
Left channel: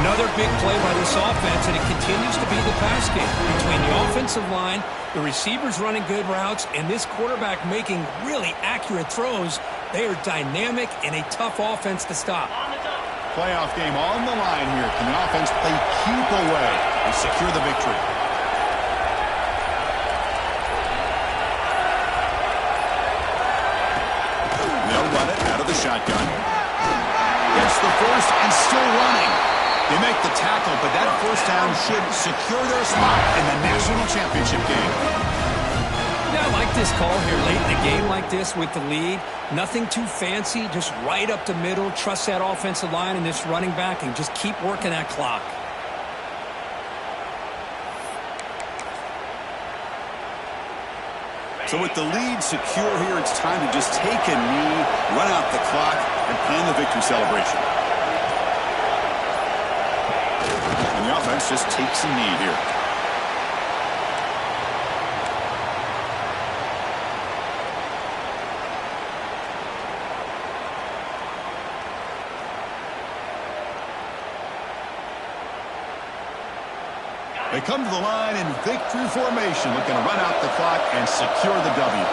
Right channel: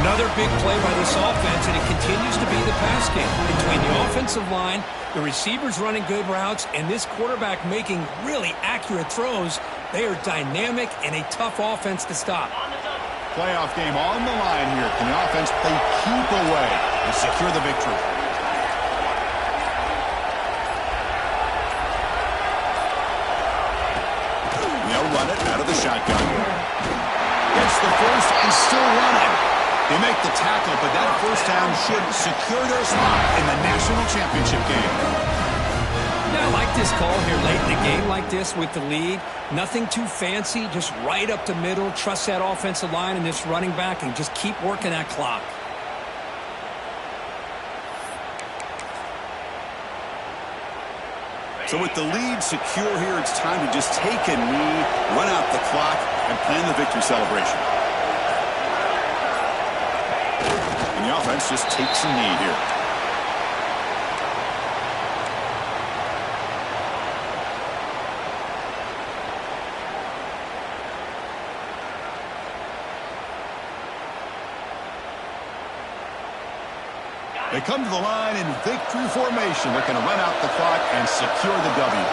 Another big play by this offense, and it continues to be the pass game. Between the offensive line, the receivers running good routes, and this quarterback making really accurate throws, they are dynamic and a tough offense to stop. Playoff game on the line here. Can the offense play keep away and secure the victory? They'll run it out of the shotgun. Gets the first and still running. They make the tackle, but that first down should secure their spot in the national championship game. Yeah, I like this call here late in the game like this with the lead. Nothing too fancy, just right up the middle. Trust that offensive line and this running back and just keep working that clock. So with the lead secure here, it's time to just take a knee, run out the clock, and plan the victory celebration. And the offense just takes a knee here. They come to the line in victory formation, looking to run out the clock and secure the W.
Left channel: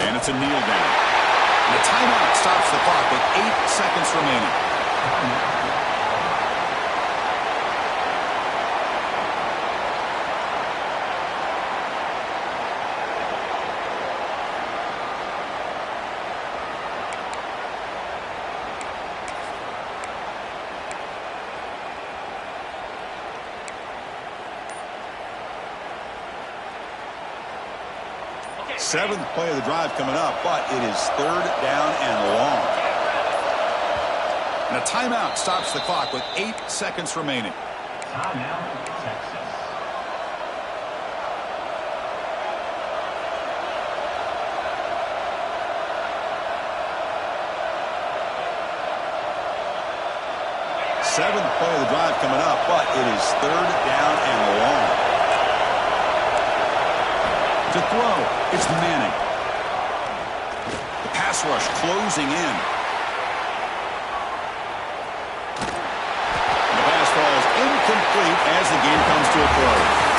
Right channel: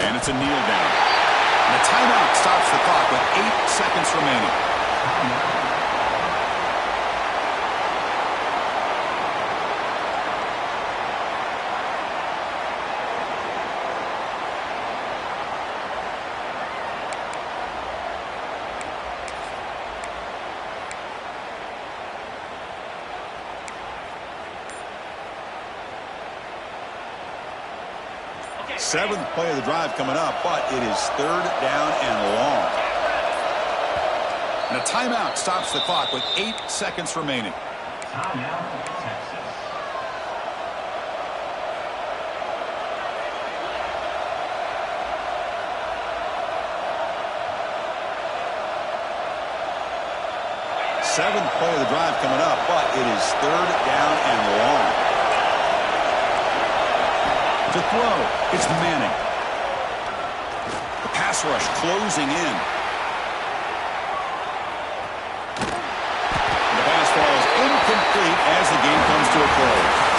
And it's a kneel down. And a timeout stops the clock with 8 seconds remaining. Seventh play of the drive coming up, but it is third down and long. And a timeout stops the clock with 8 seconds remaining. Timeout, Texas. Seventh play of the drive coming up, but it is third down and long. To throw, it's Manning. The pass rush closing in. And the pass falls incomplete as the game comes to a close.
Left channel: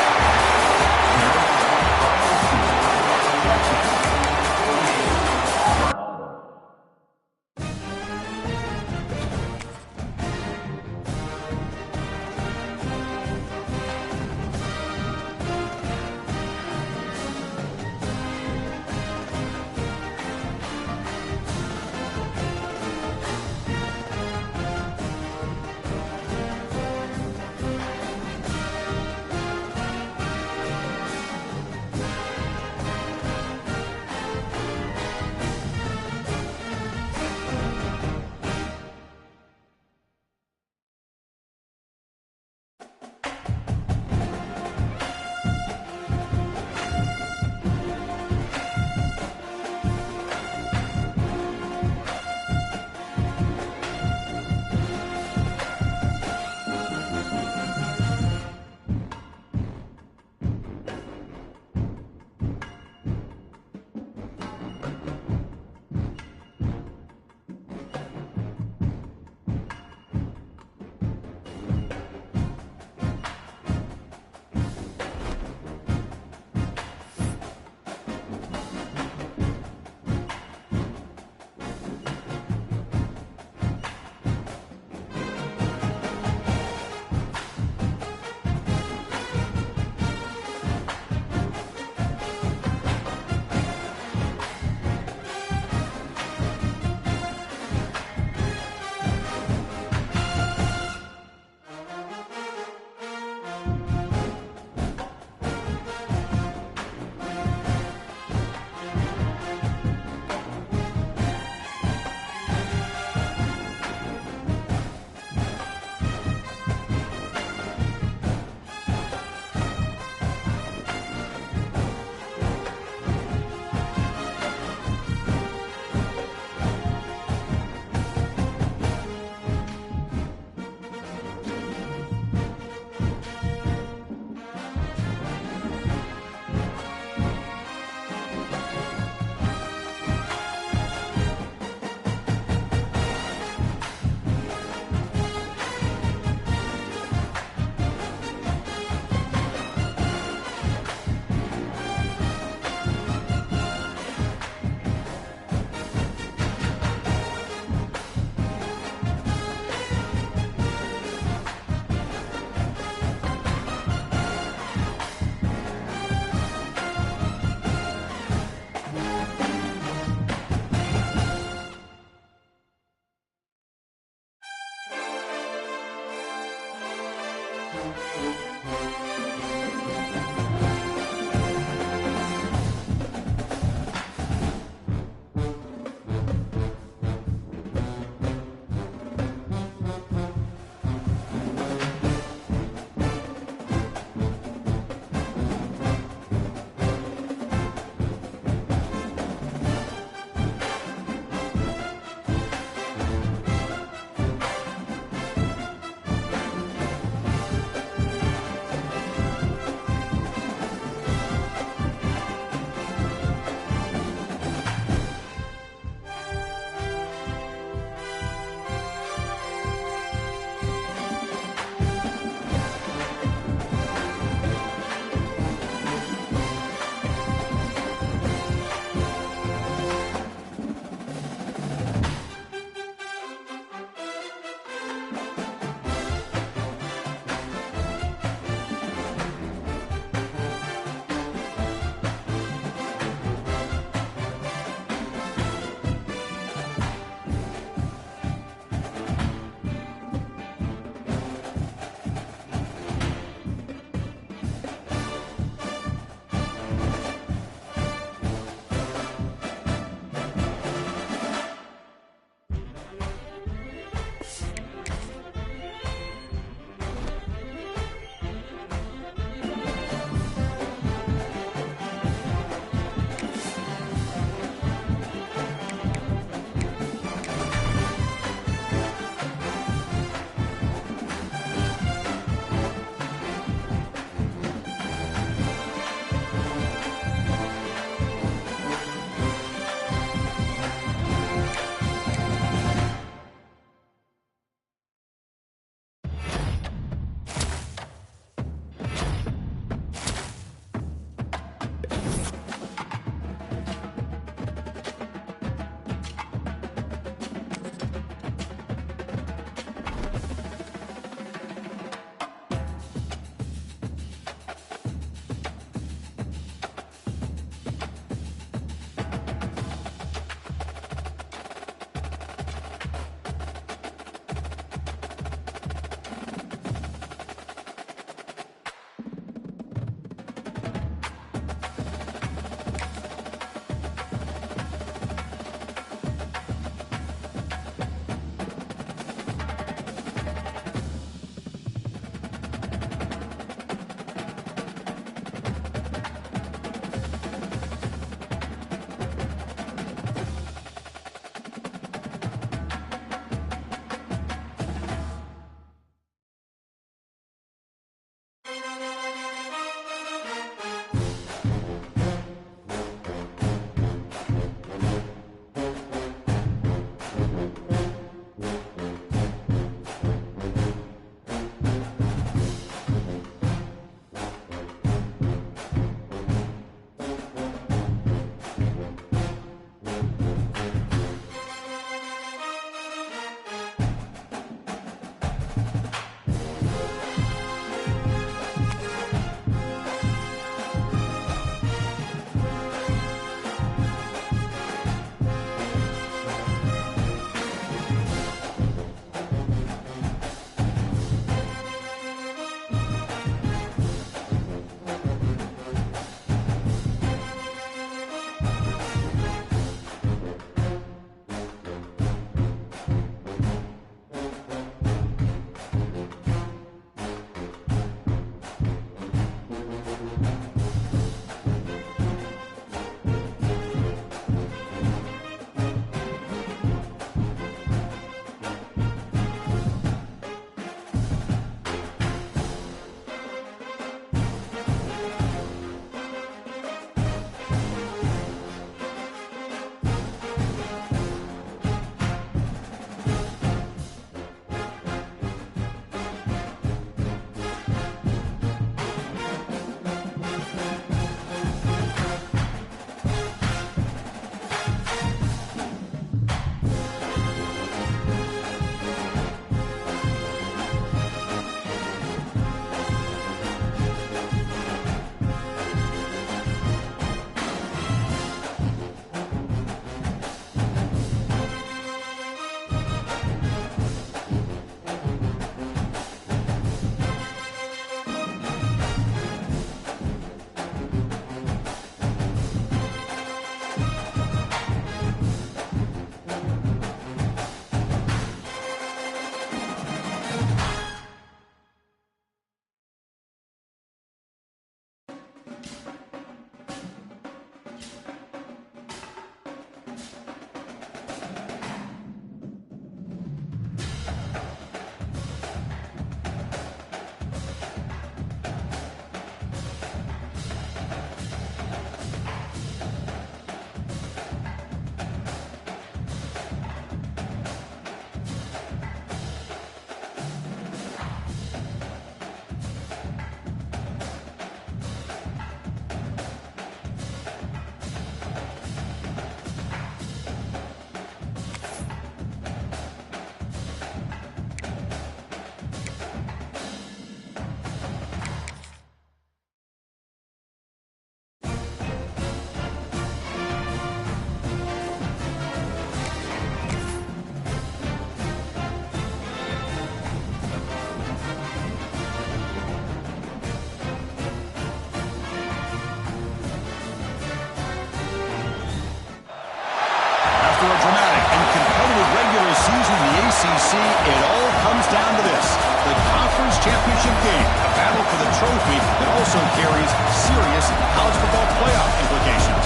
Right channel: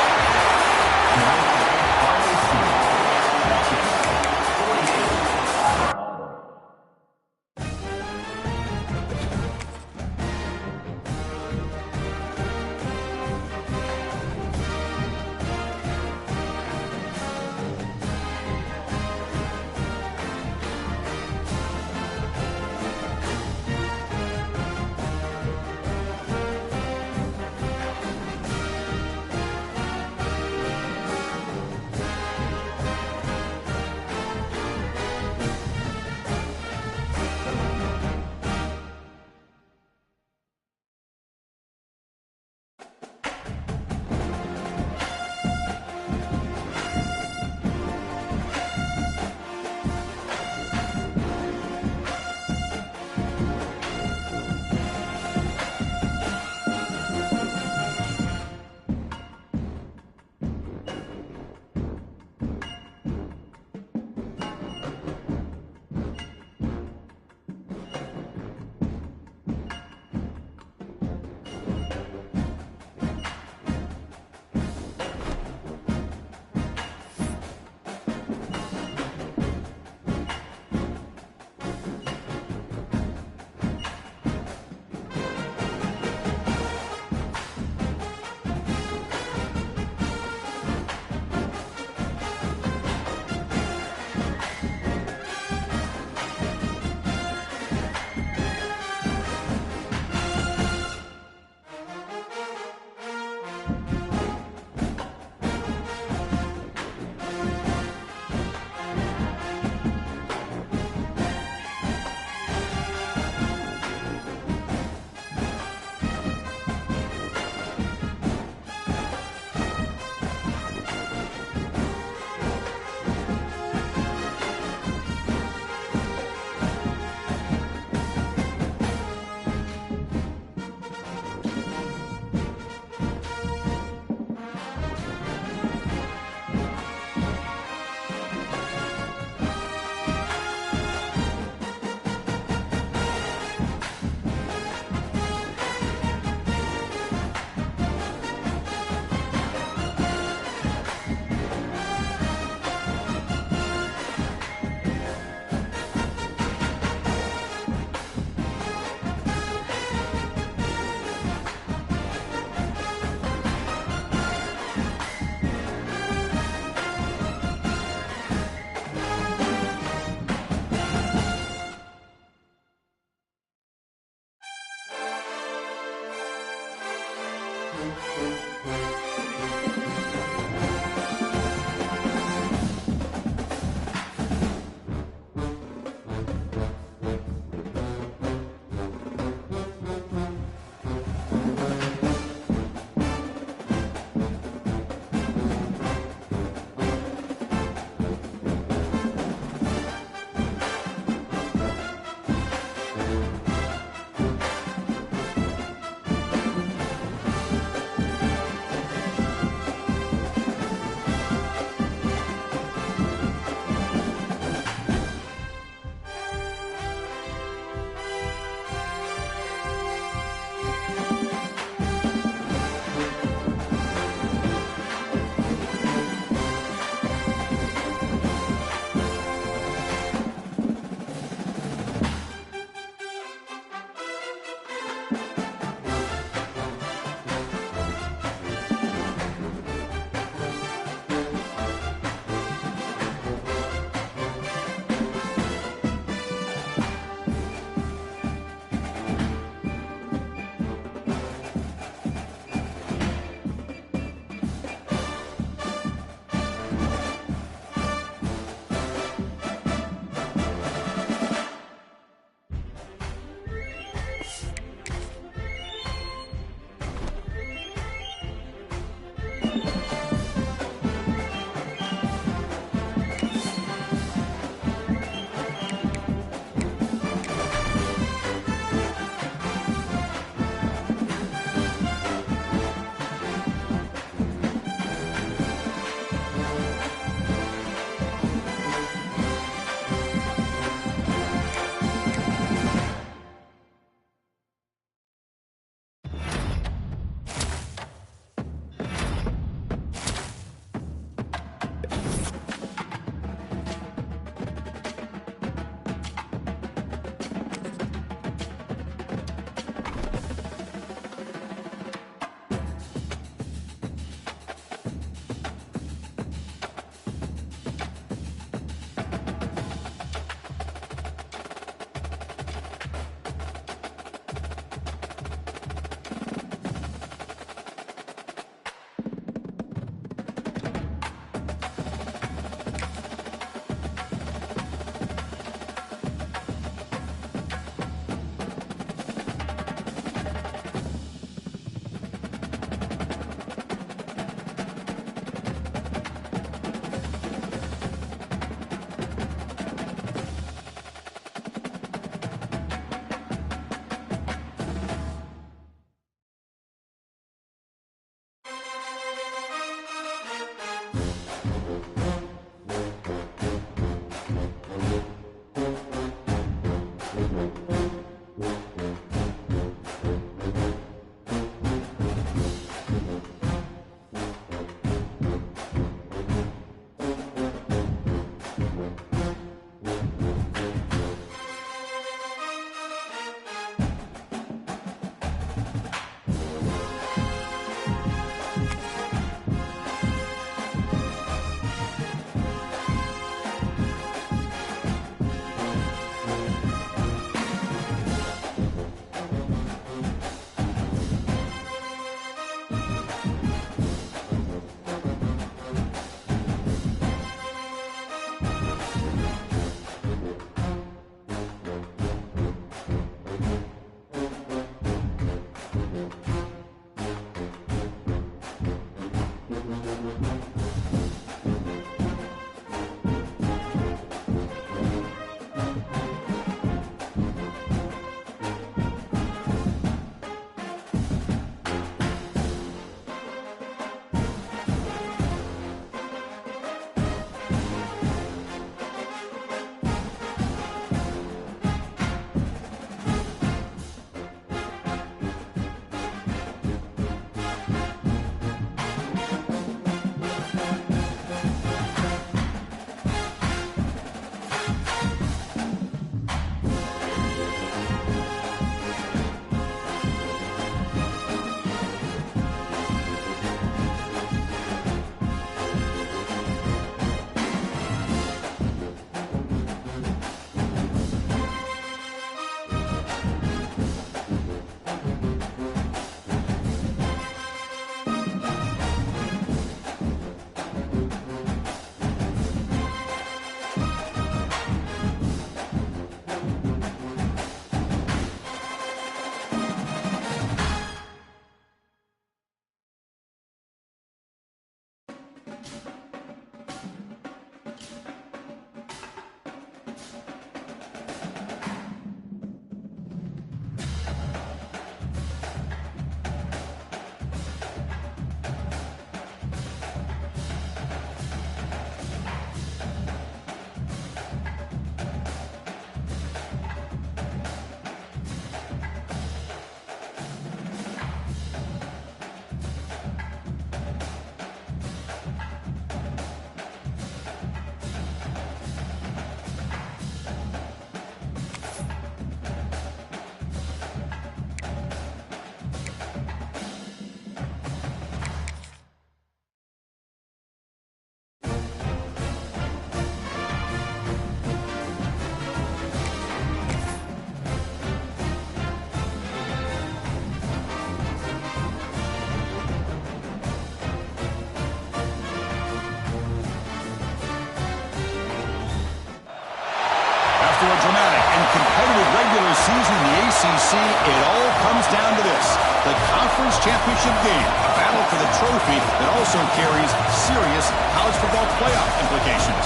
After a dramatic and competitive regular season in the ACC, it all comes down to this: the conference championship game, a battle for the trophy that also carries serious college football playoff implications.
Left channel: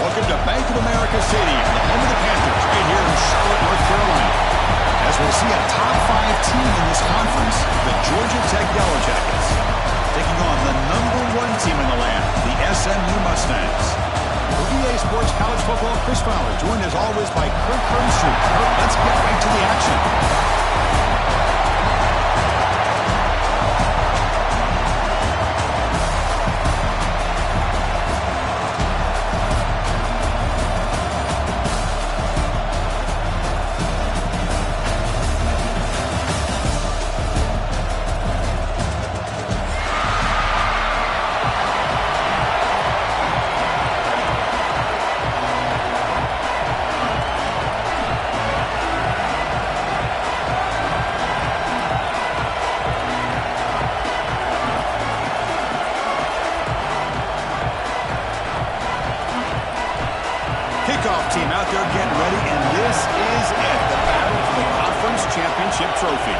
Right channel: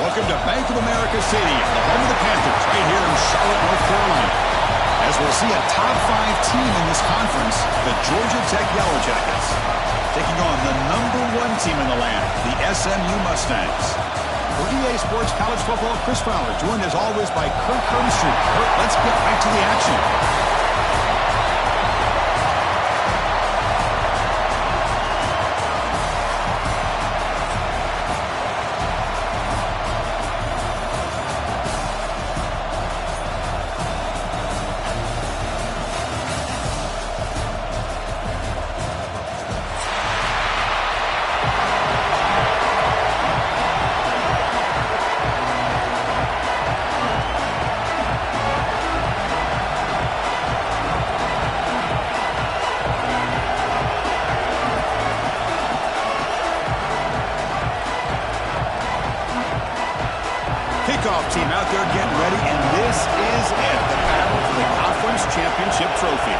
Welcome to Bank of America Stadium, the home of the Panthers, right here in Charlotte, North Carolina. As we'll see a top 5 team in this conference, the Georgia Tech Yellow Jackets, taking on the #1 team in the land, the SMU Mustangs. For EA Sports College Football, Chris Fowler, joined as always by Kirk Herbstreit. Kirk, let's get right to the action. Kickoff team out there getting ready, and this is it, the battle for the conference championship trophy.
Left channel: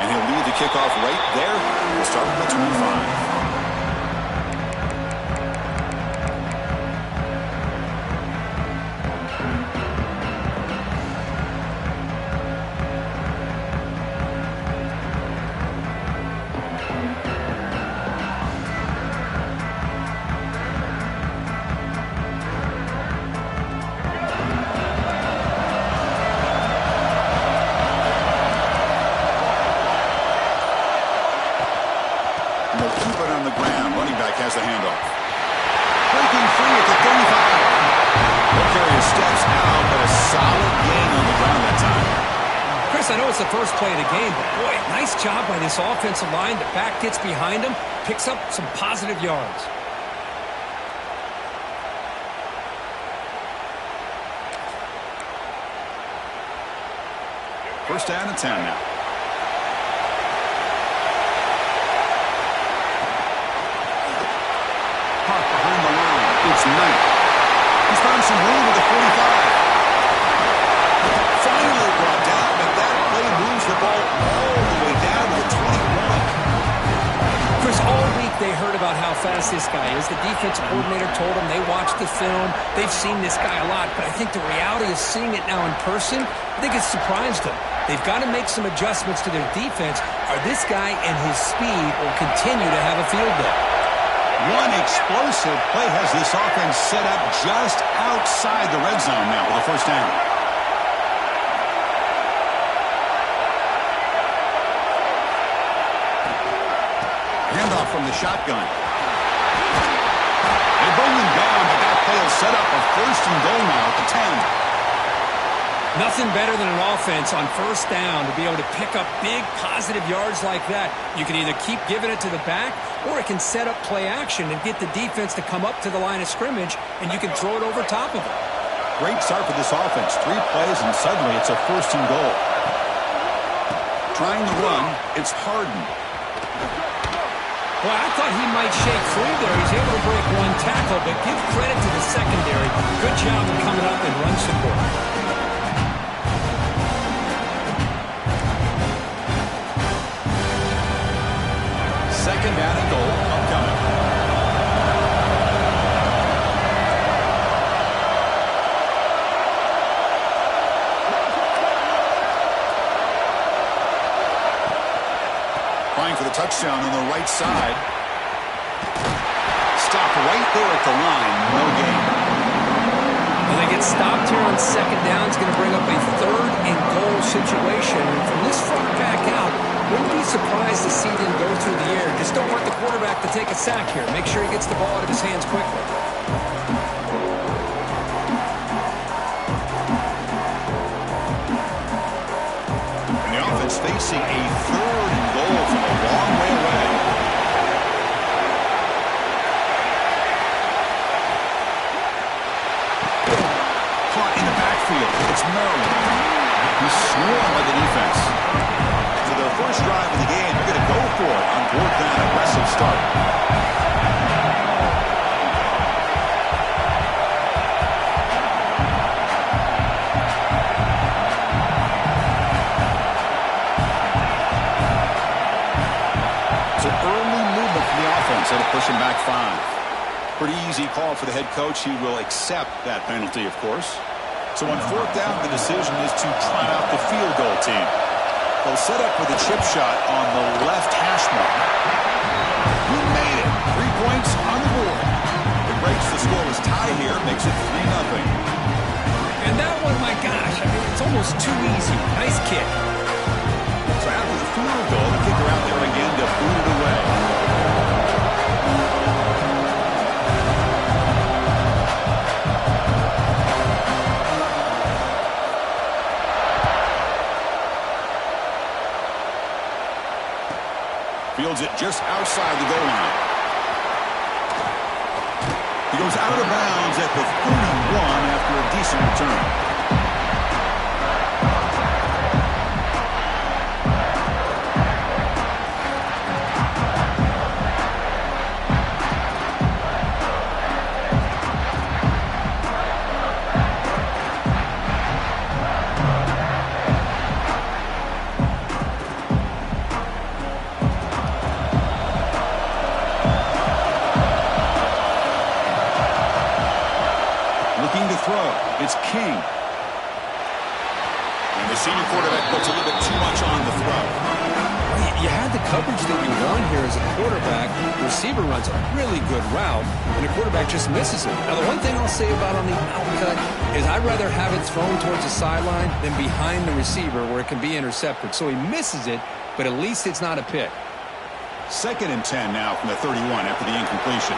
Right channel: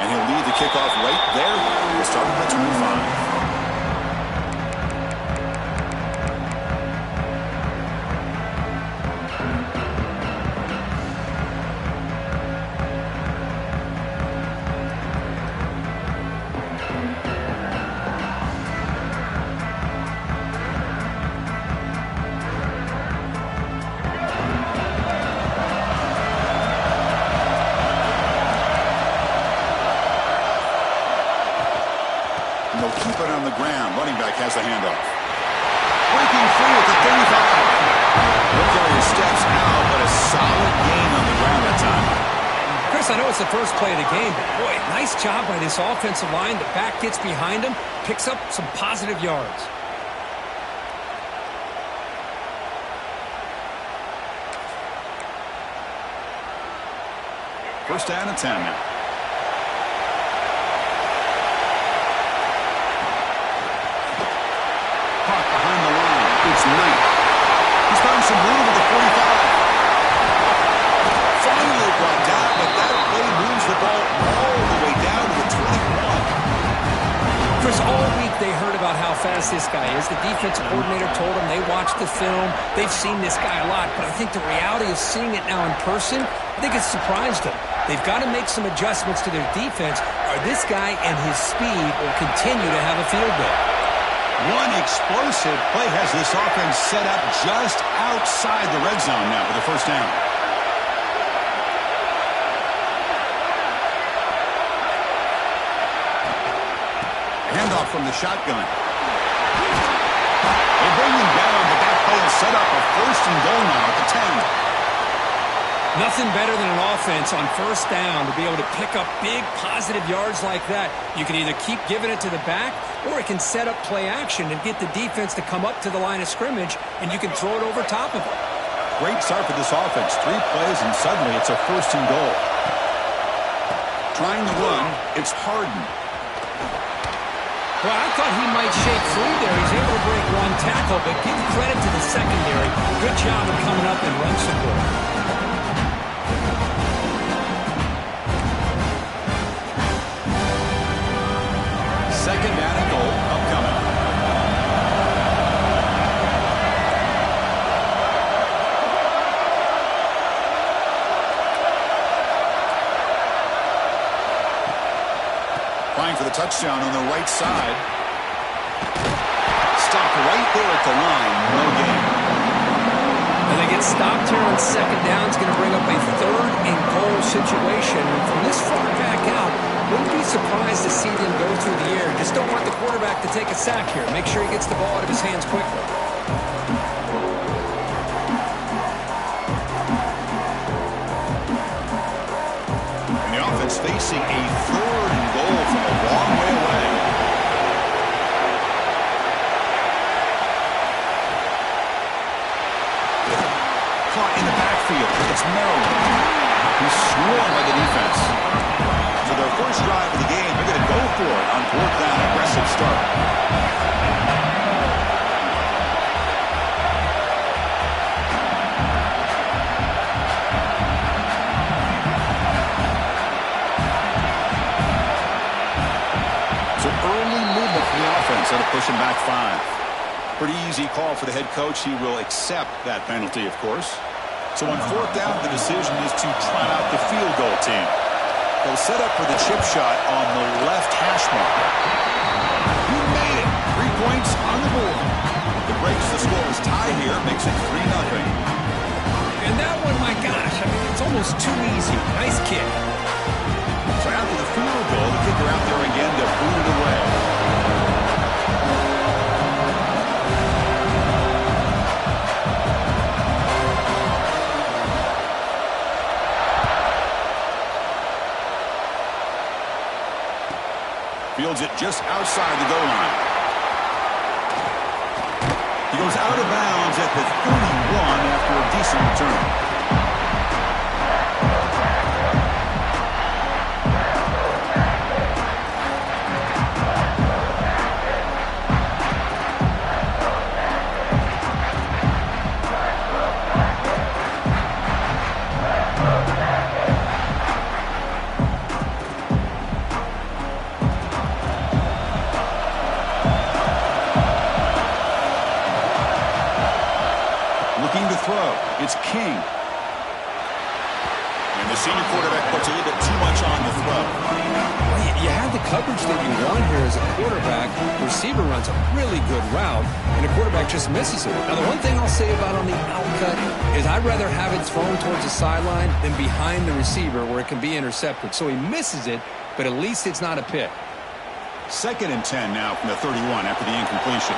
And he'll lead the kickoff right there. We'll start with the 25. They'll keep it on the ground. Running back has the handoff. Breaking free at the 35. He'll carry his steps out, but a solid gain on the ground that time. Chris, I know it's the first play of the game, but boy, nice job by this offensive line. The back gets behind him, picks up some positive yards. First down and 10 now. Hawk behind the line. It's Knight. He's found some room at the 45. Finally brought down, but that play moves the ball all the way down to the 21. Chris, all week they heard about how fast this guy is. The defensive coordinator told them they watched the film. They've seen this guy a lot, but I think the reality of seeing it now in person, I think it's surprised them. They've got to make some adjustments to their defense, or this guy and his speed will continue to have a field day. One explosive play has this offense set up just outside the red zone now with a first down. Handoff from the shotgun. They bring him down, but that play will set up a first and goal now at the 10. Nothing better than an offense on first down to be able to pick up big positive yards like that. You can either keep giving it to the back, or it can set up play action and get the defense to come up to the line of scrimmage, and you can throw it over top of them. Great start for this offense. 3 plays, and suddenly it's a first and goal. Trying to run, it's Harden. Well, I thought he might shake free there. He's able to break one tackle, but give credit to the secondary. Good job of coming up and run support. Second down and goal upcoming. Trying for the touchdown on the right side. Stop right there at the line. No gain. And they get stopped here on second down. It's going to bring up a third and goal situation. And from this far back out, wouldn't be surprised to see them go through the air. Just don't want the quarterback to take a sack here. Make sure he gets the ball out of his hands quickly. And the offense facing a third and goal from a long way away. Caught in the backfield. It's Maryland. He's swarmed by the defense. So their first drive of the game, they're going to go for it on 4th down. Aggressive start. So early movement from the offense. That'll push him back 5. Pretty easy call for the head coach. He will accept that penalty, of course. So on 4th down, the decision is to trot out the field goal team. They'll set up for the chip shot on the left hash mark. You made it. 3 points on the board. It breaks the scoreless tie here, makes it 3-0. And that one, my gosh, I mean, it's almost too easy. Nice kick. So after the field goal, the kicker out there again to boot it away. Fields it just outside the goal line. He goes out of bounds at the 31 after a decent return. Looking to throw. It's King. And the senior quarterback puts a little bit too much on the throw. Well, you had the coverage that you want here as a quarterback. The receiver runs a really good route, and the quarterback just misses it. Now, the one thing I'll say about on the outcut is I'd rather have it thrown towards the sideline than behind the receiver where it can be intercepted. So he misses it, but at least it's not a pick. 2nd and 10 now from the 31 after the incompletion.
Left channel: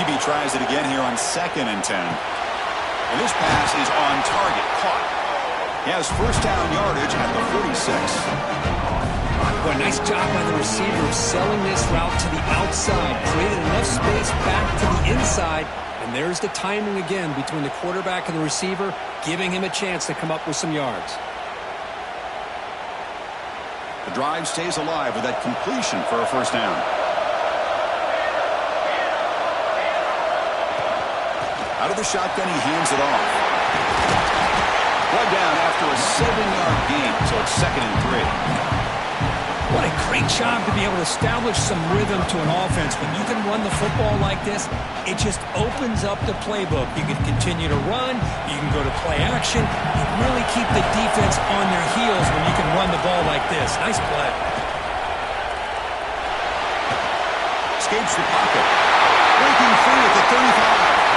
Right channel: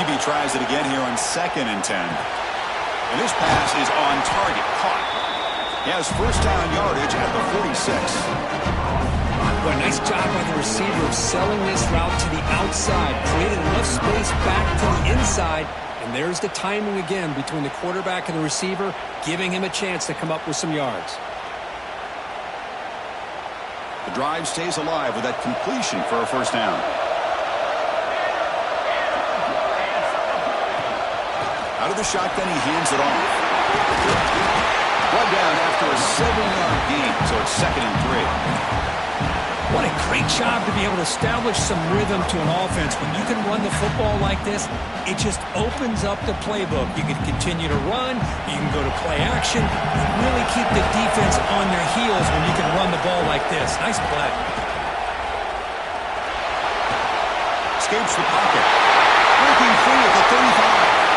QB tries it again here on 2nd and 10. And this pass is on target. Caught. He has first down yardage at the 46. Well, nice job by the receiver of selling this route to the outside. Created enough space back to the inside. And there's the timing again between the quarterback and the receiver, giving him a chance to come up with some yards. The drive stays alive with that completion for a first down. Out of the shotgun, he hands it off. Brought down after a 7-yard gain, so it's 2nd and 3. What a great job to be able to establish some rhythm to an offense. When you can run the football like this, it just opens up the playbook. You can continue to run. You can go to play action. You really keep the defense on their heels when you can run the ball like this. Nice play. Escapes the pocket. Breaking free at the 35.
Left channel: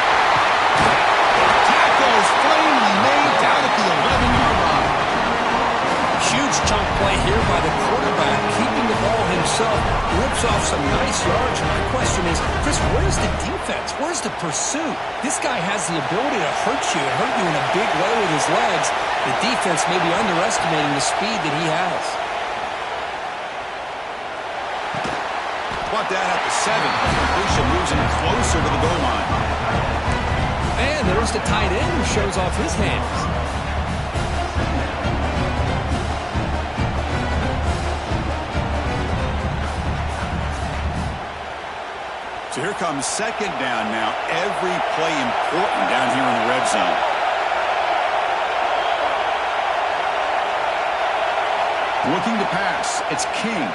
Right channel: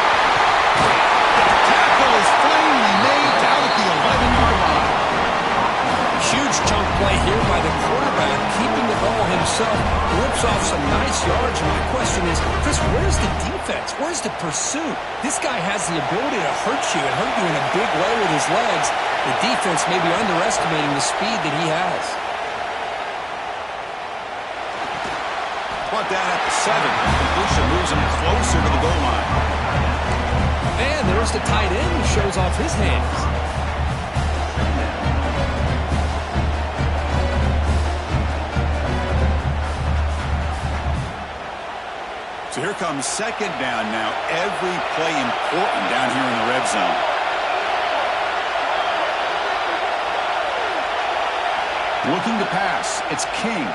Tackle is finally made down at the 11-yard line. Huge chunk play here by the quarterback, keeping the ball himself, rips off some nice yards. And my question is, Chris, where's the defense? Where's the pursuit? This guy has the ability to hurt you and hurt you in a big way with his legs. The defense may be underestimating the speed that he has. Brought down at the 7. Completion moves him closer to the goal line. And there's the tight end who shows off his hands. So here comes 2nd down now. Every play important down here in the red zone. Looking to pass. It's King.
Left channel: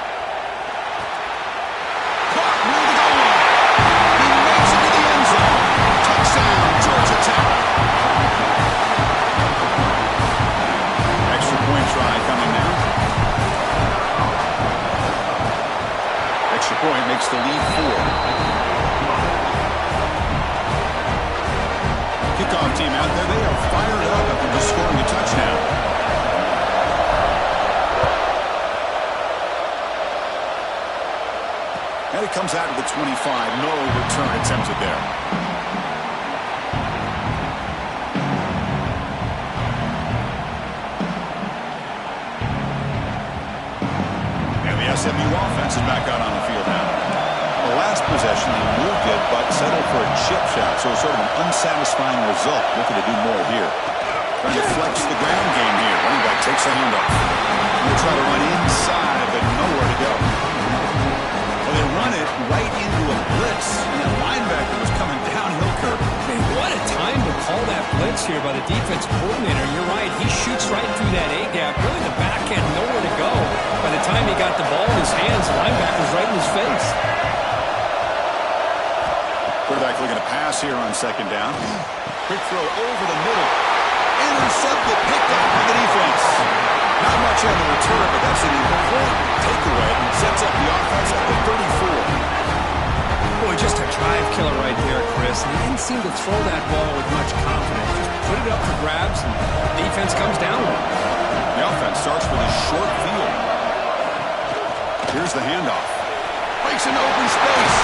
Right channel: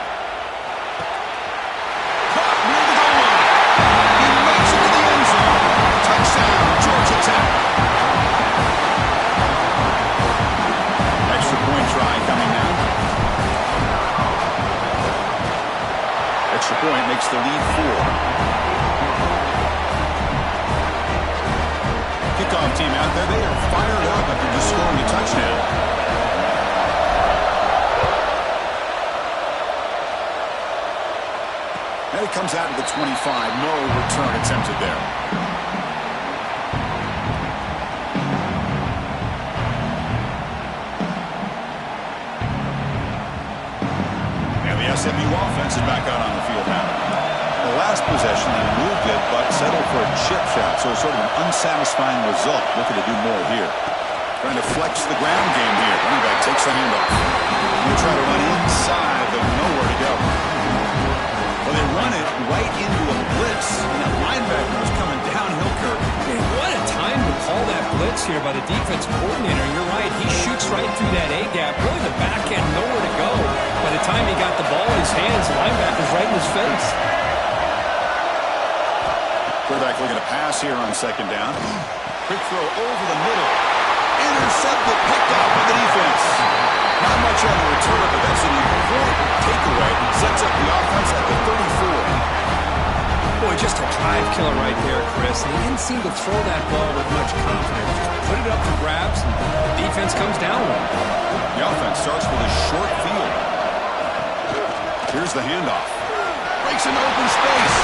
Caught near the goal line. He makes it to the end zone. Touchdown, Georgia Tech. Extra point try coming now. Extra point makes the lead 4. Kickoff team out there, they are fired up after just scoring a touchdown. And it comes out of the 25. No return attempted there. And the SMU offense is back out on the field now. The last possession, they moved it, but settled for a chip shot. So it's sort of an unsatisfying result. Looking to do more here. Trying to flex the ground game here. Running back takes the handoff. They try to run inside, but nowhere to go. Well, they run it right into a blitz, and that linebacker was coming downhill, Kirk. Man, what a time to call that blitz here by the defense coordinator. You're right. He shoots right through that A-gap. Really, the back end, nowhere to go. By the time he got the ball in his hands, the linebacker's right in his face. Quarterback looking to pass here on second down. Quick throw over the middle. Intercepted, picked off by the defense. Not much on the return, but that's an important takeaway. Sets up the offense at the 34. Boy, just a drive killer right there, Chris. And he didn't seem to throw that ball with much confidence. Just put it up for grabs, and the defense comes down with it. The offense starts with a short field. Here's the handoff. Breaks into open space.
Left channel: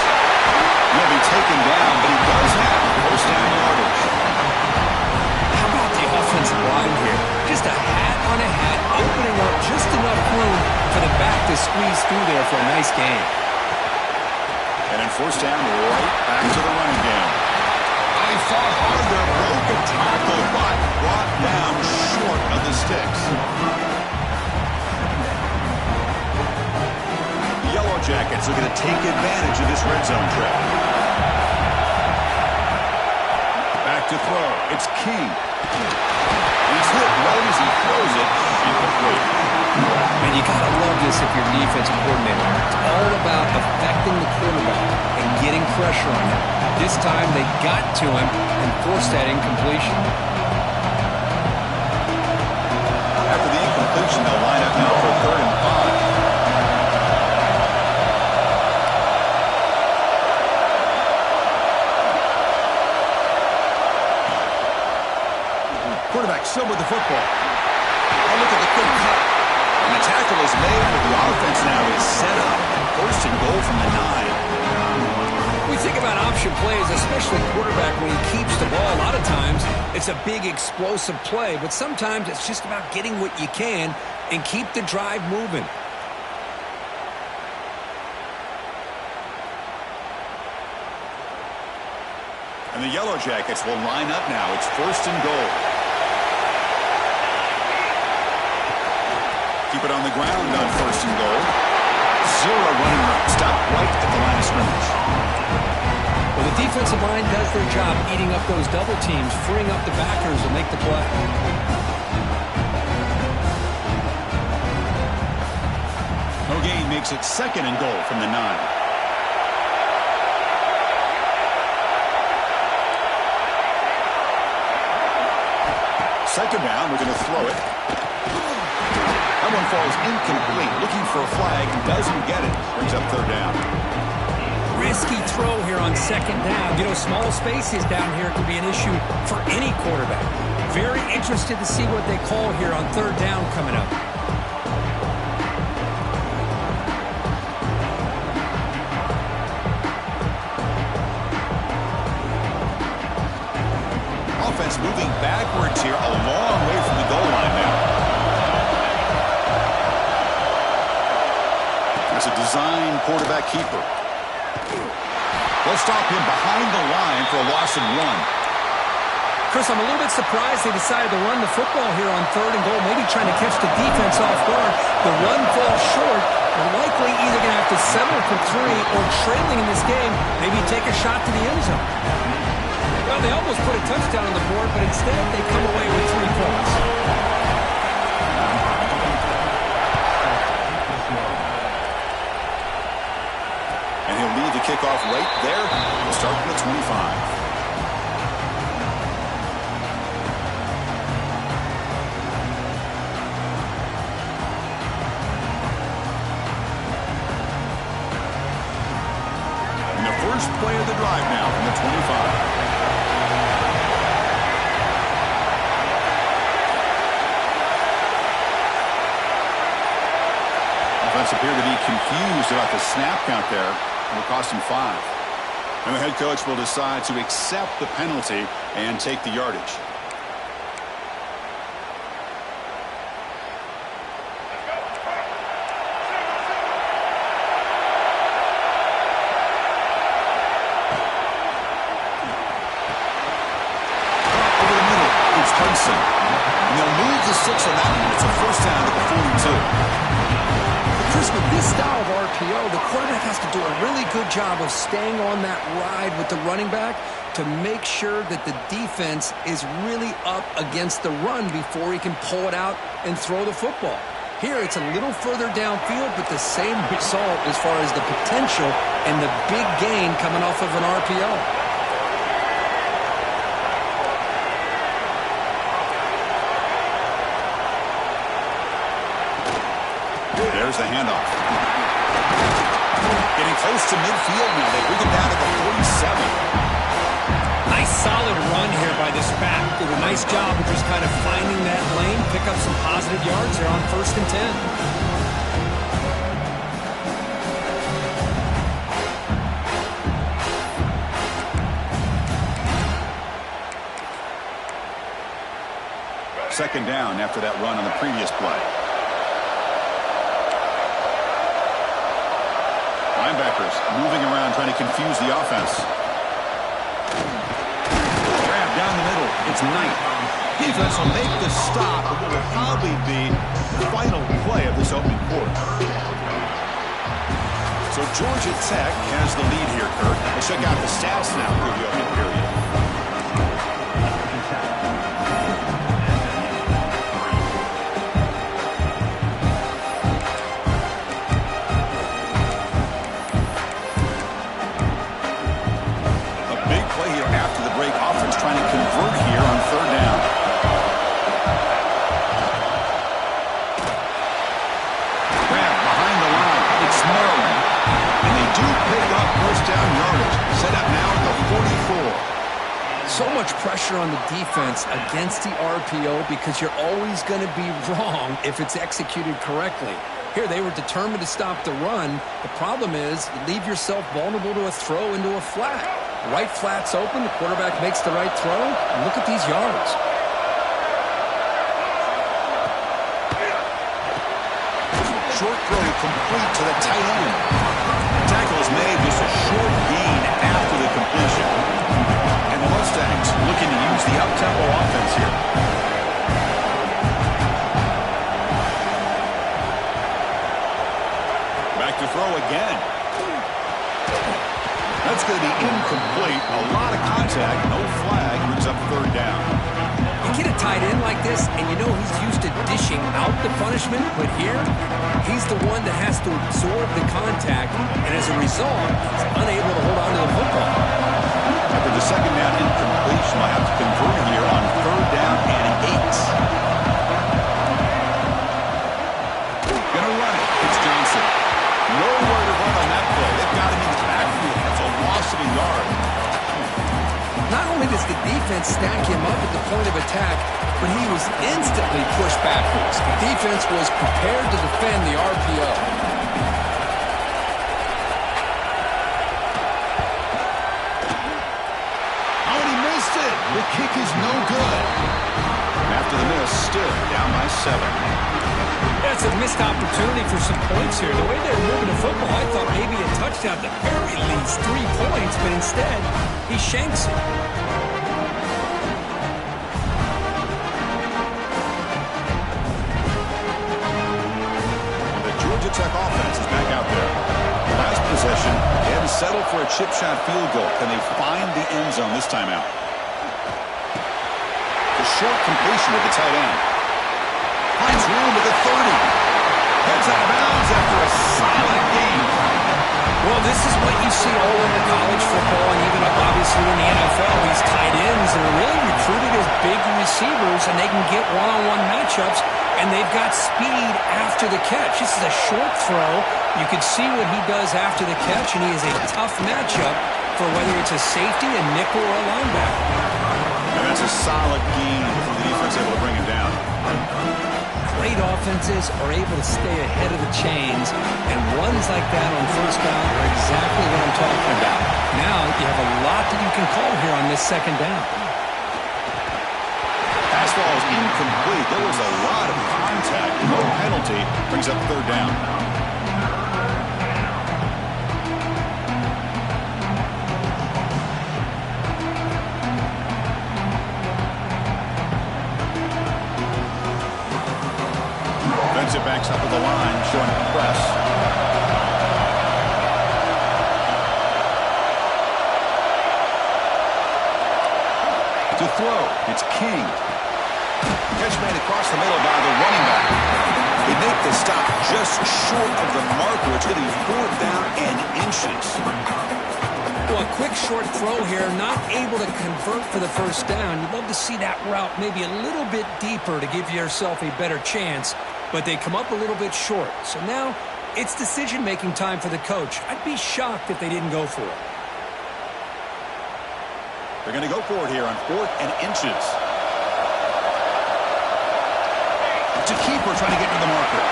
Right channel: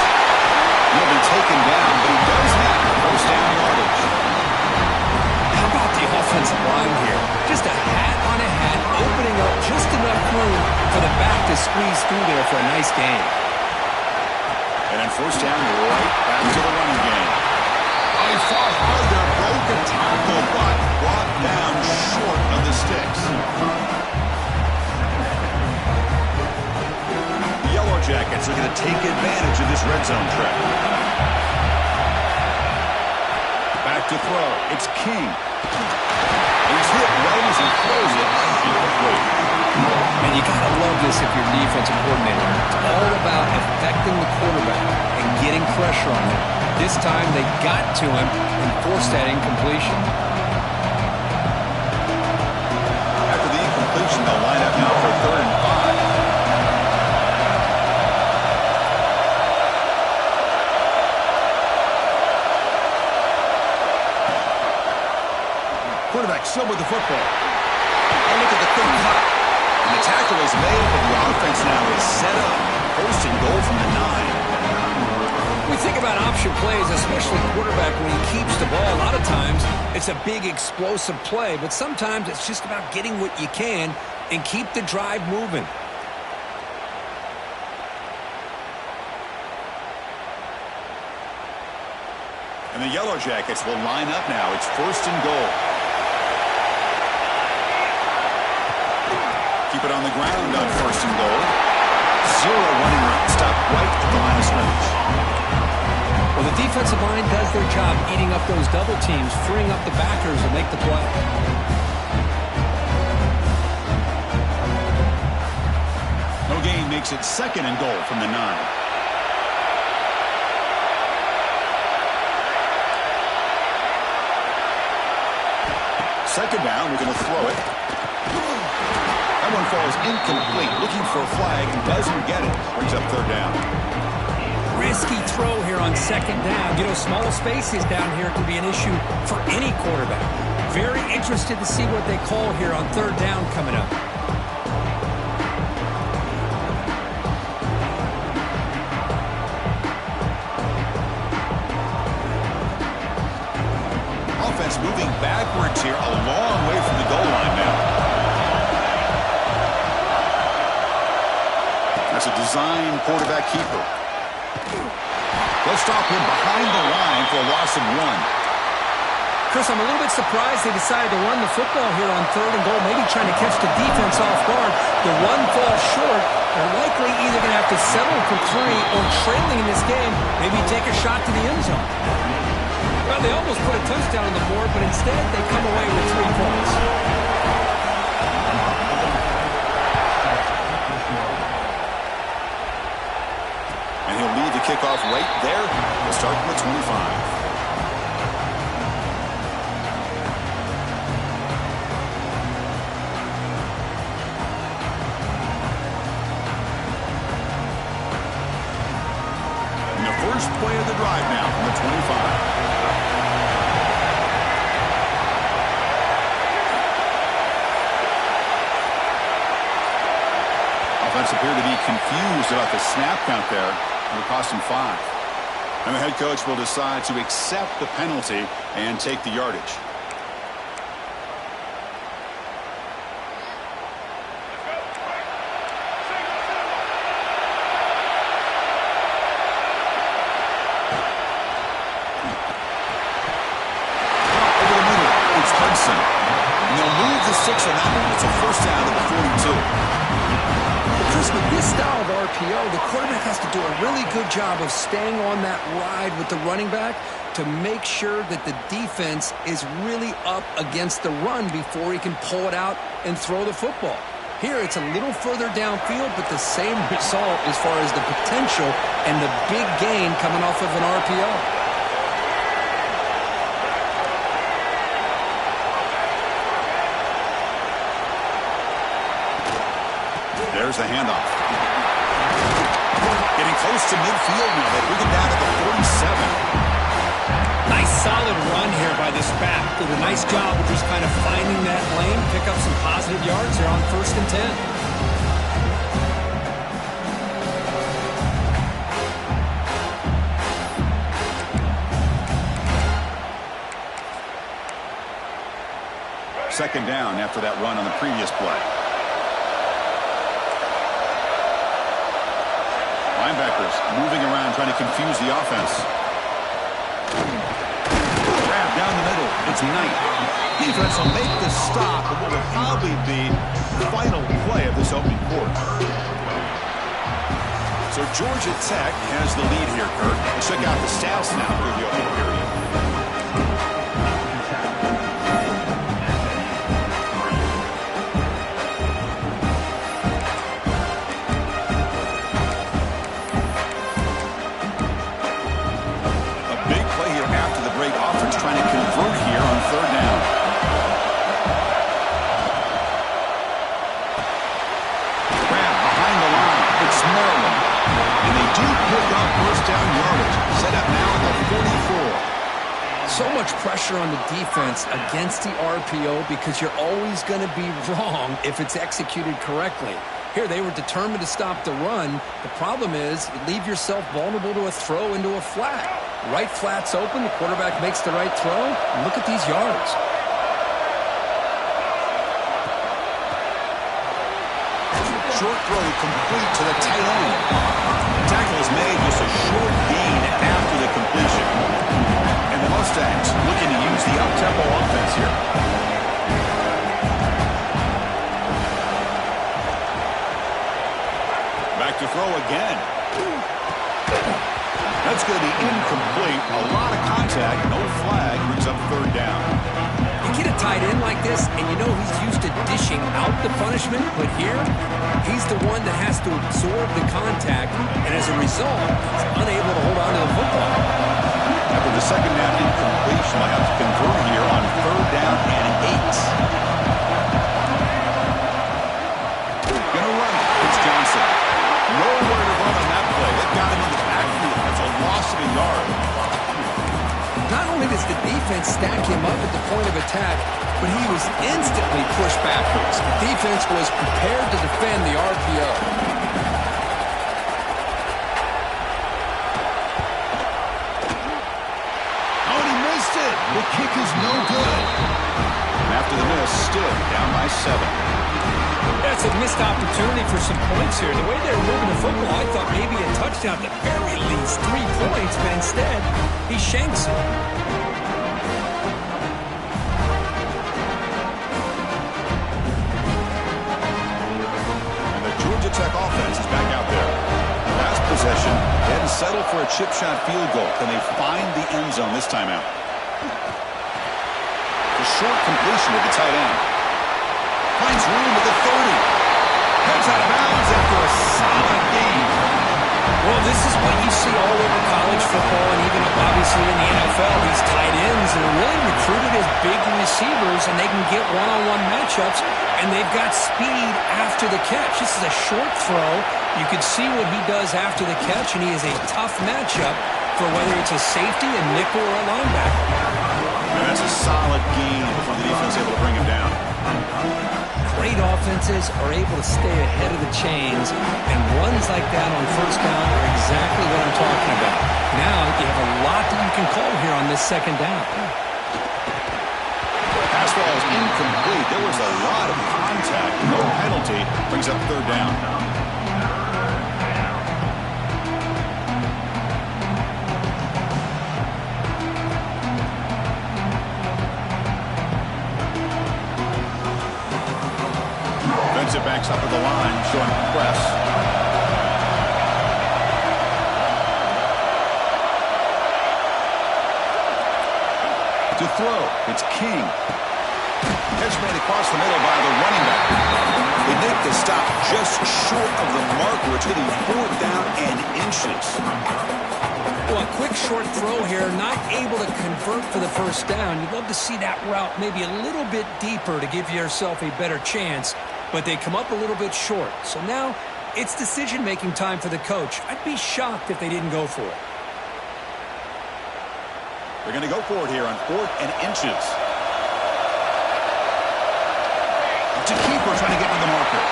He'll be taken down, but he does have first down yardage. How about the offensive line here? Just a hat on a hat, opening up just enough room for the back to squeeze through there for a nice gain. And then first down, right back to the running game. Oh, he fought hard there, broke a tackle, but brought down short of the sticks. The Yellow Jackets looking to take advantage of this red zone trip. Back to throw. It's King. And he's hit right as he throws it. Incomplete. Man, you got to love this if you're defensive coordinator. It's all about affecting the quarterback and getting pressure on him. This time they got to him and forced that incompletion. After the incompletion, they'll line up now for 3rd and 5. Quarterback still with the football. Oh, look at the quick cut. And the tackle is made, but the offense now is set up. 1st and goal from the 9. We think about option plays, especially quarterback when he keeps the ball. A lot of times it's a big explosive play, but sometimes it's just about getting what you can and keep the drive moving. And the Yellow Jackets will line up now. It's 1st and goal. Keep it on the ground on 1st and goal. 0 running room. Stop right at the line of scrimmage. Well, the defensive line does their job eating up those double teams, freeing up the backers to make the play. No gain makes it 2nd and goal from the 9. Second down, we're going to throw it. That one falls incomplete. Looking for a flag, doesn't get it. Brings up 3rd down. Risky throw here on 2nd down. You know, small spaces down here can be an issue for any quarterback. Very interested to see what they call here on 3rd down coming up. Offense moving backwards here, a long way from the goal line now. That's a design quarterback keeper. They'll stop him behind the line for a loss of 1. Chris, I'm a little bit surprised they decided to run the football here on 3rd and goal, maybe trying to catch the defense off guard. The run falls short. They're likely either going to have to settle for 3 or trailing in this game, maybe take a shot to the end zone. Well, they almost put a touchdown on the board, but instead they come away with 3 points. And he'll lead the kickoff right there. We'll start from the 25. And the first play of the drive now from the 25. Offense appeared to be confused about the snap count there. It will cost him 5. And the head coach will decide to accept the penalty and take the yardage. Over the middle, it's Hudson. And they'll move the 6 on that one. It's a first down at the 42. Chris, with this style of RPO, the quarterback has to do a really good job of staying on that ride with the running back to make sure that the defense is really up against the run before he can pull it out and throw the football. Here, it's a little further downfield, but the same result as far as the potential and the big gain coming off of an RPO. There's the handoff. Getting close to midfield now. They bring it down to the 47. Nice solid run here by this back. Did a nice job of just kind of finding that lane, pick up some positive yards there on 1st and 10. Second down after that run on the previous play. Linebackers moving around trying to confuse the offense. Grab down the middle. It's Knight. Defense will make the stop of what will probably be the final play of this opening quarter. So Georgia Tech has the lead here, Kurt. Let's check out the stats now through the opening period. Offense trying to convert here on 3rd down. Grab behind the line. It's Maryland. And they do pick up first down yardage. Set up now at the 44. So much pressure on the defense against the RPO because you're always going to be wrong if it's executed correctly. Here, they were determined to stop the run. The problem is you leave yourself vulnerable to a throw into a flat. Right flat's open. The quarterback makes the right throw. And look at these yards. Short throw complete to the tight end. Tackle is made, just a short gain after the completion. And the Mustangs looking to use the up-tempo offense here. Back to throw again. That's going to be incomplete. A lot of contact. No flag. Brings up 3rd down. You get a tight end like this, and you know he's used to dishing out the punishment, but here, he's the one that has to absorb the contact, and as a result, he's unable to hold on to the football. After the second down incompletion, they'll have to convert here on 3rd down and 8. Gonna run it. It's Johnson. Nowhere to run on that play. They've got him in the backfield. That's a loss of a yard. Not only does the defense stack him up at the point of attack, but he was instantly pushed backwards. The defense was prepared to defend the RPO. Oh, and he missed it. The kick is no good. And after the miss, still down by 7. That's a missed opportunity for some points here. The way they were moving the football, I thought maybe a touchdown, at the very least 3 points, but instead, he shanks it. And the Georgia Tech offense is back out there. The last possession, they had to settle for a chip shot field goal. Can they find the end zone this time out? The short completion to the tight end. Finds room at the 30. Heads out of bounds after a solid gain. Well, this is what you see all over college football and even up, obviously, in the NFL. These tight ends that are really recruited as big receivers, and they can get one-on-one matchups, and they've got speed after the catch. This is a short throw. You could see what he does after the catch, and he is a tough matchup for whether it's a safety, a nickel, or a linebacker. And that's a solid gain before the defense able to bring him down. Great offenses are able to stay ahead of the chains, and runs like that on 1st down are exactly what I'm talking about. Now you have a lot that you can call here on this 2nd down. Pass ball is incomplete. There was a lot of contact. No penalty. Brings up 3rd down. Defensive backs up at the line, showing press. To throw, it's King. Catch made across the middle by the running back. They make the stop just short of the marker. It's going to be 4th down and inches. Well, a quick short throw here, not able to convert for the first down. You'd love to see that route maybe a little bit deeper to give yourself a better chance, but they come up a little bit short. So now it's decision-making time for the coach. I'd be shocked if they didn't go for it. They're going to go for it here on 4th and inches. It's a keeper trying to get to the marker.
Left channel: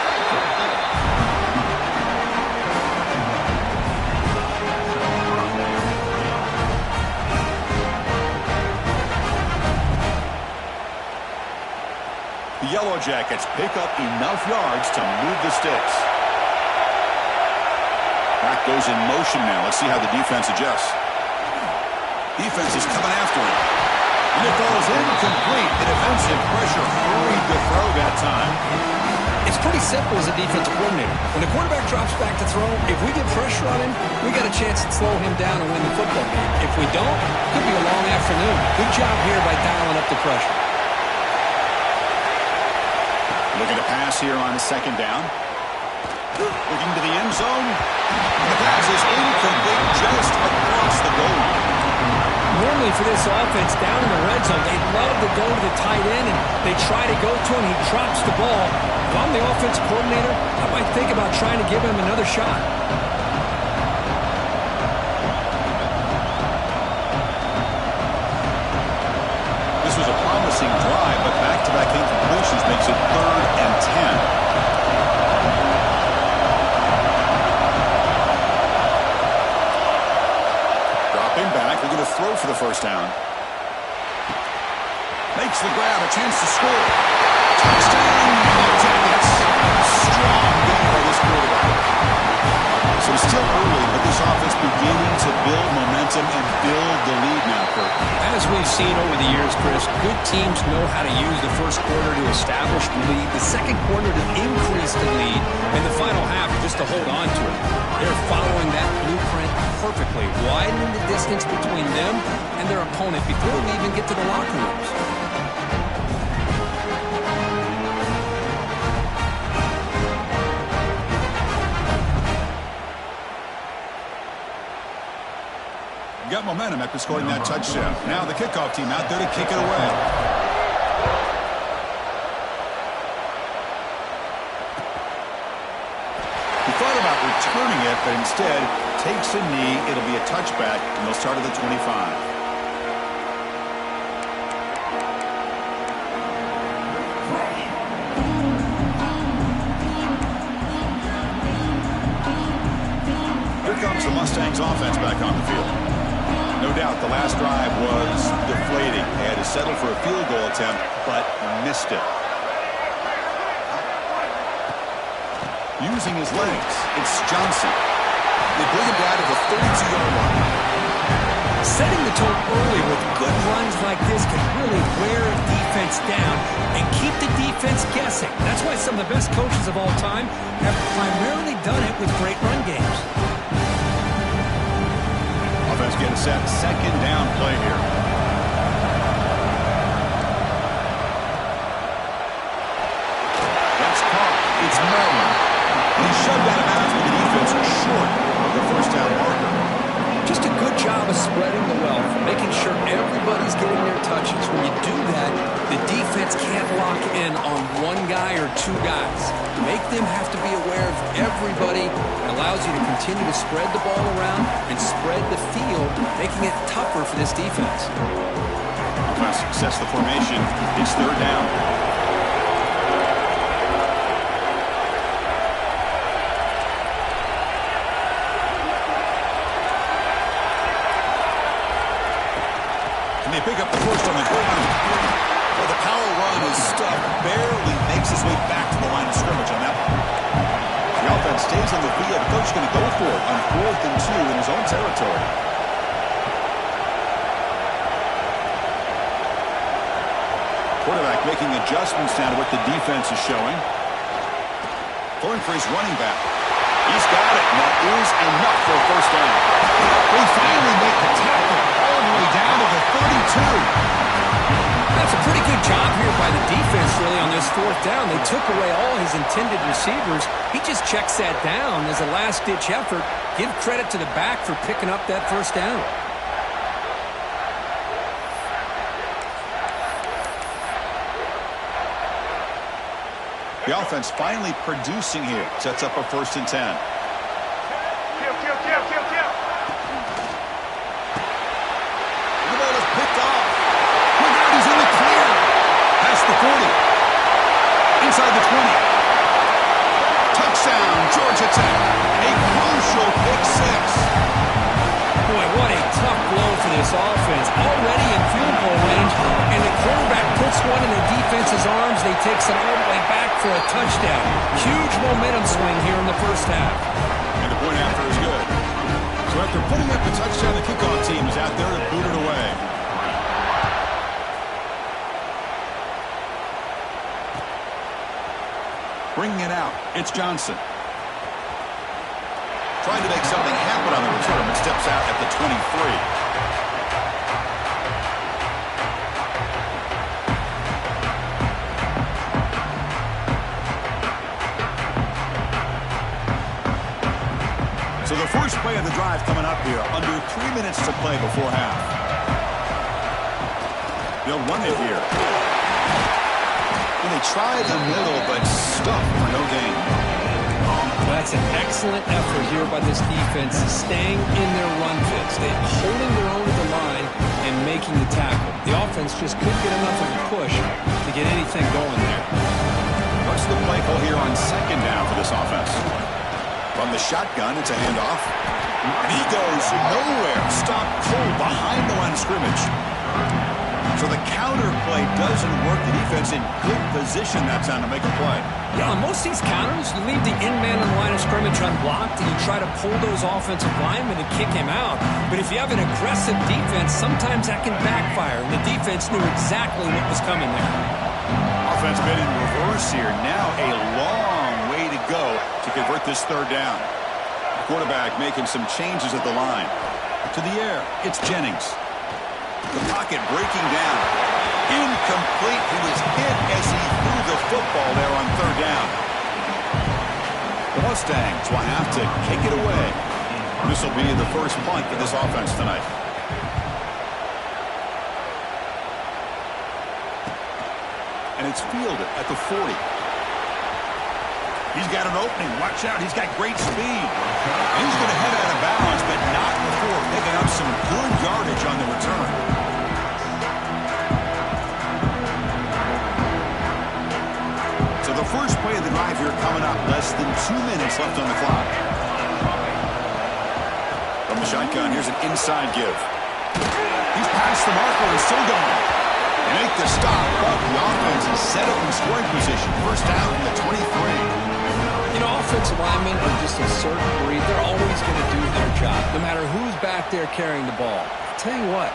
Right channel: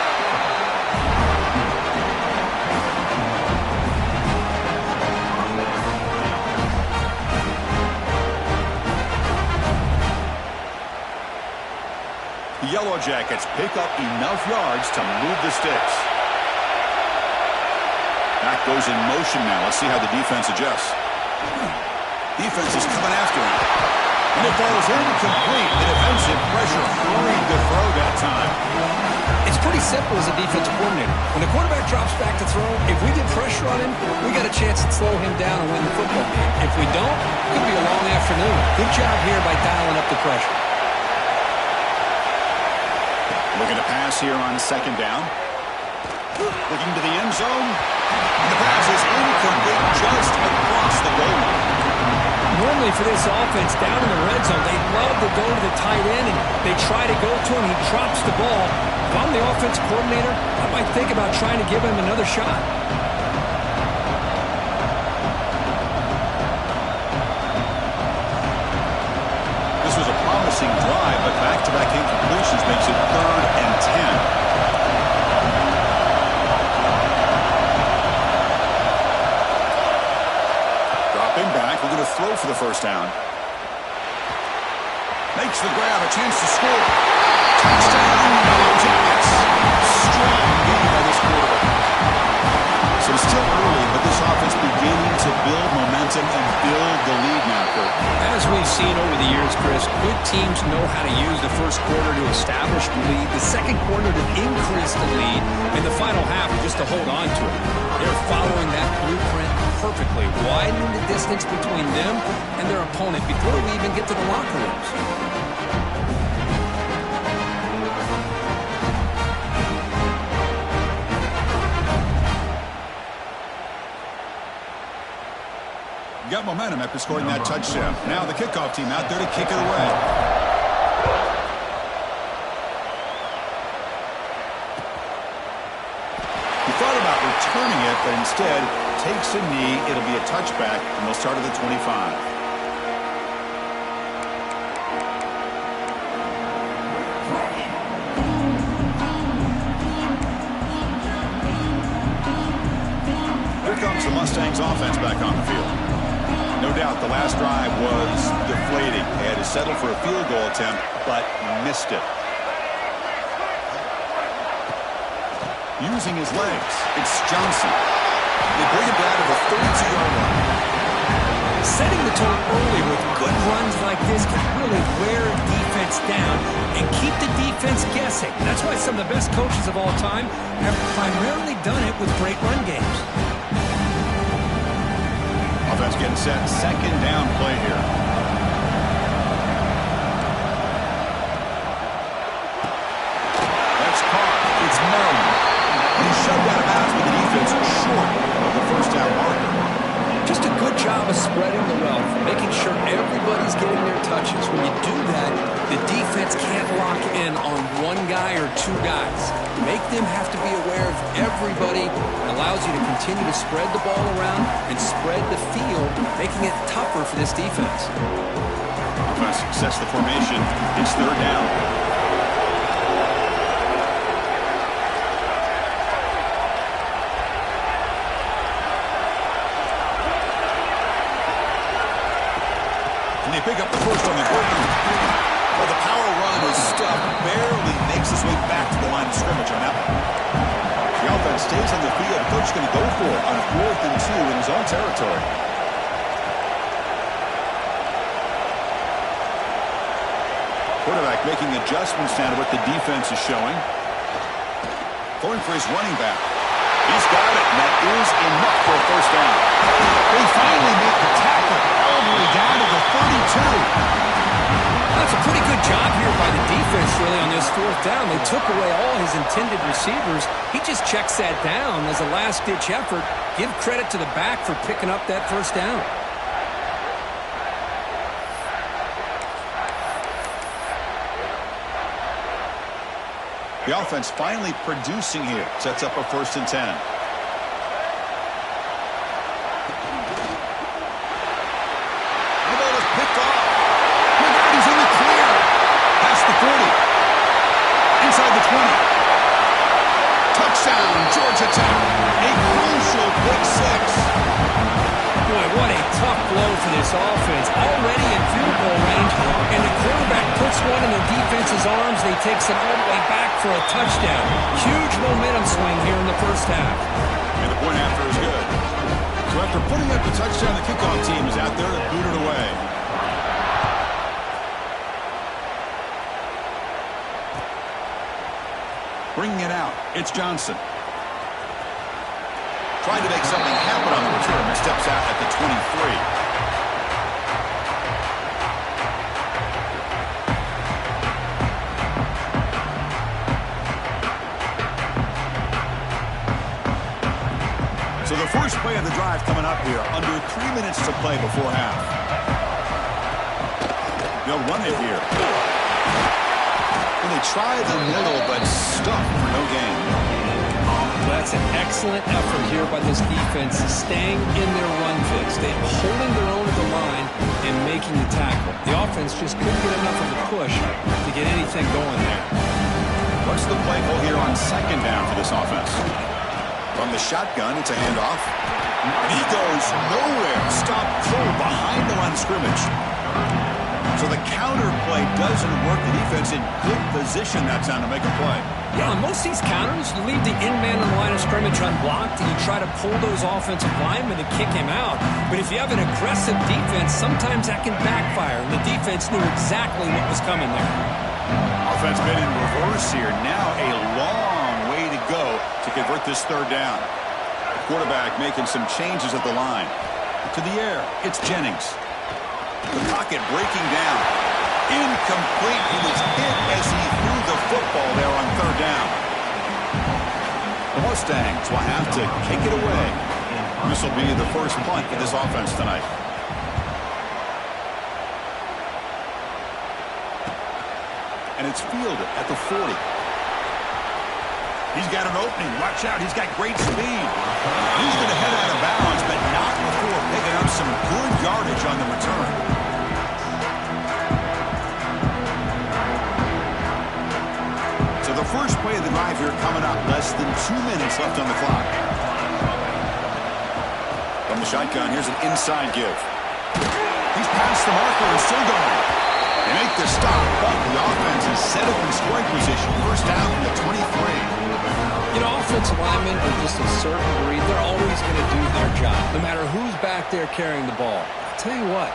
The Yellow Jackets pick up enough yards to move the sticks. Back goes in motion now. Let's see how the defense adjusts. Defense is coming after him. And it falls incomplete. The defensive pressure hurried the throw that time. It's pretty simple as a defensive coordinator. When the quarterback drops back to throw, if we get pressure on him, we got a chance to slow him down and win the football game. If we don't, it could be a long afternoon. Good job here by dialing up the pressure. Looking to pass here on 2nd down. Looking to the end zone. The pass is incomplete just across the goal line. Normally for this offense down in the red zone, they love to go to the tight end, and they try to go to him. He drops the ball. If I'm the offense coordinator, I might think about trying to give him another shot. This was a promising drive, but back-to-back incompletions makes it 3rd and 10. Back, looking to throw for the first down. Makes the grab, a chance to score. Touchdown, Yellow Jackets. Strong game by this quarterback. So it's still early, but this offense beginning to build momentum and build the lead now, Kurt. As we've seen over the years, Chris, good teams know how to use the first quarter to establish the lead, the second quarter to increase the lead, and the final half just to hold on to it. They're following that blueprint perfectly, widening the distance between them and their opponent before we even get to the locker rooms. Got momentum after scoring that touchdown. Now the kickoff team out there to kick it away. He thought about returning it, but instead takes a knee. It'll be a touchback, and they'll start at the 25. Here comes the Mustangs offense back on the field. No doubt the last drive was deflating. They had to settle for a field goal attempt, but missed it. Using his legs, it's Johnson. They bring him down to the 32-yard line. Setting the tone early with good runs like this can really wear a defense down and keep the defense guessing. That's why some of the best coaches of all time have primarily done it with great run games. Offense getting set. 2nd down play here. That's caught. It's Maryland. And he shoved out of bounds with the defense short of the first down marker. Just a good job of spreading the wealth, making sure everybody's getting their touches. When you do that, the defense can't lock in on one guy or two guys. Make them have to be aware of everybody. It allows you to continue to spread the ball around and spread the field, making it tougher for this defense. Offense sets the formation. It's 3rd down. They pick up the first on the ground. Well, the power run is stuffed, barely makes his way back to the line of scrimmage on that one. The offense stays on the field. The coach is going to go for it on 4th and 2 in his own territory. Quarterback making adjustments now to what the defense is showing. Throwing for his running back. He's got it, and that is enough for a first down. They finally make the tackle all the way down to the 32. That's a pretty good job here by the defense, really, on this fourth down. They took away all his intended receivers. He just checks that down as a last-ditch effort. Give credit to the back for picking up that first down. The offense finally producing here. Sets up a 1st and 10. The ball is picked off. Look out, he's in the clear. Past the 40. Inside the 20. Touchdown, Georgia Tech. A crucial pick 6. Boy, what a tough blow for this offense. Already in field goal range, and the quarterback puts one in the defense's arms. They takes it all the way back for a touchdown. Huge momentum swing here in the first half. And the point after is good. So after putting up the touchdown, the kickoff team is out there to boot it away. Bringing it out, it's Johnson. Trying to make something happen on the return, but steps out at the 23. So the first play of the drive coming up here, under 3 minutes to play before half. They'll run it here. Well, they try the middle, but stuck for no gain. That's an excellent effort here by this defense, staying in their run fits. They're holding their own at the line and making the tackle. The offense just couldn't get enough of a push to get anything going there. What's the play call here on 2nd down for this offense? From the shotgun, it's a handoff. And he goes nowhere. Stop cold behind the line of scrimmage. So the counter play doesn't work. The defense in good position that time to make a play. Yeah, on most of these counters, you leave the in-man on the line of scrimmage unblocked, and you try to pull those offensive linemen and kick him out. But if you have an aggressive defense, sometimes that can backfire, and the defense knew exactly what was coming there. Offense been in reverse here. Now a long way to go to convert this 3rd down. Quarterback making some changes at the line. To the air, it's Jennings. The pocket breaking down. Incomplete. He was hit as he threw the football there on 3rd down. The Mustangs will have to kick it away. This will be the first punt for this offense tonight. And it's fielded at the 40. He's got an opening. Watch out. He's got great speed. He's going to head out of bounds, but not before picking up some good yardage on the return. So the first play of the drive here coming up. Less than 2 minutes left on the clock. From the shotgun, here's an inside give. He's past the marker and still going. They make the stop, but the offense is set up in scoring position. First down from the 23. You know, offensive linemen are just a certain breed. They're always going to do their job, no matter who's back there carrying the ball. I'll tell you what,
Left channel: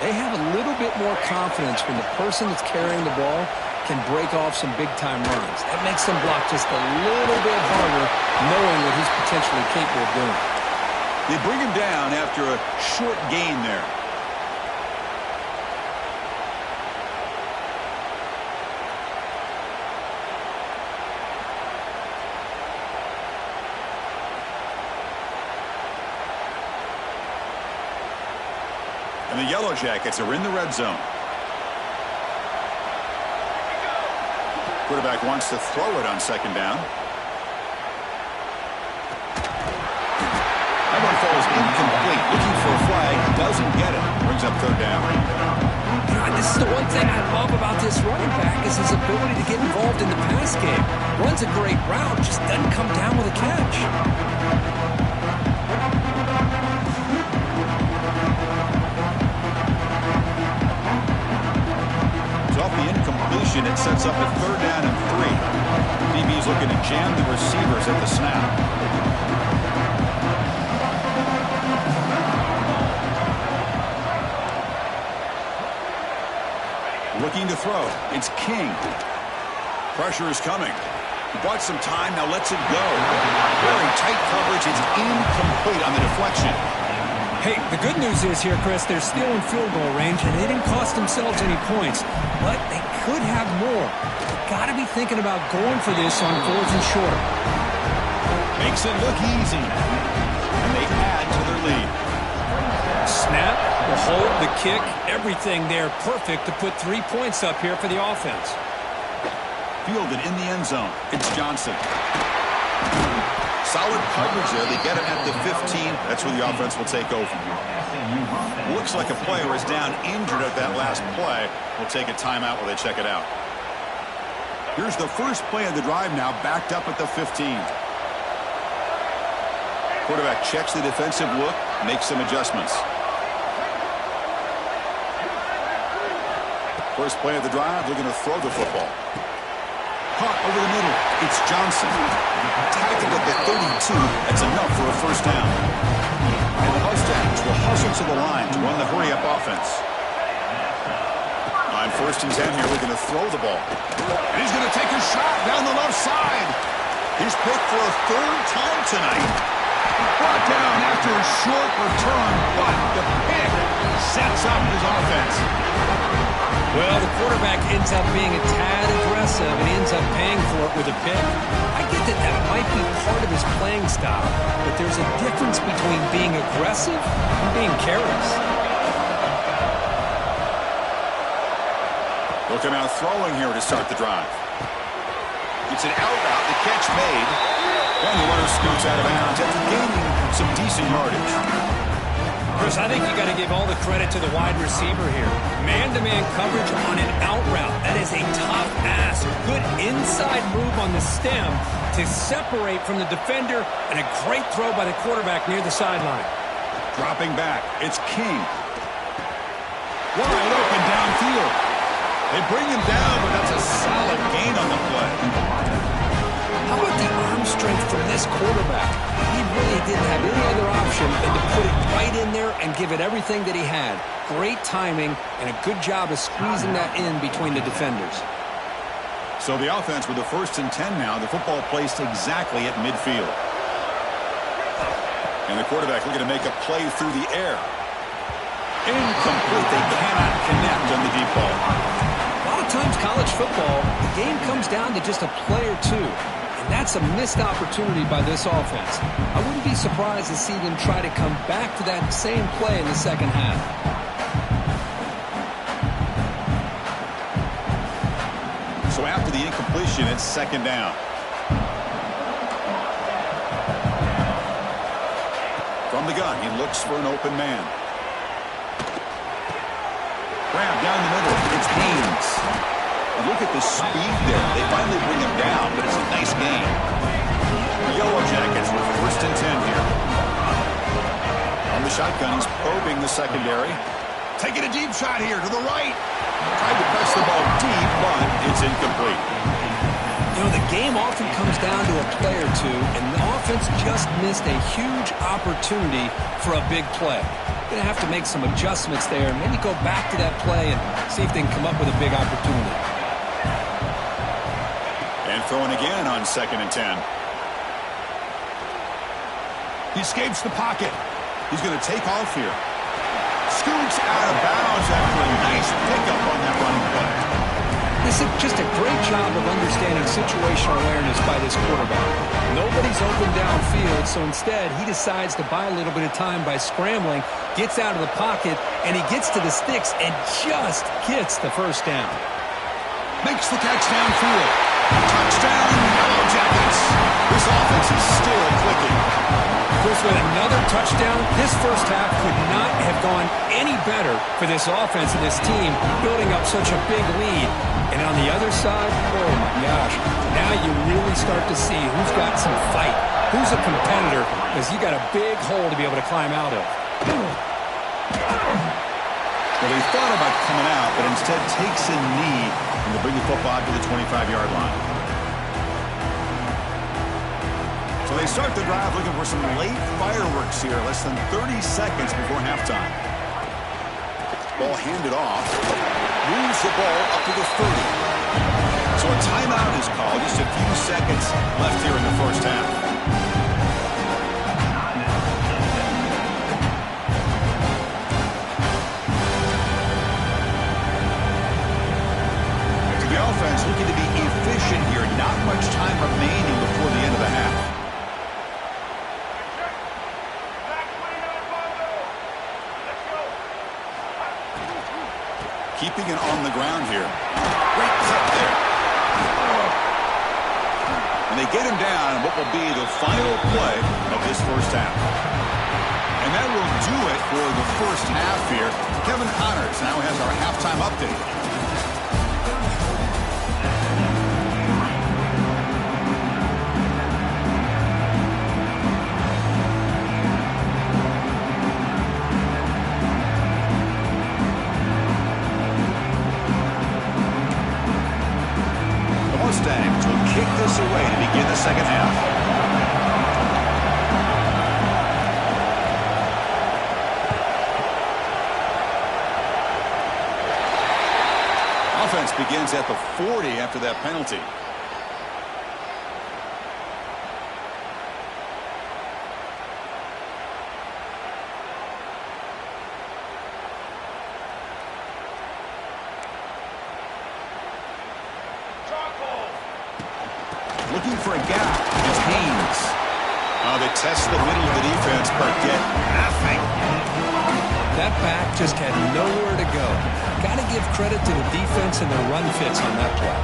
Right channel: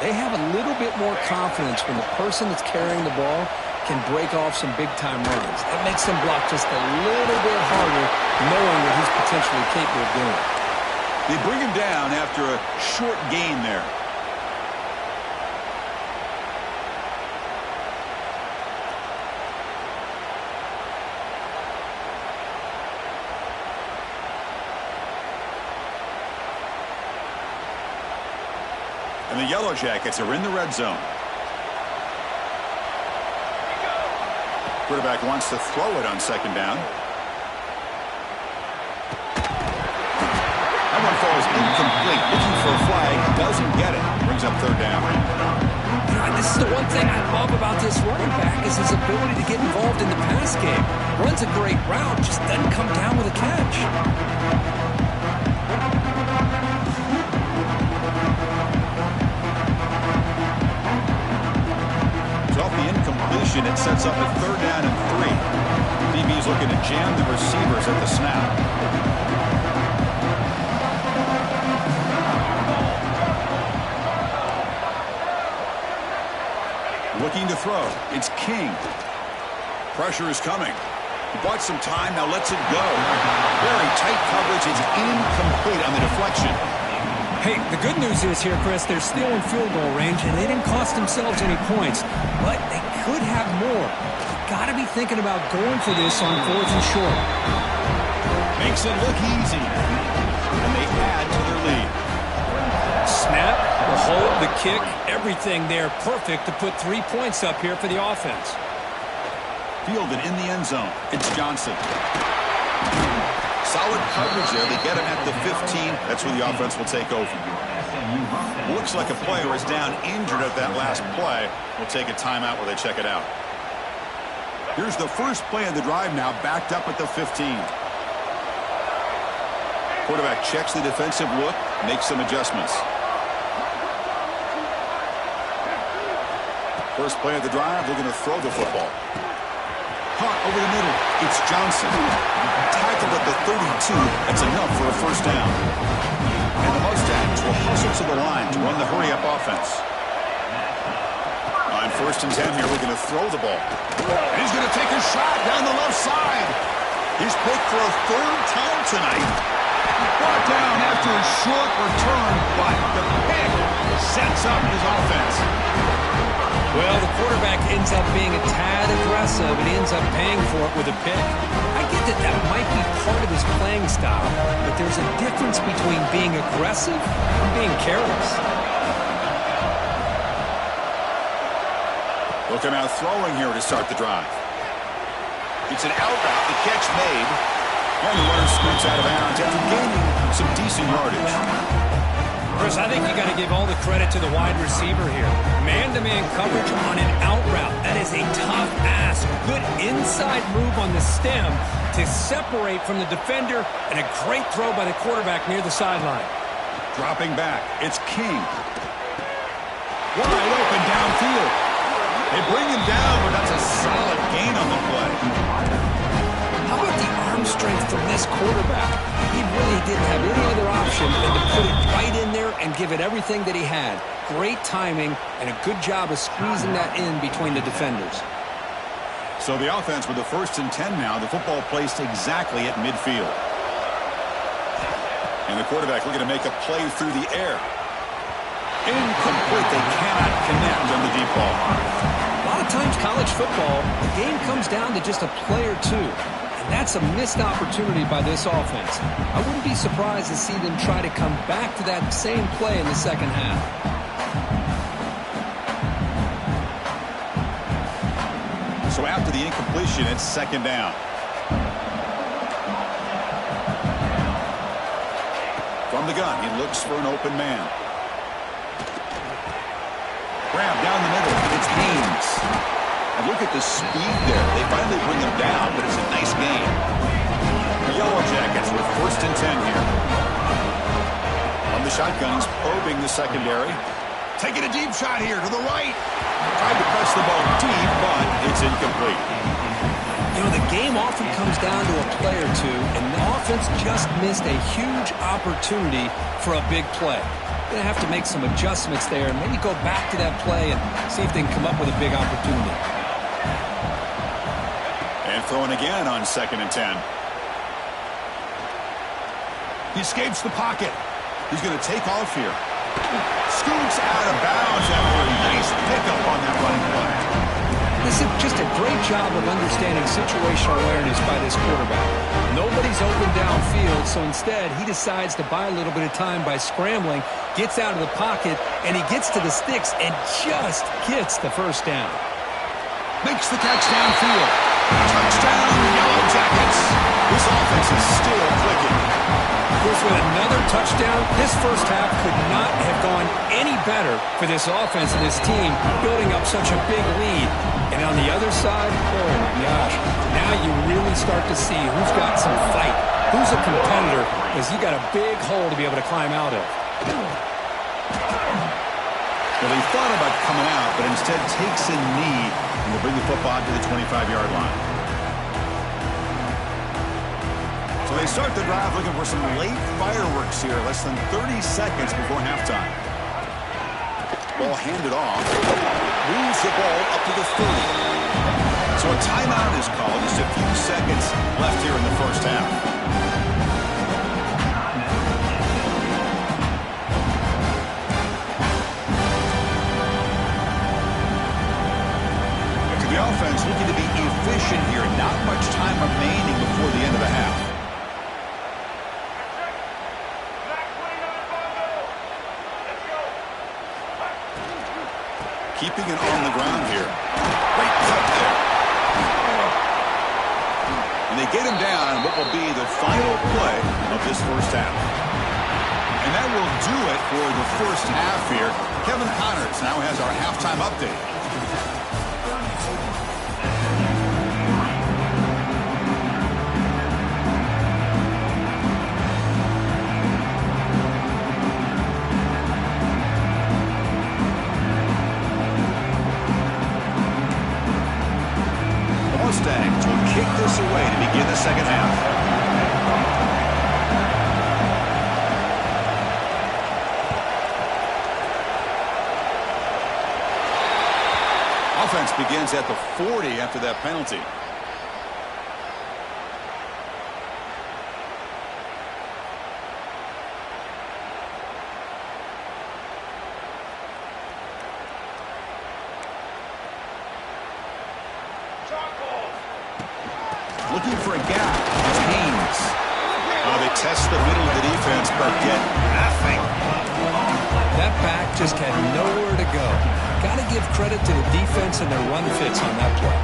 they have a little bit more confidence when the person that's carrying the ball can break off some big-time runs. That makes them block just a little bit harder, knowing what he's potentially capable of doing. They bring him down after a short gain there. And the Yellow Jackets are in the red zone. Quarterback wants to throw it on 2nd down. That one falls incomplete. Looking for a flag. Doesn't get it. Brings up 3rd down. You know, this is the one thing I love about this running back is his ability to get involved in the pass game. Runs a great route, just doesn't come down with a catch. Off the incompletion, it sets up a 3rd down and 3. DB's looking to jam the receivers at the snap. Looking to throw. It's King. Pressure is coming. He bought some time, now lets it go. Very tight coverage. It's incomplete on the deflection. Hey, the good news is here, Chris, they're still in field goal range, and they didn't cost themselves any points. But they could have more. You've got to be thinking about going for this on 4th and short. Makes it look easy. And they add to their lead. Snap, the hold, the kick, everything there perfect to put 3 points up here for the offense. Fielded in the end zone. It's Johnson. Solid coverage there. They get him at the 15. That's where the offense will take over. Looks like a player is down injured at that last play. We'll take a timeout while they check it out. Here's the first play of the drive now, backed up at the 15. Quarterback checks the defensive look, makes some adjustments. First play of the drive, they're going to throw the football. Caught over the middle. It's Johnson. Tackled at the 32. That's enough for a first down. And the Mustangs will hustle to the line to run the hurry-up offense. On 1st and 10 here, we're going to throw the ball. And he's going to take a shot down the left side. He's picked for a 3rd time tonight. Brought down after a short return, but the pick sets up his offense. Well, the quarterback ends up being a tad aggressive and ends up paying for it with a pick. I get that that might be part of his playing style, but there's a difference between being aggressive and being careless. They'll come out throwing here to start the drive. It's an out route, the catch made, and the runner scoots out of bounds after gaining some decent yardage. Chris, I think you got to give all the credit to the wide receiver here. Man-to-man coverage on an out route. That is a tough ask. Good inside move on the stem to separate from the defender, and a great throw by the quarterback near the sideline. Dropping back, it's King. Wide open downfield. They bring him down, but that's a solid gain on the play. How about the arm strength from this quarterback? He really didn't have any other option than to put it right in there and give it everything that he had. Great timing and a good job of squeezing that in between the defenders. So the offense with the 1st and 10 now, the football placed exactly at midfield. And the quarterback looking to make a play through the air. Incomplete. They cannot connect on the deep ball. A lot of times college football, the game comes down to just a play or two. And that's a missed opportunity by this offense. I wouldn't be surprised to see them try to come back to that same play in the second half. So after the incompletion, it's 2nd down. From the gun, he looks for an open man. Grab down the middle. It's Haynes. And look at the speed there. They finally bring him down, but it's a nice gain. The Yellow Jackets with 1st and 10 here. On the shotgun, he's probing the secondary. Taking a deep shot here to the right. Tried to press the ball deep, but it's incomplete. You know, the game often comes down to a play or two, and the offense just missed a huge opportunity for a big play. Going to have to make some adjustments there and maybe go back to that play and see if they can come up with a big opportunity. And throwing again on 2nd and 10. He escapes the pocket. He's going to take off here. Scoots out of bounds after a nice pickup on that running play. This is just a great job of understanding situational awareness by this quarterback. Nobody's open downfield, so instead he decides to buy a little bit of time by scrambling, gets out of the pocket, and he gets to the sticks and just gets the first down. Makes the catch downfield. Touchdown, Yellow Jackets. This offense is still clicking. Chris, with another touchdown, this first half could not have gone any better for this offense and this team, building up such a big lead. And on the other side, oh my gosh, now you really start to see who's got some fight, who's a competitor, because you got a big hole to be able to climb out of. Well, he thought about coming out, but instead takes a knee and to bring the football to the 25-yard line. So they start the drive looking for some late fireworks here, less than 30 seconds before halftime. Ball handed off. Moves the ball up to the 30. So a timeout is called. Just a few seconds left here in the first half. The offense looking to be efficient here. Not much time remaining before the end of the half. Keeping it on the ground here. Great cut there. And they get him down in what will be the final play of this first half. And that will do it for the first half here. Kevin Connors now has our halftime update. Mustangs will kick this away to begin the second half. Offense begins at the 40 after that penalty. Looking for a gap. It's Haynes. They test the middle of the defense, but get nothing. That back just had nowhere to go. Got to give credit to the defense and their run fits on that play.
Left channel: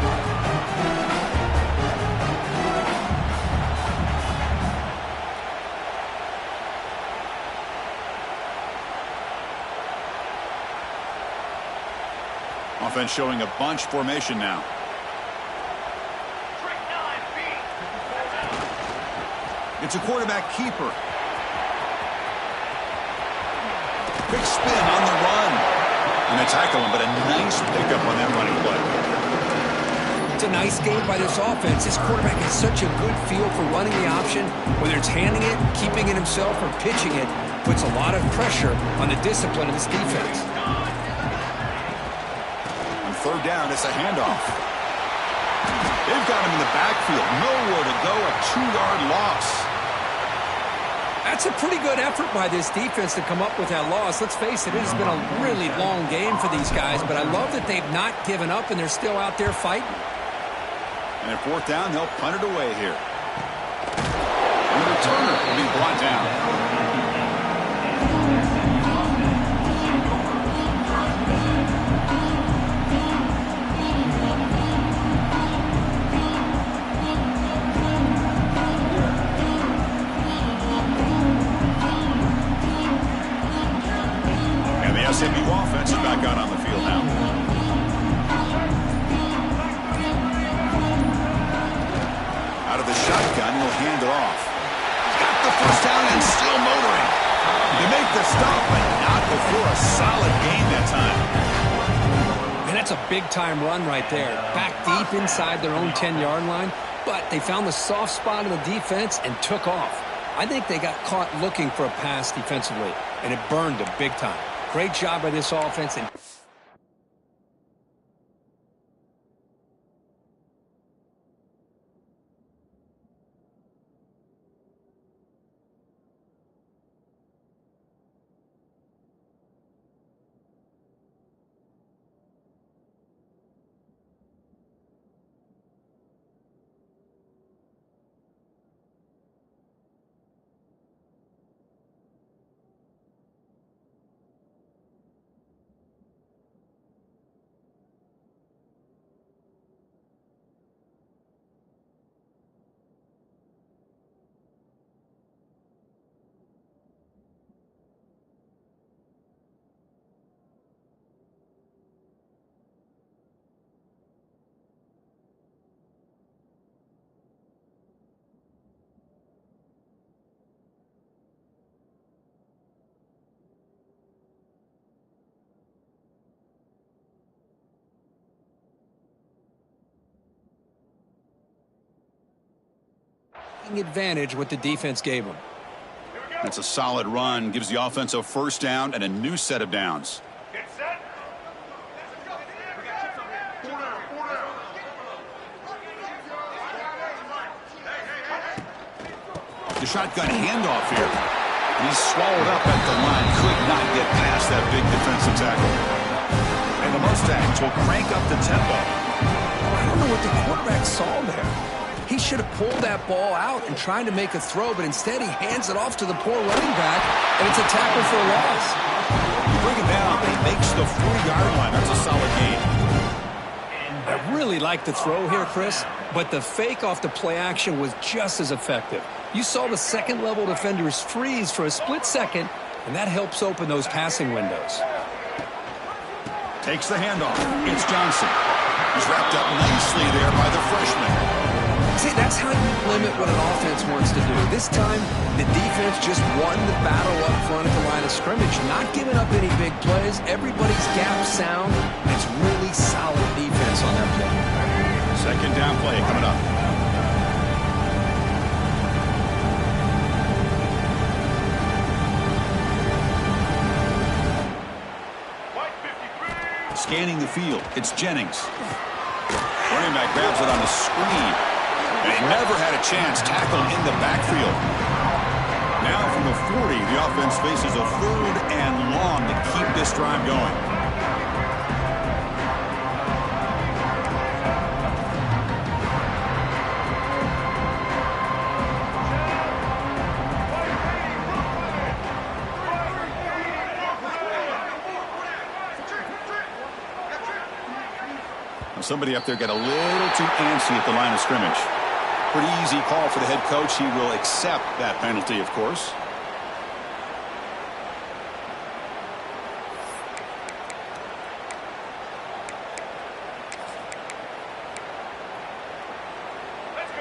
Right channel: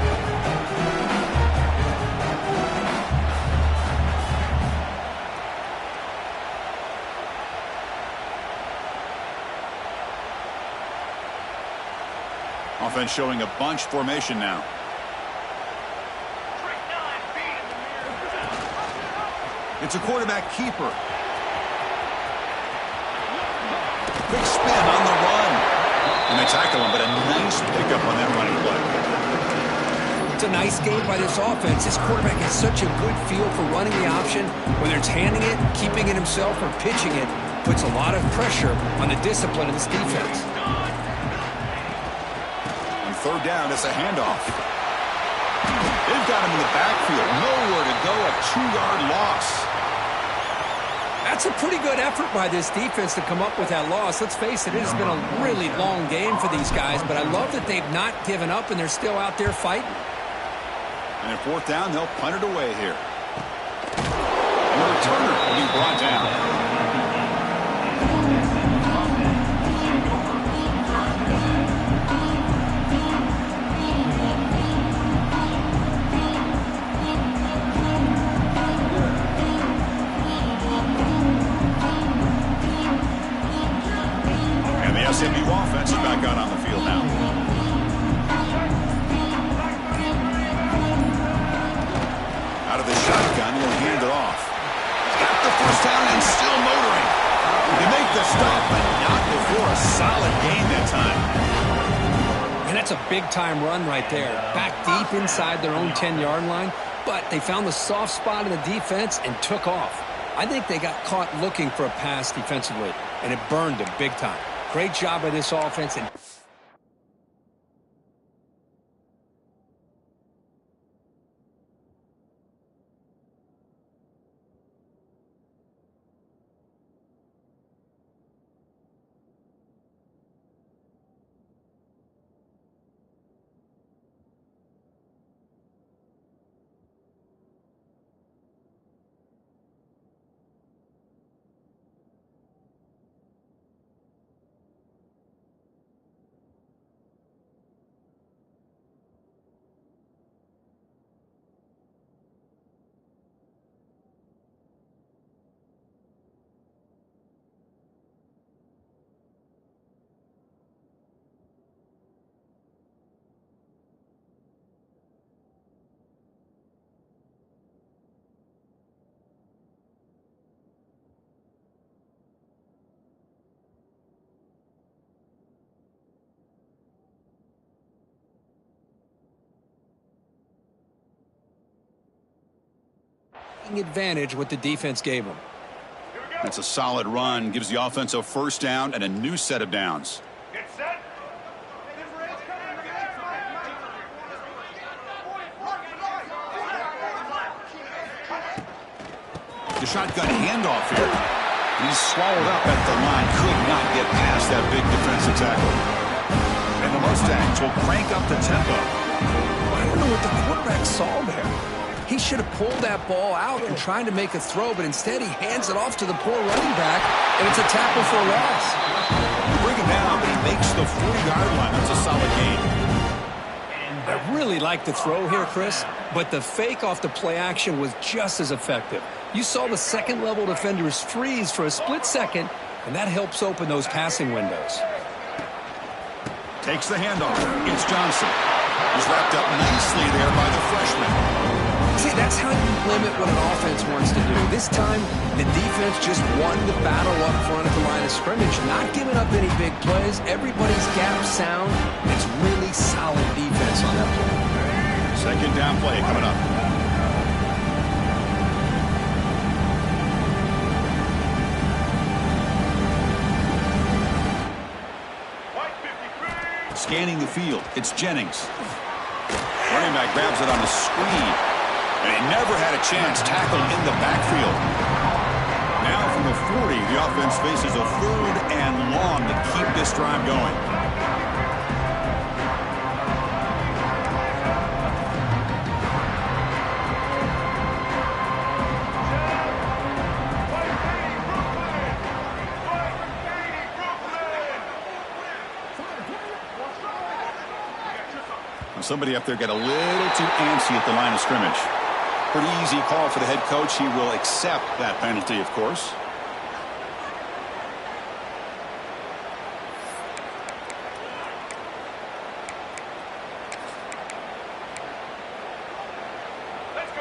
Offense showing a bunch formation now. It's a quarterback keeper. Quick spin on the run. And they tackle him, but a nice pickup on that running play. It's a nice game by this offense. This quarterback has such a good feel for running the option. Whether it's handing it, keeping it himself, or pitching it, puts a lot of pressure on the discipline of this defense. On third down, it's a handoff. They've got him in the backfield. Nowhere to go, a 2-yard loss. That's a pretty good effort by this defense to come up with that loss. Let's face it, it has been a really long game for these guys, but I love that they've not given up and they're still out there fighting. And at fourth down, they'll punt it away here. And the returner will be brought down. SMU offense is back out on the field now. Out of the shotgun, he'll hand it off. He's got the first down and still motoring. They make the stop, but not before a solid gain that time. And that's a big-time run right there. Back deep inside their own 10-yard line, but they found the soft spot in the defense and took off. I think they got caught looking for a pass defensively, and it burned them big time. Great job by this offense. And advantage what the defense gave them. That's a solid run. Gives the offense a first down and a new set of downs. The shotgun handoff here. And he's swallowed up at the line. Could not get past that big defensive tackle. And the Mustangs will crank up the tempo. I don't know what the quarterback saw there. He should have pulled that ball out and tried to make a throw, but instead he hands it off to the poor running back, and it's a tackle for a loss. You bring him down, but he makes the 40-yard line. That's a solid gain. I really like the throw here, Chris, but the fake off the play action was just as effective. You saw the second-level defenders freeze for a split second, and that helps open those passing windows. Takes the handoff. It's Johnson. He's wrapped up nicely there by the freshman. See, that's how you limit what an offense wants to do. This time, the defense just won the battle up front at the line of scrimmage, not giving up any big plays. Everybody's gap sound. It's really solid defense on that play. Second down play coming up. Scanning the field, it's Jennings. Running back grabs it on the screen. And he never had a chance, tackled in the backfield. Now from the 40, the offense faces a 3rd and long to keep this drive going. Somebody up there got a little too antsy at the line of scrimmage. Pretty easy call for the head coach. He will accept that penalty, of course.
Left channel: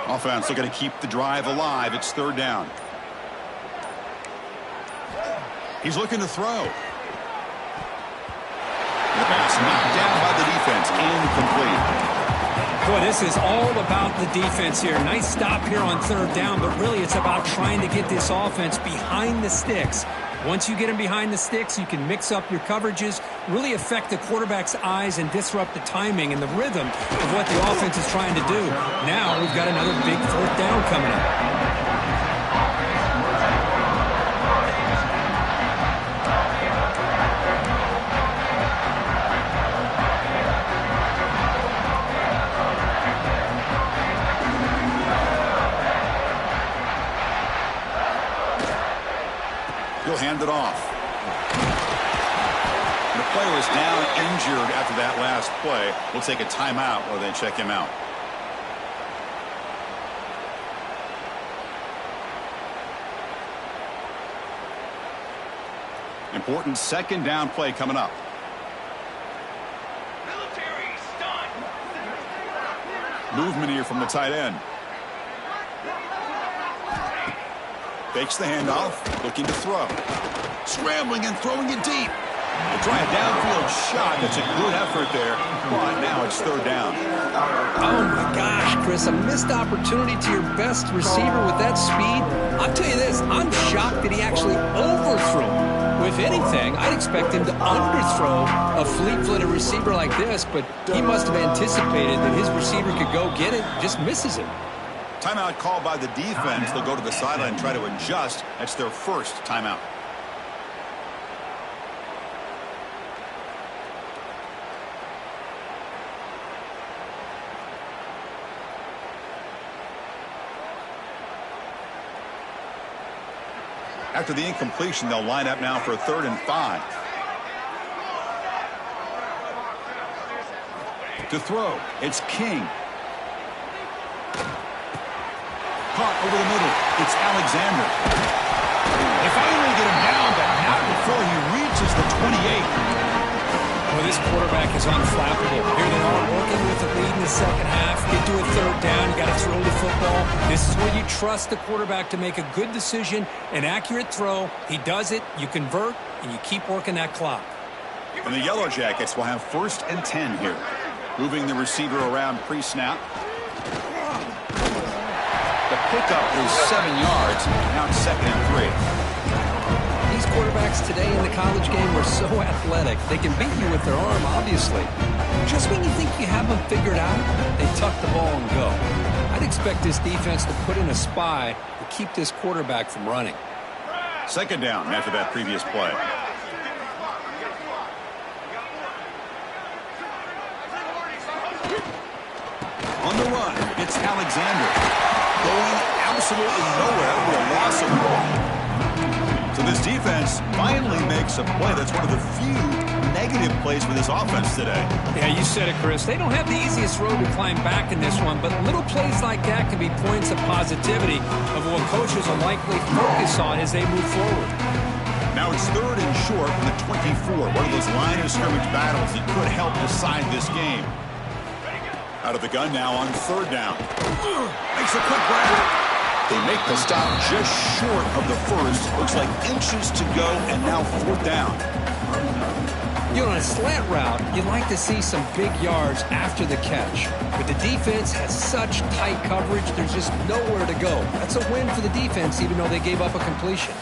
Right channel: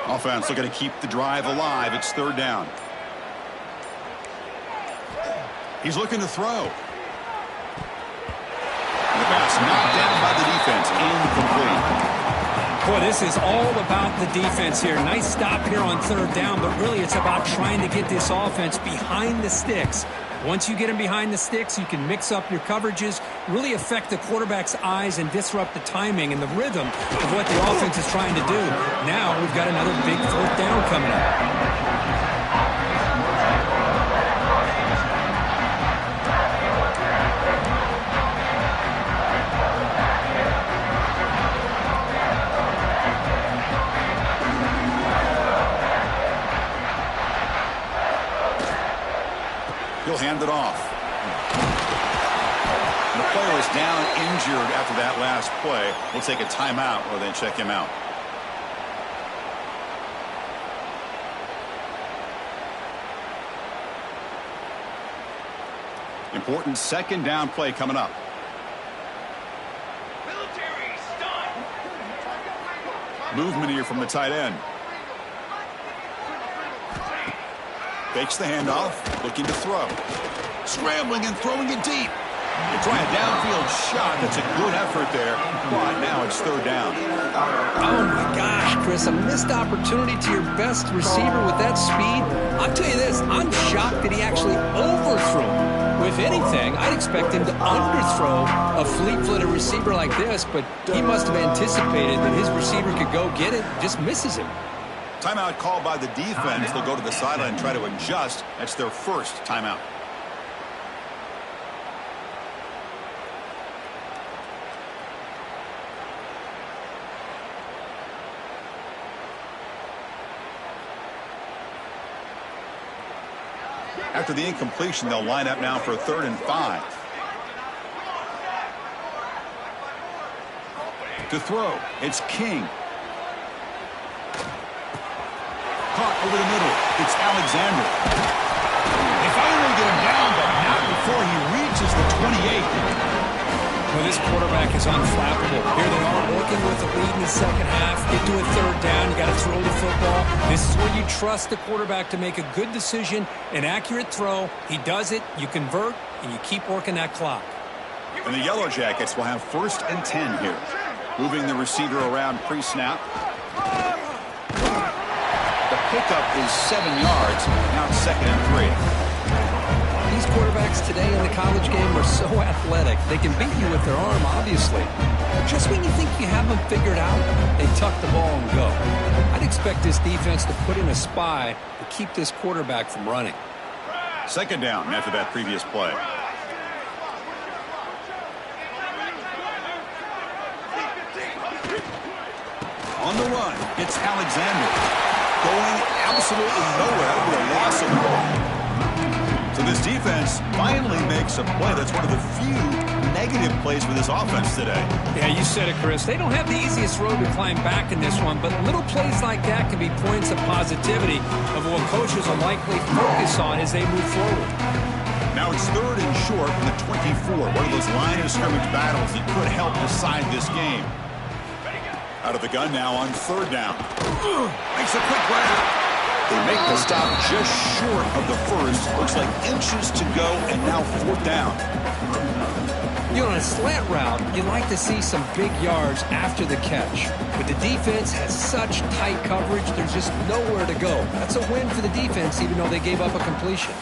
Offense looking to keep the drive alive. It's 3rd down. He's looking to throw. The pass knocked down by the defense. Incomplete. Boy, this is all about the defense here. Nice stop here on 3rd down, but really it's about trying to get this offense behind the sticks. Once you get them behind the sticks, you can mix up your coverages, really affect the quarterback's eyes and disrupt the timing and the rhythm of what the offense is trying to do. Now we've got another big 4th down coming up. He'll hand it off. And the player is down injured after that last play. We'll take a timeout or then check him out. Important 2nd down play coming up. Military stunt. Movement here from the tight end. Fakes the handoff, looking to throw. Scrambling and throwing it deep. They try a downfield shot. That's a good effort there. But now it's 3rd down. Oh, my gosh, Chris. A missed opportunity to your best receiver with that speed. I'll tell you this. I'm shocked that he actually overthrew him. If anything, I'd expect him to underthrow a fleet-footed receiver like this, but he must have anticipated that his receiver could go get it, just misses him. Timeout called by the defense. They'll go to the sideline and try to adjust. That's their first timeout. After the incompletion, they'll line up now for a 3rd and 5. To throw, it's King. Caught over the middle. It's Alexander. They finally get him down, but not before he reaches the 28. Well, this quarterback is unflappable. Here they are working with the lead in the 2nd half. Get to a 3rd down. You got to throw the football. This is where you trust the quarterback to make a good decision, an accurate throw. He does it. You convert, and you keep working that clock. And the Yellow Jackets will have 1st and 10 here. Moving the receiver around pre-snap. The pickup is 7 yards. Now it's 2nd and 3. these quarterbacks today in the college game are so athletic. They can beat you with their arm, obviously. Just when you think you have them figured out, they tuck the ball and go. I'd expect this defense to put in a spy to keep this quarterback from running. Second down after that previous play. On the run, it's Alexander. Going absolutely nowhere with a loss of the ball. So this defense finally makes a play. That's one of the few negative plays for this offense today. Yeah, you said it, Chris. They don't have the easiest road to climb back in this one, but little plays like that can be points of positivity of what coaches will likely focus on as they move forward. Now it's third and short from the 24. One of those line of scrimmage battles that could help decide this game. Out of the gun now on third down. Makes a quick grab. They make the stop just short of the first. Looks like inches to go, and now fourth down. You know, on a slant route, you like to see some big yards after the catch. But the defense has such tight coverage, there's just nowhere to go. That's a win for the defense, even though they gave up a completion.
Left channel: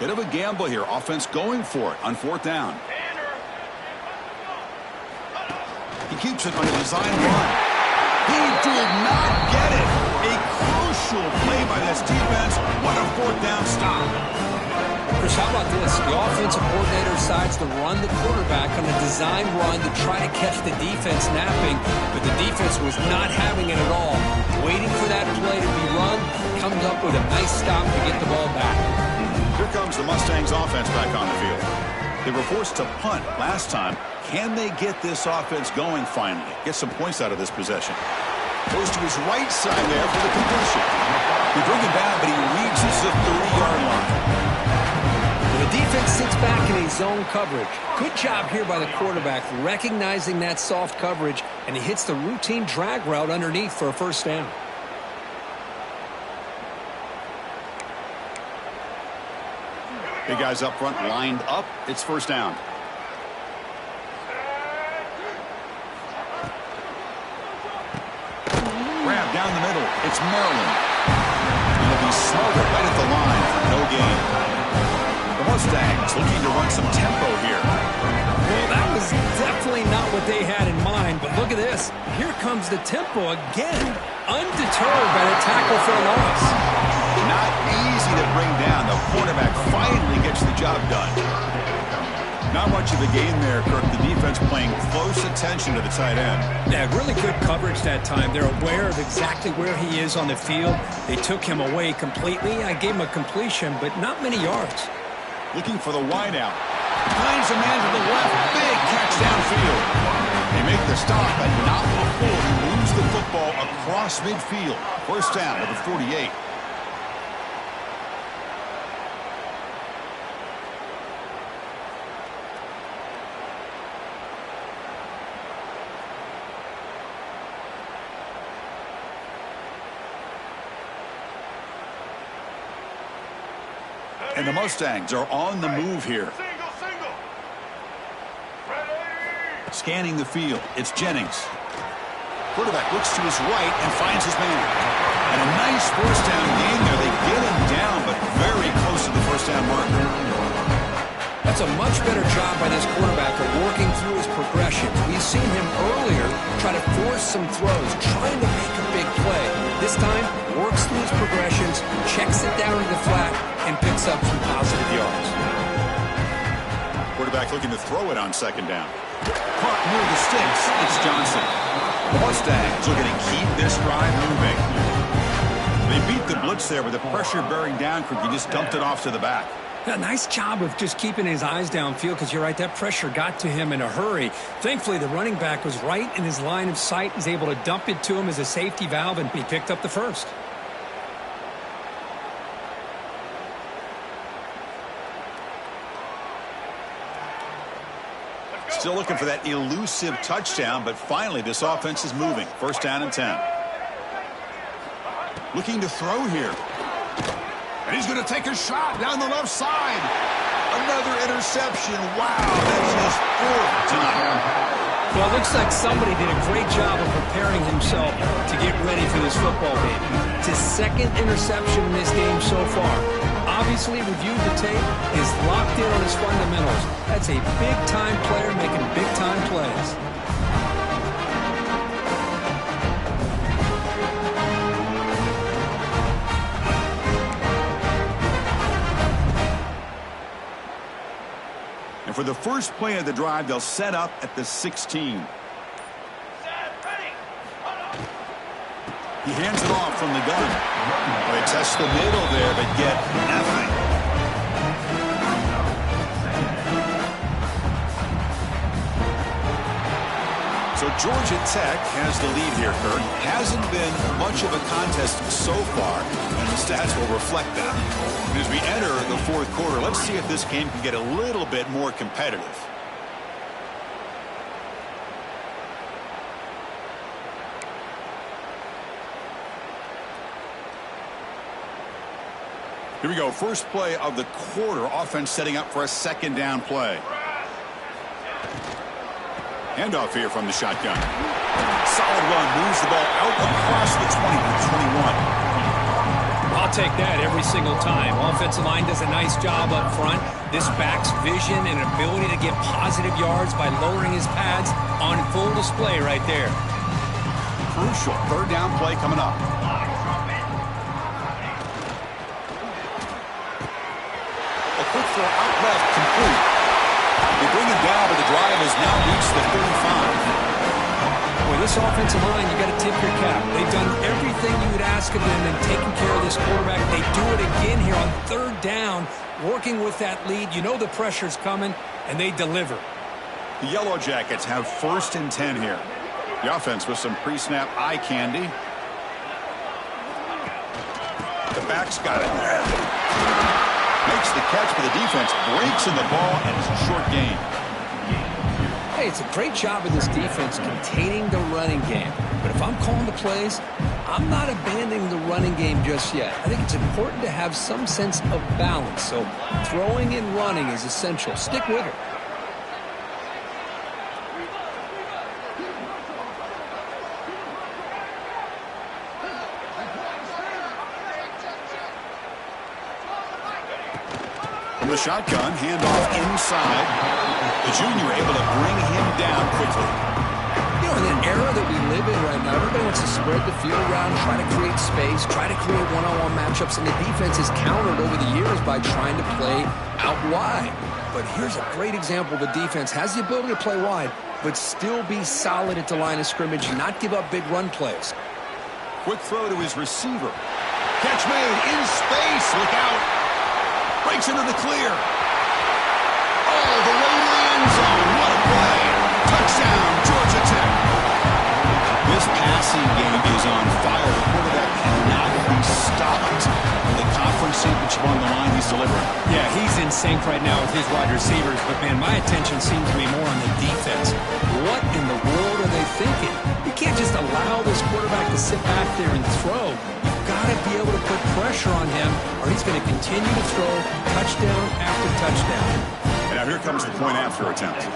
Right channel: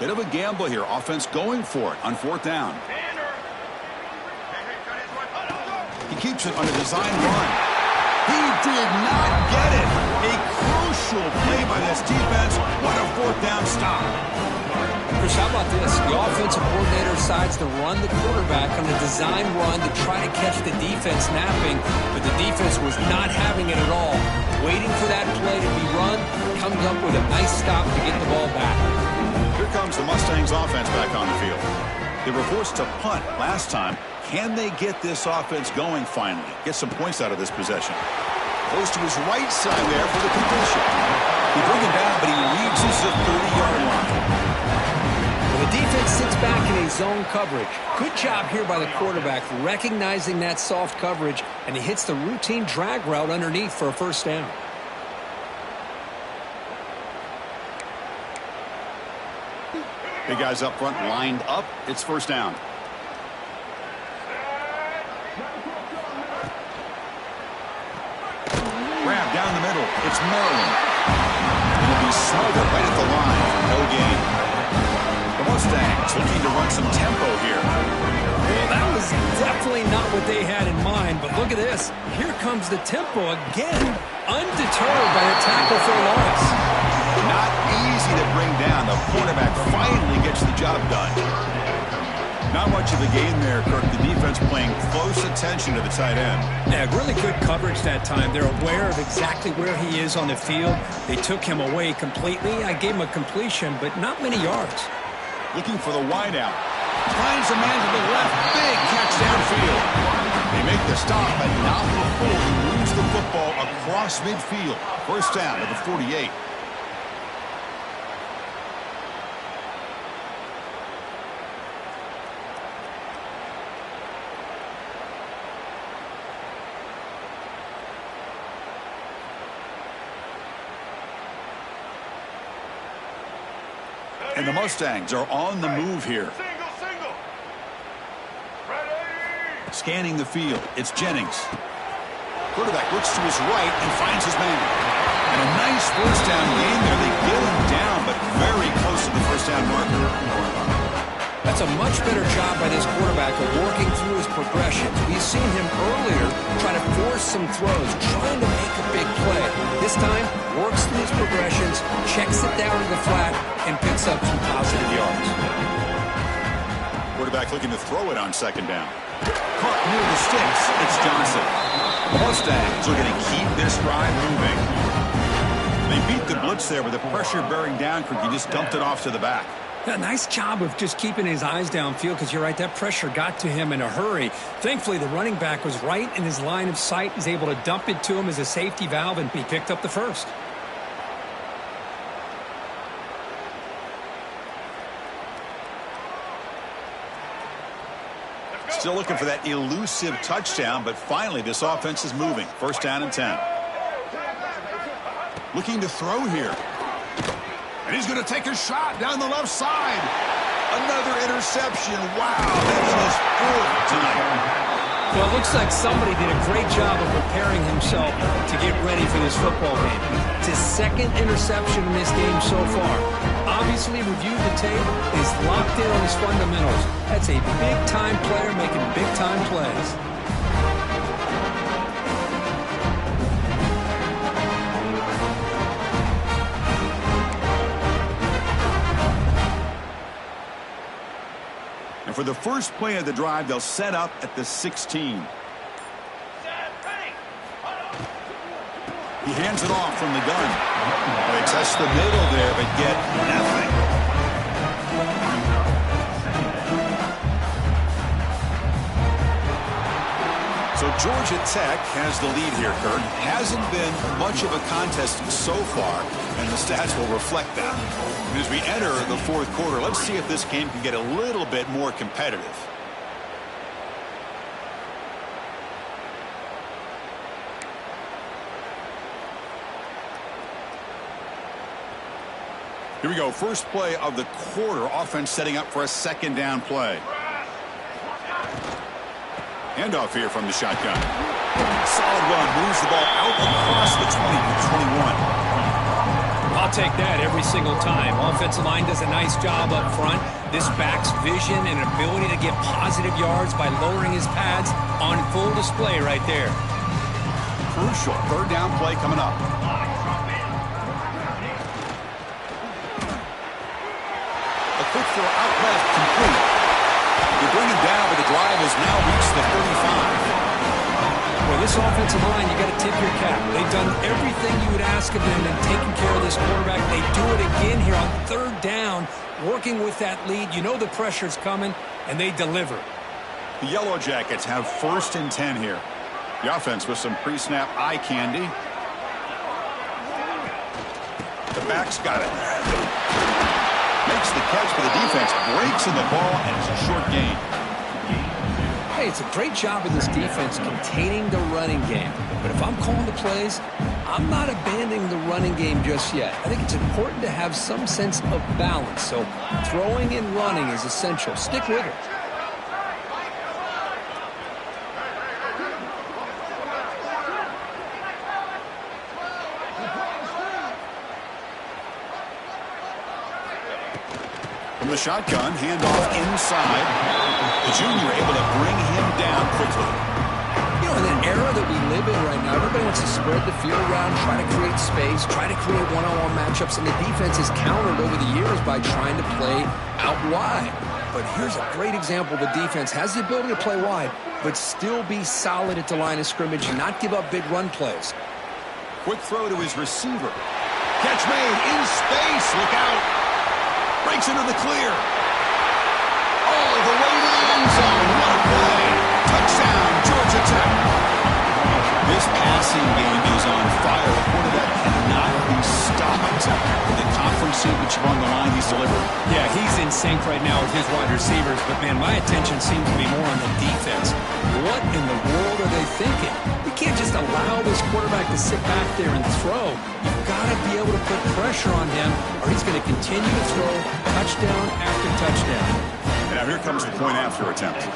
Bit of a gamble here. Offense going for it on fourth down. He keeps it on a design run. He did not get it. A crucial play by this defense. What a fourth down stop. Chris, how about this? The offensive coordinator decides to run the quarterback on a design run to try to catch the defense napping, but the defense was not having it at all. Waiting for that play to be run, comes up with a nice stop to get the ball back. Here comes the Mustangs offense back on the field. They were forced to punt last time. Can they get this offense going finally? Get some points out of this possession. Goes to his right side there for the completion. They bring him down, but he reaches the 30-yard line. Well, the defense sits back in a zone coverage. Good job here by the quarterback recognizing that soft coverage, and he hits the routine drag route underneath for a first down. Big guys up front lined up. It's first down. Grab down the middle. It's Maryland. It'll be smothered right at the line for no gain. The Mustangs looking to run some tempo here. Well, that was definitely not what they had in mind, but look at this. Here comes the tempo again. Undeterred by the tackle for a loss. Not easy to bring down. The quarterback finally gets the job done. Not much of a gain there, Kirk. The defense paying close attention to the tight end. Yeah, really good coverage that time. They're aware of exactly where he is on the field. They took him away completely. I gave him a completion, but not many yards. Looking for the wideout. Finds a man to the left. Big catch downfield. They make the stop, but not before he moves the football across midfield. First down at the 48. And the Mustangs are on the move here. Single. Scanning the field. It's Jennings. Quarterback looks to his right and finds his man. And a nice first down gain there. They get him down, but very close to the first down marker. That's a much better job by this quarterback of working through his progressions. We've seen him earlier try to force some throws, trying to make a big play. This time, works through his progressions, checks it down to the flat, and picks up some positive yards. Quarterback looking to throw it on second down. Caught near the sticks. It's Johnson. The Mustangs looking to keep this drive moving. They beat the blitz there with the pressure bearing down. He just dumped it off to the back. A nice job of just keeping his eyes downfield, because you're right, that pressure got to him in a hurry. Thankfully, the running back was right in his line of sight. He's able to dump it to him as a safety valve, and he picked up the first. Still looking for that elusive touchdown, but finally this offense is moving. First down and 10. Looking to throw here. And he's going to take a shot down the left side. Another interception. Wow, that's his fourth tonight. Well, it looks like somebody did a great job of preparing himself to get ready for this football game. It's his second interception in this game so far. Obviously reviewed the tape, is locked in on his fundamentals. That's a big-time player making big-time plays. And for the first play of the drive, they'll set up at the 16. He hands it off from the gun. Well, they test the middle there, but get nothing. So Georgia Tech has the lead here, Kirk. Hasn't been much of a contest so far, and the stats will reflect that. And as we enter the fourth quarter, let's see if this game can get a little bit more competitive. Here we go. First play of the quarter. Offense setting up for a second down play. Handoff here from the shotgun. Solid run. Moves the ball out across the 20 to 21. I'll take that every single time. Offensive line does a nice job up front. This back's vision and ability to get positive yards by lowering his pads on full display right there. Crucial. Third down play coming up. A quick throw out left, complete. They bring him down, but the drive has now reached the 35. Well, this offensive line, you got to tip your cap. They've done everything you would ask of them in taking care of this quarterback. They do it again here on third down, working with that lead. You know the pressure's coming, and they deliver. The Yellow Jackets have 1st and 10 here. The offense with some pre-snap eye candy. The back's got it. Makes the catch, but the defense breaks in the ball, and it's a short gain. Hey, it's a great job of this defense containing the running game. But if I'm calling the plays, I'm not abandoning the running game just yet. I think it's important to have some sense of balance. So throwing and running is essential. Stick with it. From the shotgun, handoff inside. The junior able to bring him down quickly. You know, in an era that we live in right now, everybody wants to spread the field around, try to create space, try to create one-on-one matchups, and the defense has countered over the years by trying to play out wide. But here's a great example. The defense has the ability to play wide, but still be solid at the line of scrimmage and not give up big run plays. Quick throw to his receiver. Catch made in space. Look out. Breaks into the clear. All the way to the end zone. What a play. Touchdown, Georgia Tech. This passing game is on fire. The quarterback cannot be stopped. The conference championship on the line, he's delivering. Yeah, he's in sync right now with his wide receivers. But, man, my attention seems to be more on the defense. What in the world are they thinking? You can't just allow this quarterback to sit back there and throw. You've got to be able to put pressure on him, or he's going to continue to throw touchdown after touchdown. And now here comes the point after attempt.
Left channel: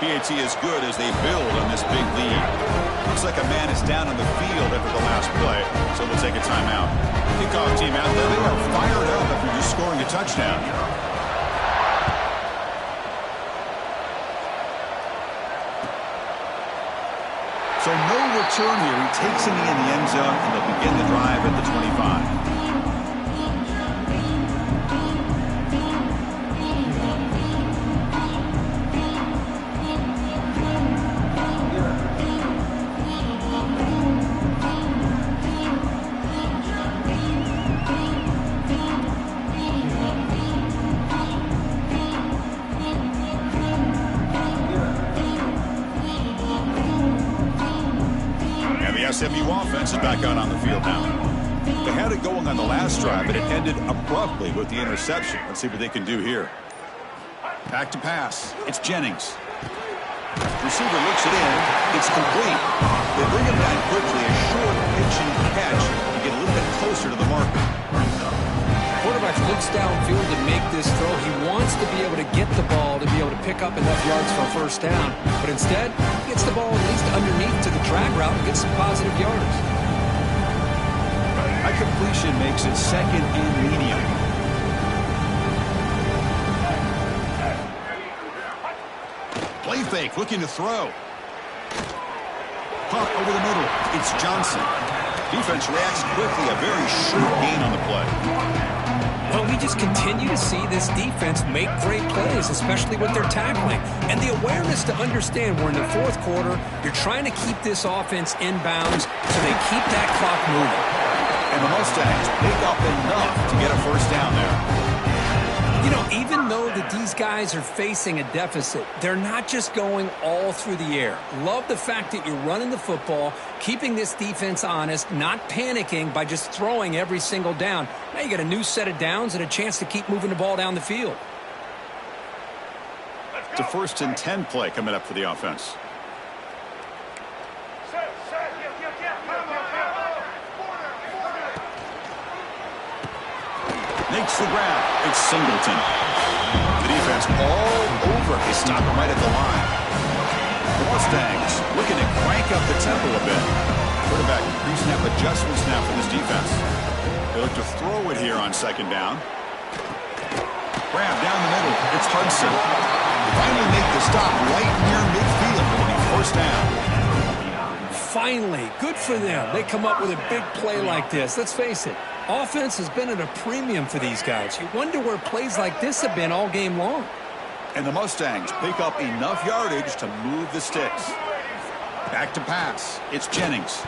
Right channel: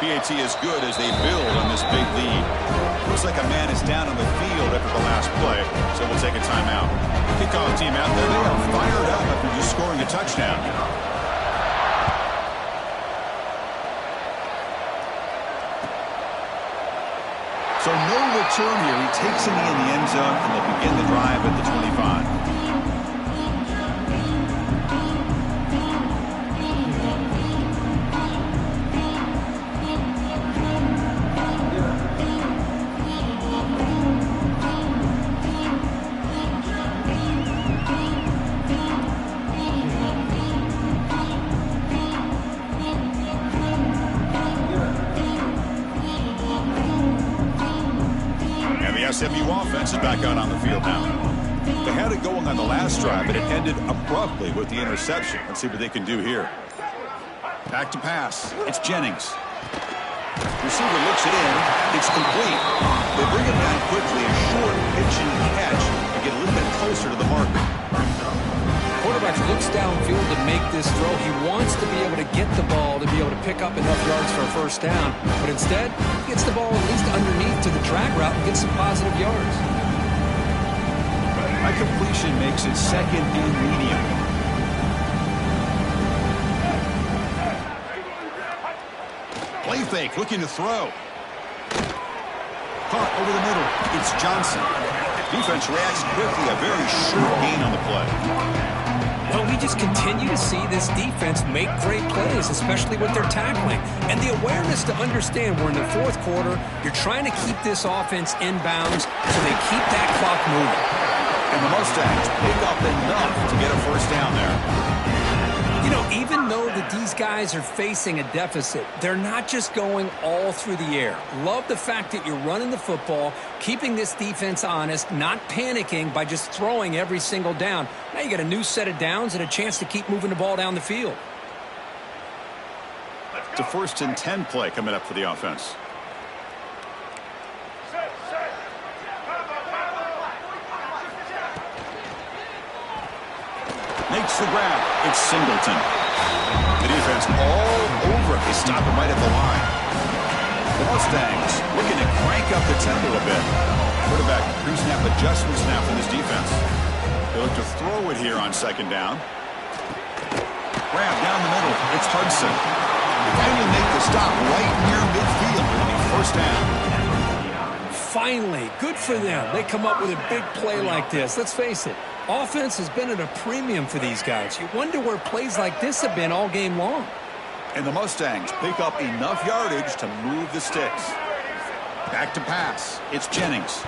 PAT is good as they build on this big lead. Looks like a man is down on the field after the last play, so we'll take a timeout. Kickoff team out there, they are fired up after just scoring a touchdown. So no return here. He takes a knee in the end zone, and they'll begin the drive at the 25. SMU offense is back out on the field now. They had it going on the last drive, but it ended abruptly with the interception. Let's see what they can do here. Back to pass. It's Jennings. Receiver looks it in. It's complete. They bring him down quickly. A short pitch and catch to get a little bit closer to the marker. quarterback looks downfield to make this throw. He wants to be able to get the ball to be able to pick up enough yards for a first down. But instead, he gets the ball at least underneath to the drag route and gets some positive yards. A completion makes it second and medium. Play fake, looking to throw. Caught over the middle. It's Johnson. Defense reacts quickly. A very short gain on the play. Well, we just continue to see this defense make great plays, especially with their tackling. And the awareness to understand we're in the fourth quarter, you're trying to keep this offense in bounds so they keep that clock moving. And the Mustangs pick up enough to get a first down there. You know, even though that these guys are facing a deficit, they're not just going all through the air. Love the fact that you're running the football, keeping this defense honest, not panicking by just throwing every single down. Now you got a new set of downs and a chance to keep moving the ball down the field. It's a 1st and 10 play coming up for the offense. Makes the grab. It's Singleton. The defense all over. They stop him right at the line. The Mustangs looking to crank up the tempo a bit. Quarterback pre-snap adjustments now for this defense. They look to throw it here on 2nd down. Grab down the middle. It's Hudson. They finally make the stop right near midfield. It'll be 1st down. Finally, good for them. They come up with a big play like this. Let's face it. Offense has been at a premium for these guys. You wonder where plays like this have been all game long. And the Mustangs pick up enough yardage to move the sticks. Back to pass. It's Jennings.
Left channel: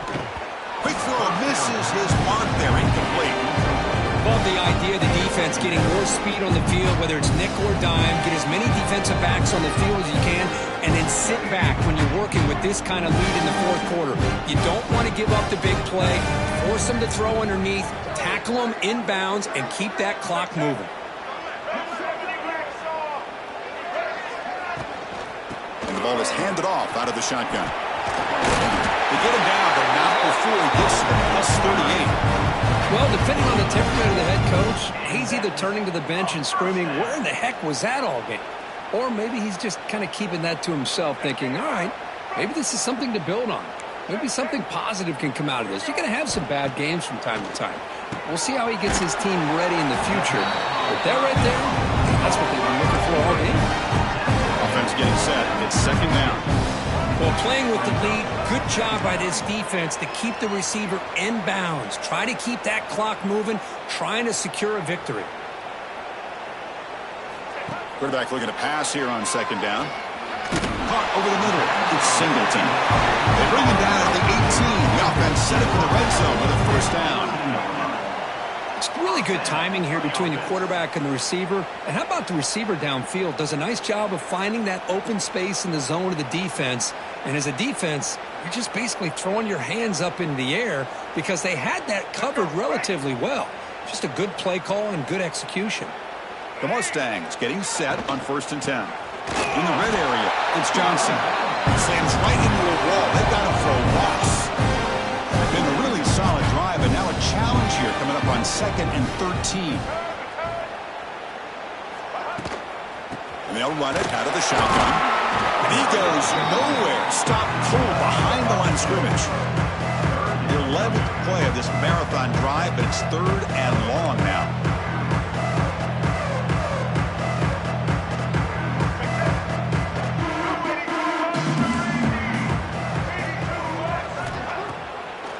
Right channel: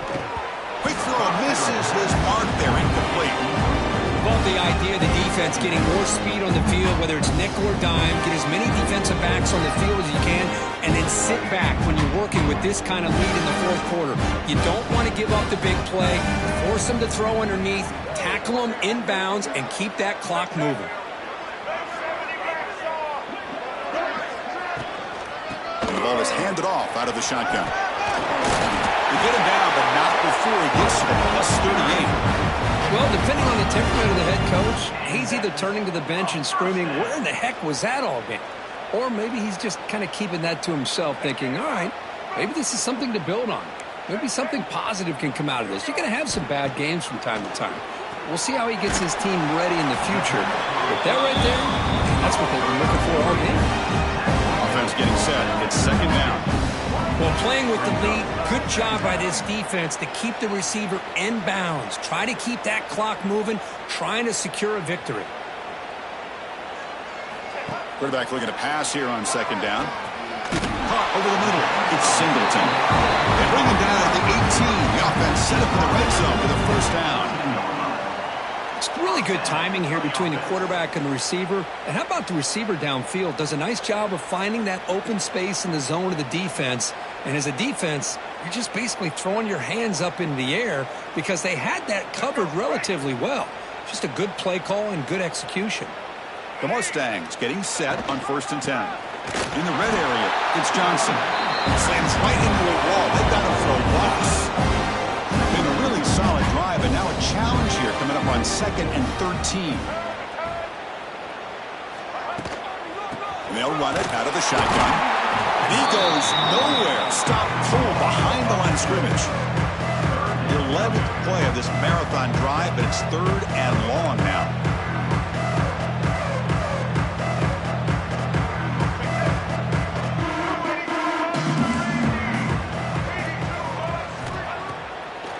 Quick throw misses his mark there. Incomplete. Love the idea of the defense getting more speed on the field, whether it's nickel or dime. Get as many defensive backs on the field as you can, and then sit back when you're working with this kind of lead in the fourth quarter. You don't want to give up the big play. Force them to throw underneath, tackle them inbounds, and keep that clock moving. And the ball is handed off out of the shotgun. They get him down, but not before he gets to the +38. Well, depending on the temperament of the head coach, he's either turning to the bench and screaming, where in the heck was that all game? Or maybe he's just kind of keeping that to himself, thinking, all right, maybe this is something to build on. Maybe something positive can come out of this. You're going to have some bad games from time to time. We'll see how he gets his team ready in the future. But that right there, that's what they've been looking for all game. Offense getting set. It's 2nd down. Well, playing with the lead, good job by this defense to keep the receiver in bounds. Try to keep that clock moving, trying to secure a victory. Quarterback looking to pass here on 2nd down. Caught over the middle. It's Singleton. They bring him down at the 18. The offense set up in the red zone with a 1st down. It's really good timing here between the quarterback and the receiver. And how about the receiver downfield? Does a nice job of finding that open space in the zone of the defense. And as a defense, you're just basically throwing your hands up in the air because they had that covered relatively well. Just a good play call and good execution. The Mustangs getting set on 1st and 10. In the red area, it's Johnson. Slams right into a wall. They've got him for a loss. Been a really solid drive, and now a challenge here coming up on 2nd and 13. And they'll run it out of the shotgun. And he goes nowhere. Stop cold behind the line of scrimmage. The 11th play of this marathon drive, but it's 3rd and long now.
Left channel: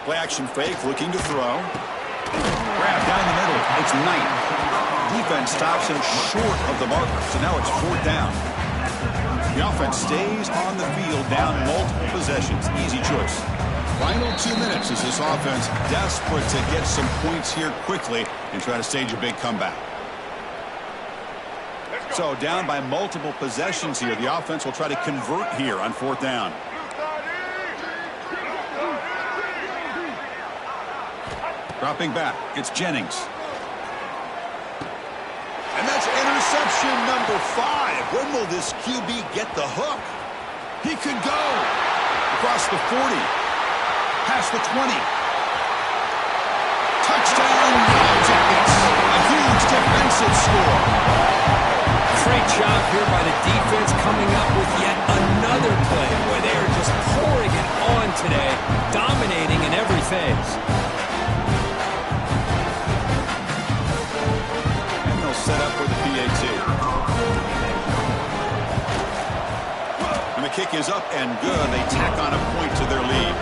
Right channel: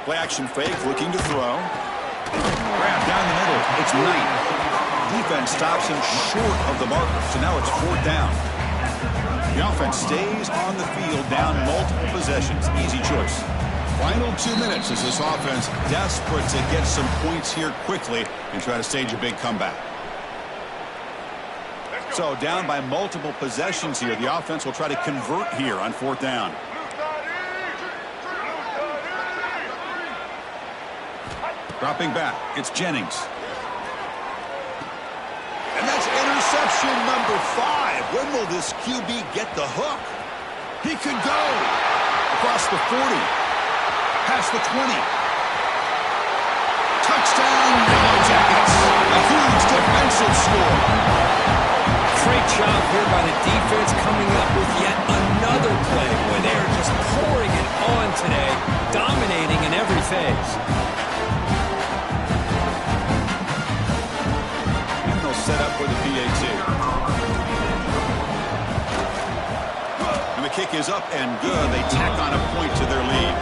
Play action fake, looking to throw. Grab down the middle. It's Knight. Defense stops him short of the marker, so now it's 4th down. The offense stays on the field, down multiple possessions. Easy choice. Final 2 minutes as this offense desperate to get some points here quickly and try to stage a big comeback. So down by multiple possessions here. The offense will try to convert here on 4th down. Dropping back, it's Jennings. And that's interception number 5. When will this QB get the hook? He could go across the 40, past the 20. Touchdown, Yellow Jackets. A huge defensive score. Great job here by the defense coming up with yet another play. Boy, they are just pouring it on today, dominating in every phase. And they'll set up for the PAT. And the kick is up and good. They tack on a point to their lead.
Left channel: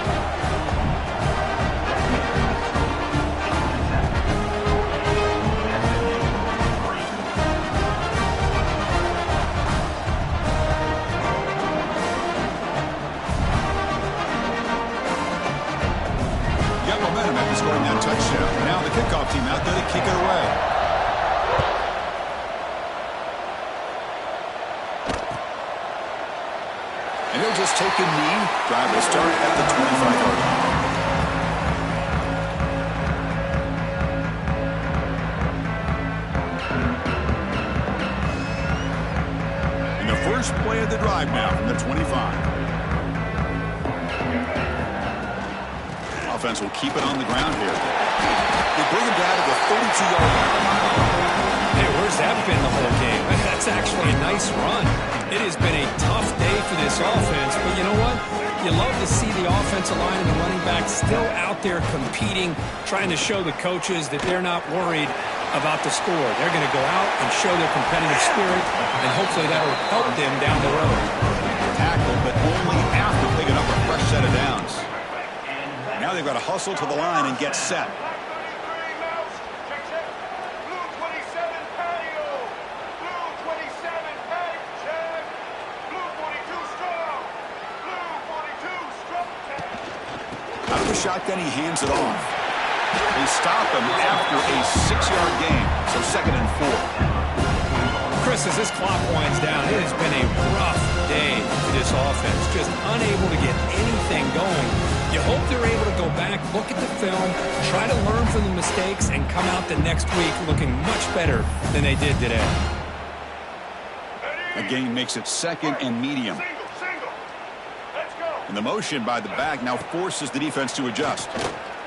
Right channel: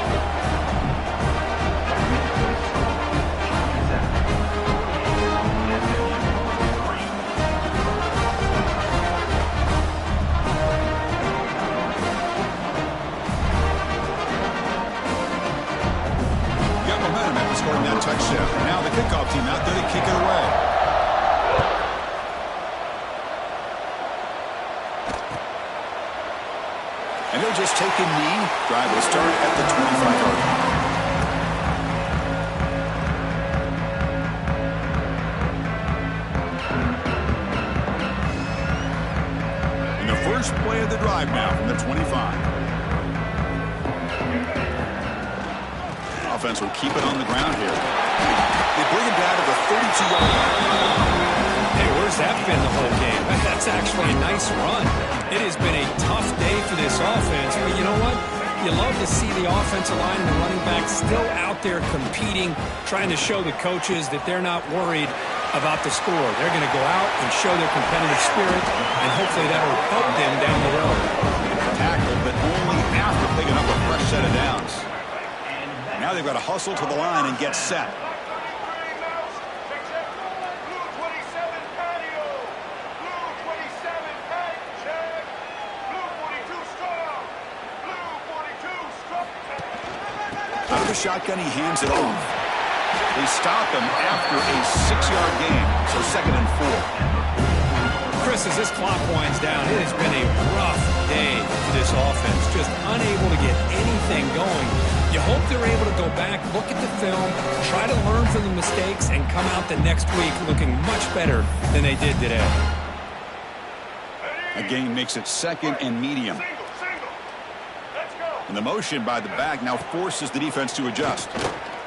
Momentum after scoring that touchdown. Now the kickoff team out there to kick it away. And he'll just take a knee. Drive will start at the 25-yard line. And the first play of the drive now from the 25. Offense will keep it on the ground here. They bring him down to the 32-yard line. Hey, where's that been the whole game? That's actually a nice run. It has been a tough day for this offense, but you know what? You love to see the offensive line and the running back still out there competing, trying to show the coaches that they're not worried about the score. They're going to go out and show their competitive spirit, and hopefully that will help them down the road. Tackle, but only after picking up a fresh set of downs. Now they've got to hustle to the line and get set. Out of the shotgun, he hands it off. They stop him after a 6-yard gain, so 2nd and 4. Chris, as this clock winds down, it has been a rough day for this offense. Just unable to get anything going. You hope they're able to go back, look at the film, try to learn from the mistakes, and come out the next week looking much better than they did today. A gain makes it 2nd and medium. And the motion by the back now forces the defense to adjust.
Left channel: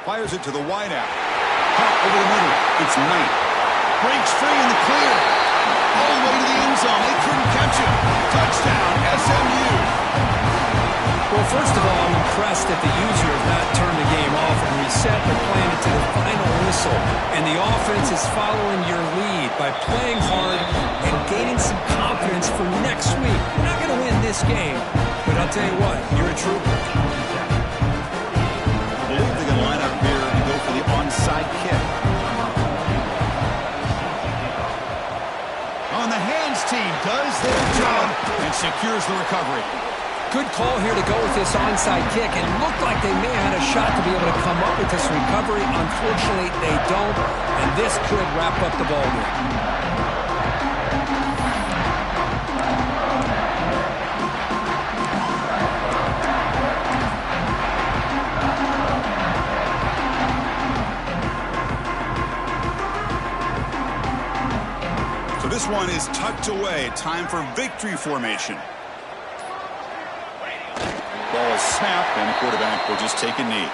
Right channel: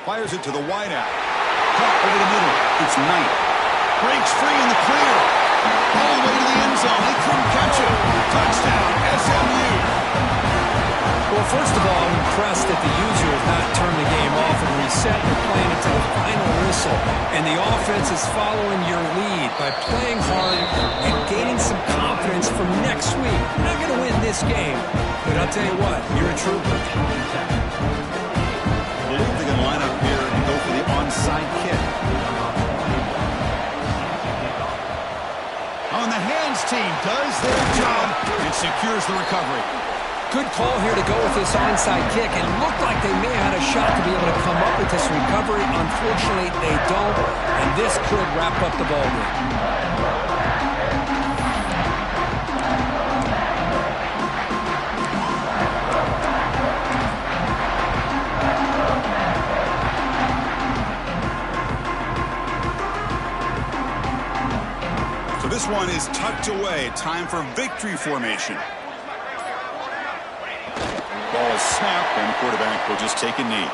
Fires it to the wideout. Caught over the middle. It's Knight. Breaks free in the clear. All the way to the end zone. They couldn't catch him. Touchdown, SMU. Well, first of all, I'm impressed that the user has not turned the game off and reset. They're playing it to the final whistle. And the offense is following your lead by playing hard and gaining some confidence for next week. You're not going to win this game, but I'll tell you what, you're a trooper. I believe they're going to line up here and go for the onside kick. On the hands team does their job and secures the recovery. Good call here to go with this onside kick. It looked like they may have had a shot to be able to come up with this recovery. Unfortunately, they don't, and this could wrap up the ballgame. So this one is tucked away. Time for victory formation. Ball is snapped, and the quarterback will just take a knee.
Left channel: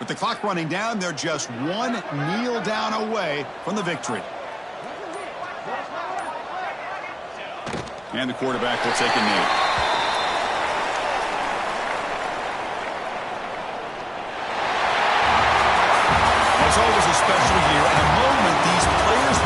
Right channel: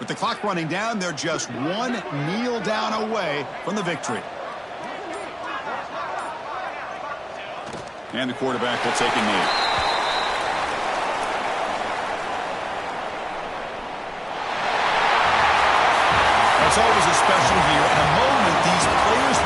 With the clock running down, they're just one kneel down away from the victory. And the quarterback will take a knee. It's always a special year and a moment these players